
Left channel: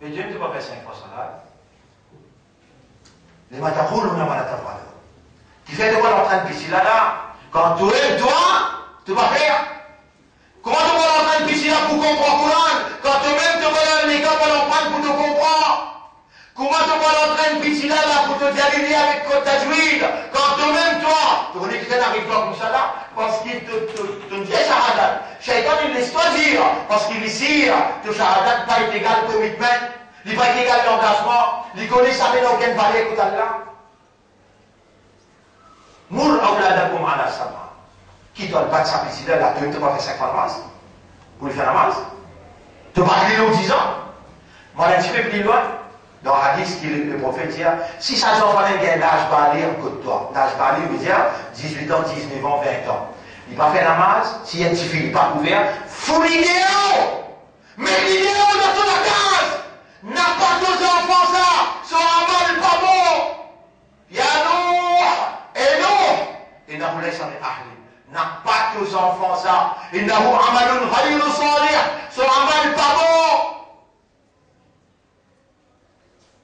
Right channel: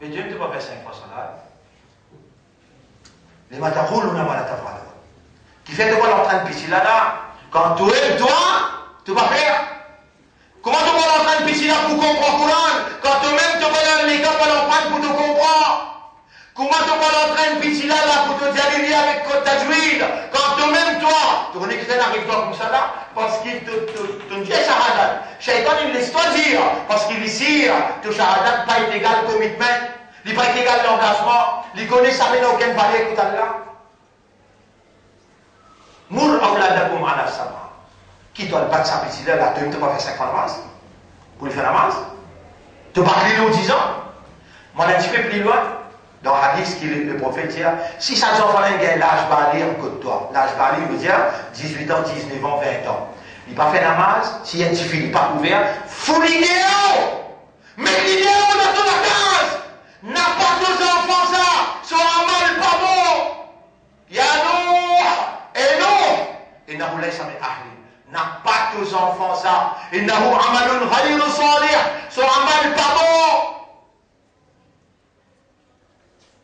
Mais Dieu ne t'a pas fait 5 fois ça. Les mataroul ou n'a pas la tafala. Qui fait de quoi l'entraîne piscine là, quand tu es toi, tu vas faire. Comment tu vas l'entraîne piscine là pour comprendre le Coran? Quand toi-même tu vas dans l'école pour l'entraîne pour te comprendre. Comment tu vas l'entraîne piscine là pour te dériver avec ta juive? Quand toi-même toi, tu connais que c'est avec toi comme ça là, parce qu'il te dit shahadat. Shaitan il laisse toi dire, parce qu'il ici, que shahadat pas est égal commitment. Il n'est pas égal l'engagement, il connaît ça, mais n'a aucune valeur écoute Allah. Mur awladakum ala sab'a. Qui doit le battre sa petite là, tu ne peux pas faire 5 fois la masse. Pour lui faire la masse. Tu parles de 10 ans. Moi, un petit peu plus loin, dans le hadith, le prophète dit si ça enfant a l'âge balé en côté de toi, l'âge balé veut dire 18 ans, 19 ans, 20 ans. Il n'a pas fait la masse, s'il y a un petit fil, il n'est pas ouvert, faut l'idéal. Mais l'idéal dans toute la case. N'a pas deux enfants ça, son amal pas bon. Ya Nuh, et non. Et n'a pas laissé ahli. N'a pas deux enfants ça. Et n'a pas amalun ghayru salih, son amal pas bon.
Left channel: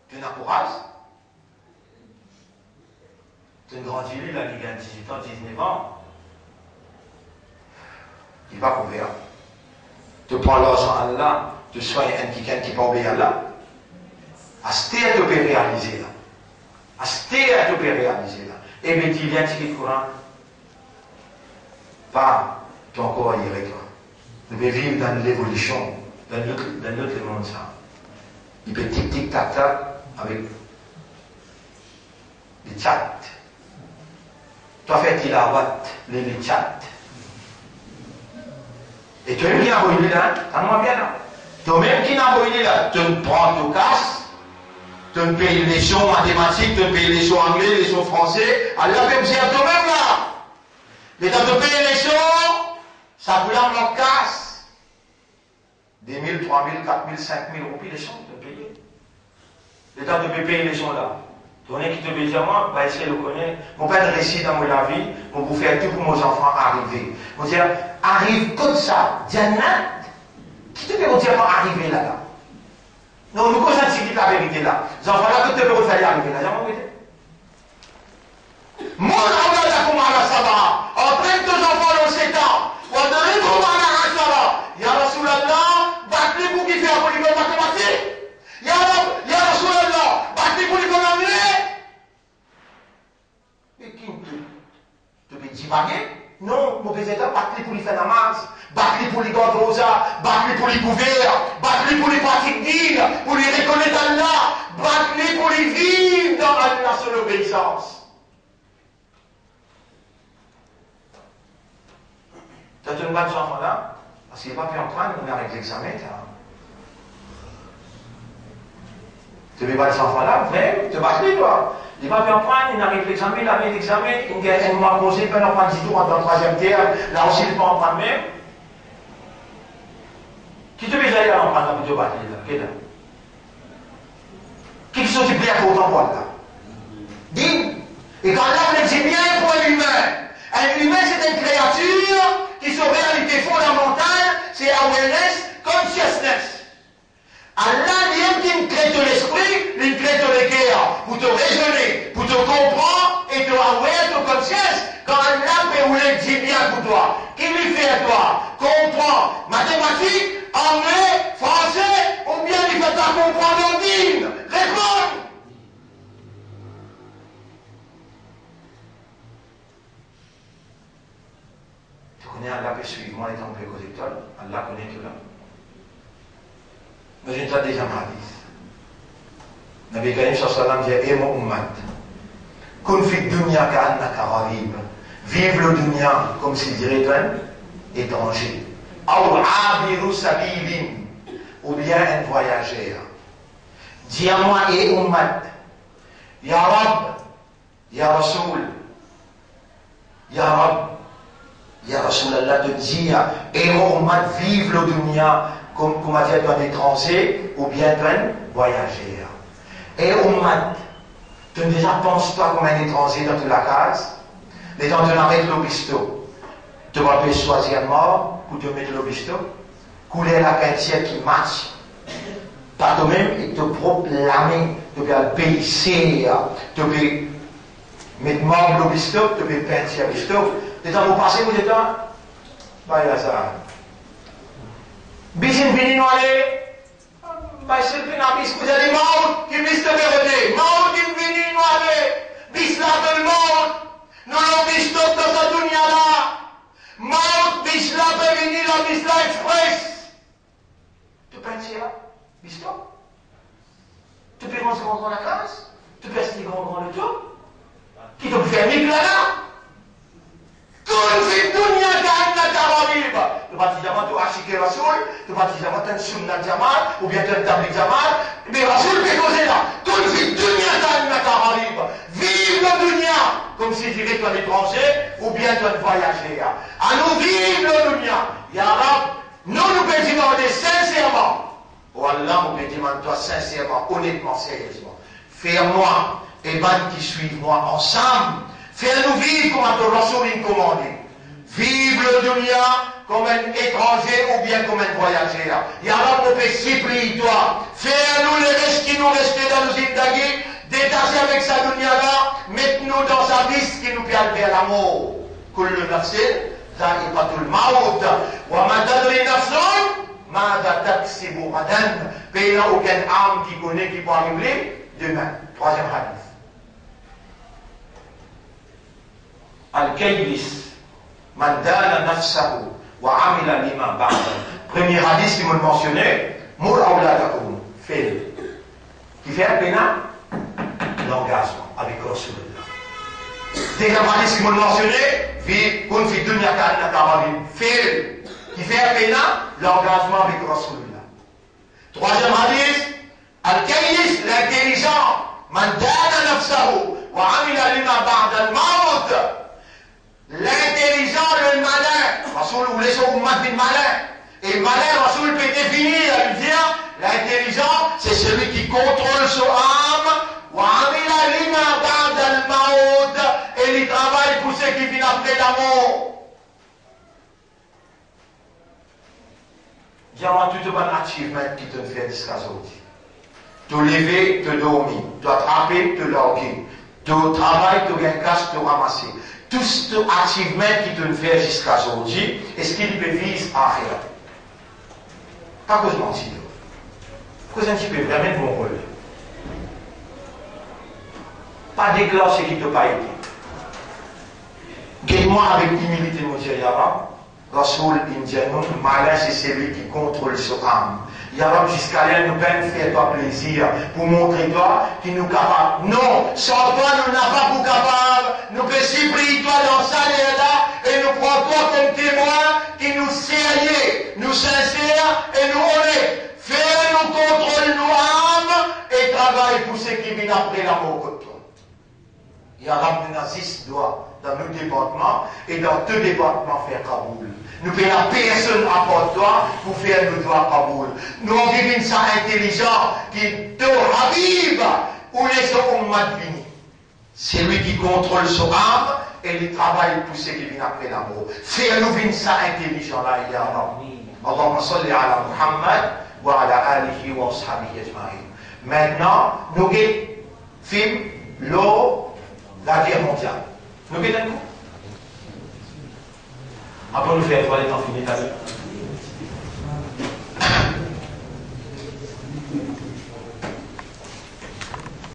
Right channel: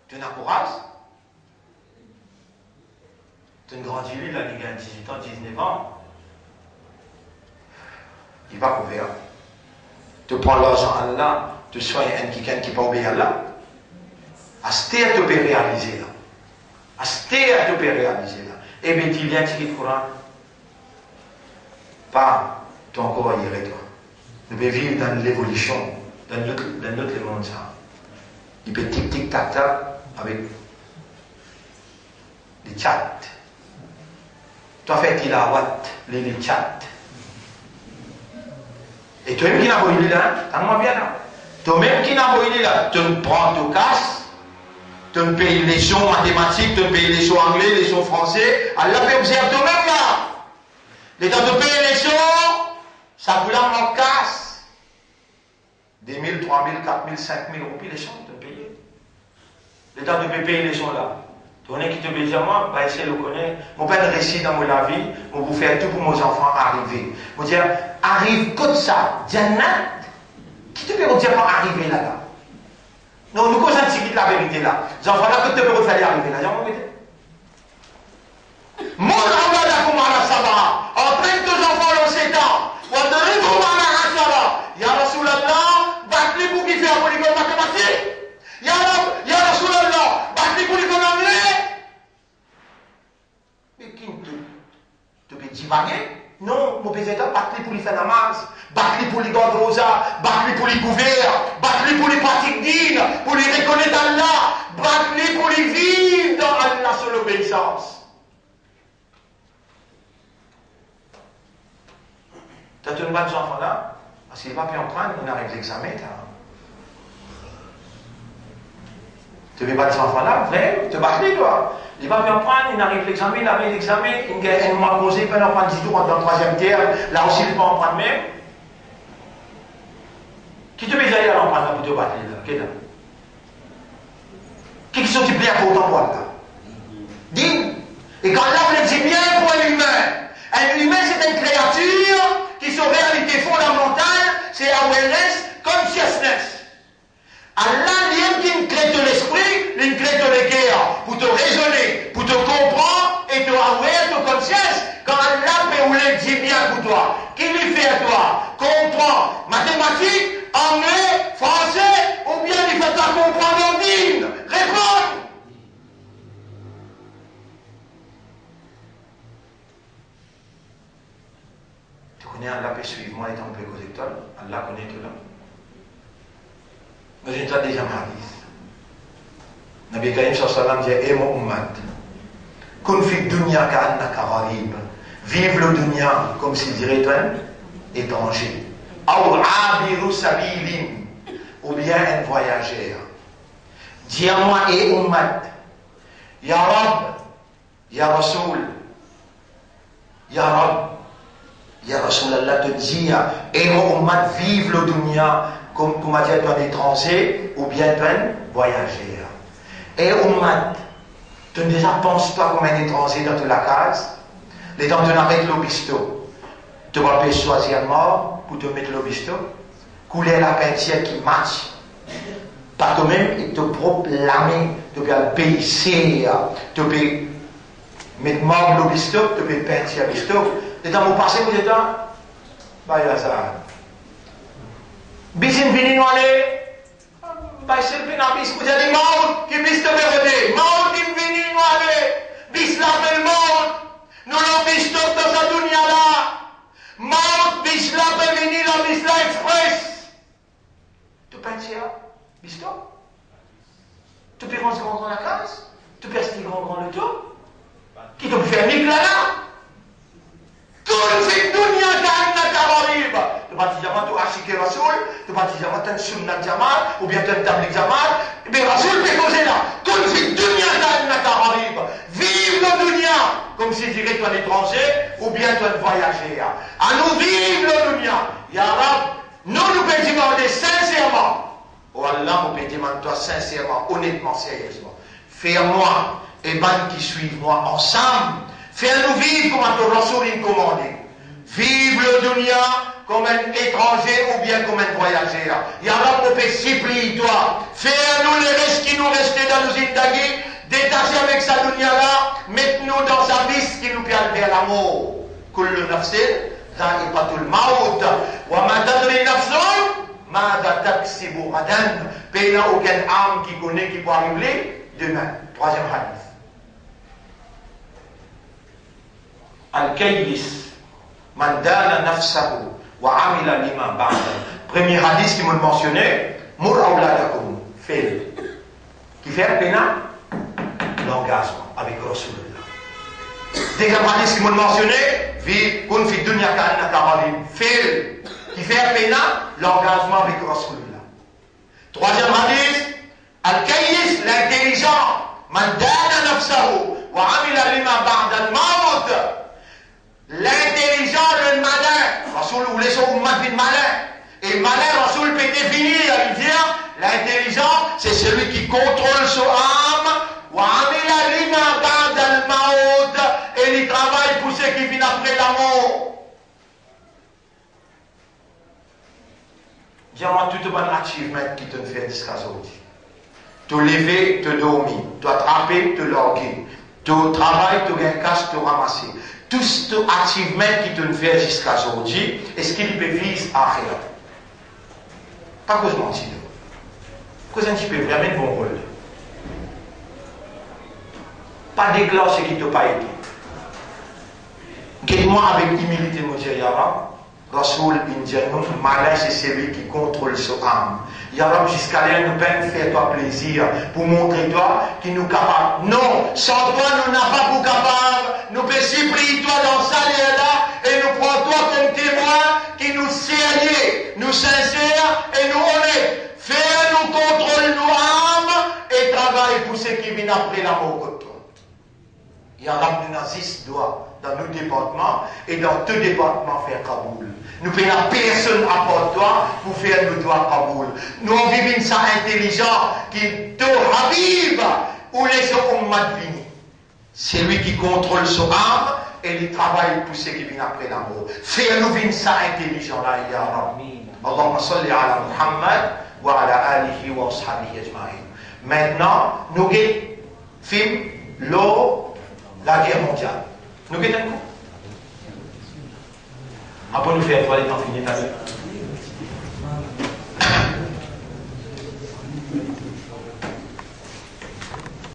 Tu n'encourages. Tu grandis lui, là, il gagne 18 ans, 19 ans. Il va couvrir. Tu prends l'argent à Allah. Tu sois quelqu'un qui peut obéir à Allah. Astéa te peut réaliser là. Astéa te peut réaliser là. Et bien, tu viens de le Coran. Pas ton corps irait toi. Nous pouvons vivre dans l'évolution, dans notre monde ça. Il peut tic-tic-tac-tac avec les chats. Toi, fait qu'il a what? Les chats. Et toi-même qui n'a pas eu là, t'as bien là. Toi-même qui n'a pas eu là, tu me prends, tu casses, tu me payes les leçons mathématiques, tu me payes les leçons anglais, les leçons français. Allah peut observer toi-même là. Les temps de payer les leçons, ça vous en casse. Des 1000, 3000, 4000, 5000 roupies les leçons, tu me payes. Les temps de payer les leçons là. Ton qui te veut dire, moi, bah, essayer de le connaître. Mon père récit dans mon vie, je vous faire tout pour mes enfants arriver. Je dire, arrive comme ça, Diana, qui te peut dire pas arriver là-bas? Non, nous causons la vérité là. Les enfants là, que tu peux faire arriver là, j'ai envie de mon enfant là, comment là, ça va? Entraîne tes enfants dans 7 ans. On arrive comment là, ça va? Ya Rasulallah, battez pour qui fait un polygone mathématique. Ya Rasulallah, battez pour les anglais. Mais qui te peut divaguer? Non, mon père, battez pour les faire namaz, battez pour les gardes rosa, battez pour les couverts, battez pour les pratiques dignes, pour les reconnaître Allah, battez pour les vivre dans Allah sur l'obéissance. Tu as une bonne enfant là, parce qu'il n'est pas pu en prendre, on arrête l'examen. Tu n'as pas des enfants là, vrai, tu vas battre toi. Il va bien prendre, il arrive l'examen, il arrive l'examen, il m'a posé, il peut en prendre 10 tours dans le 3e terme, là aussi il ne peut en prendre même. Qui te met d'ailleurs en prendre pour te battre là? Qui est là? Qui sont du plaisir pour autant pour là? Dis. Et quand là on dit bien pour un humain c'est une créature qui son réalité fondamentale, c'est awareness, consciousness. Allah vient qui crée de l'esprit, il crée de l'équerre, pour te raisonner, pour te comprendre et te aware, te conscience. Quand Allah peut ou dit bien pour toi, qui lui fait à toi, comprends, mathématiques, anglais, français, ou bien il fait ta comprendre en digne. Réponds! Tu connais Allah peut suivre moi étant plus correcteur, Allah connaît tout là. Mais j'ai déjà déjà ma hadith. Nabi Karim sallallahu alayhi wa sallam dit: Eh mon ummat, kun fi dunya ka'annaka gharib. Vive le dunya comme s'il dirait un étranger. Aw abiru sabilin, ou bien un voyageur. Dis à moi, eh ummat, Ya Rab, Ya Rasoul, Ya Rab, Ya Rasulallah te dit, eh mon ummat, vive le dunya comme on dit un étranger ou bien un voyageur. Et ummat, tu ne déjà penses pas comme un étranger dans la case. Les temps de l'arrêt le bisto, tu vas choisir mort pour te mettre le bisto, couler la peinture qui marche. Pas toi-même et te proclamer, tu peux baisser, tu peux mettre mort le bisto, tu peux peinture bisto. Les temps vous passez, vous êtes là? Bah, il y a ça. Bisin vini noale, bah c'est le pinabis, vous avez mort qui bis te verrouiller, mort qui vini noale, bis la belle mort, nous l'avons bis top dans sa dunya là, mort bis la belle vini la bis la express. Tu penses là, bis top? Tu peux rentrer dans la case? Tu peux rester grand le tout? Qui te fait mieux là? Tout le dunya ka'annaka gharib. Tu vas dire tu ashike Rasoul, tu vas dire tu es sunnah jamal ou bien tu es tabligh jamal, mais Rasoul peut causer là. Tout le dunya ka'annaka gharib. Vive le dunya comme si tu étais un étranger ou bien tu es un voyageur. À nous vivre le dunya. Ya Rab, nous pouvons demander sincèrement. Oh Allah, nous pouvons demander toi sincèrement, honnêtement, sérieusement. Fais-moi et ban qui suivent moi ensemble. Fais-nous vivre comme un Rasoul commandé. Vive le dunya comme un étranger ou bien comme un voyageur. Ya Rab, nous peut supplier toi. Fais-nous les restes qui nous restaient dans nos zindagi. Détacher avec sa dunya là. Mette-nous dans sa liste qui nous permet vers la mort. Kullu nafsin dha'iqatul maut. Wa ma tadri nafsun mada taksibu ghadan. Il n'y a aucune âme qui connaît qui peut arriver demain. Troisième hadith. Al-Kaydis, Man dana nafsahu wa amila lima ba'da. Premier hadith qui m'a mentionné, Mur awladakum, fais-le. Qui fait un pénal? L'engagement avec Rasulullah. Deuxième hadith qui m'a mentionné, vi kun fi dunya ka'annaka gharib, fais-le. Qui fait un pénal? L'engagement avec Rasulullah. Troisième hadith, al-kayyis, l'intelligent. Man dana nafsahu wa amila lima ba'da al-maut. L'intelligent, le malin. Rasoul ou les ummat bin malin. Et malin, Rasoul peut définir, il dit, l'intelligent, c'est celui qui contrôle son âme. Wa amila lima ba'da al-maut. Et il travaille pour ceux qui viennent après la mort. Dis-moi tout bon achievement qui te fait jusqu'à aujourd'hui. Te lever, te dormir, te attraper, te loguer, te travail, te gagner cash, te ramasser. Tout ce achievement qui te fait jusqu'à aujourd'hui, est-ce qu'il peut viser à rien? Pas que je mentir. Cause un petit peu, vraiment bon rôle. Pas déclencher ce qui ne t'a pas été. Guide-moi avec humilité, mon Dieu, Yara. Rasoul Indianou, malin, c'est celui qui contrôle son âme. Yara, jusqu'à là, nous peine faire toi plaisir pour montrer toi qui nous capable. Non, sans toi, nous n'avons pas pour capable. Nous pouvons supplier toi dans ça et là, et nous prenons toi comme témoin qui nous sérieux, nous sincères et nous honnêtes. Fais-nous contrôler nos âmes et travaille pour ceux qui viennent après la mort que toi. Yara, nous nazis doit dans nos départements et dans tous les départements faire Kaboul. Nous payons personne à part toi pour faire nos doigts Kaboul. Nous vivons ça intelligent qui te ravive ou les ummat vini. C'est lui qui contrôle son âme et il travaille pour ceux qui viennent après la mort. Fais-nous vivre ça intelligent là, ya Rabbi. Allahumma salli ala Muhammad wa ala alihi wa ashabihi ajma'in. Maintenant, nous filmons la guerre mondiale. Nous guettons. Après nous faire, il faut aller dans finir ta vie.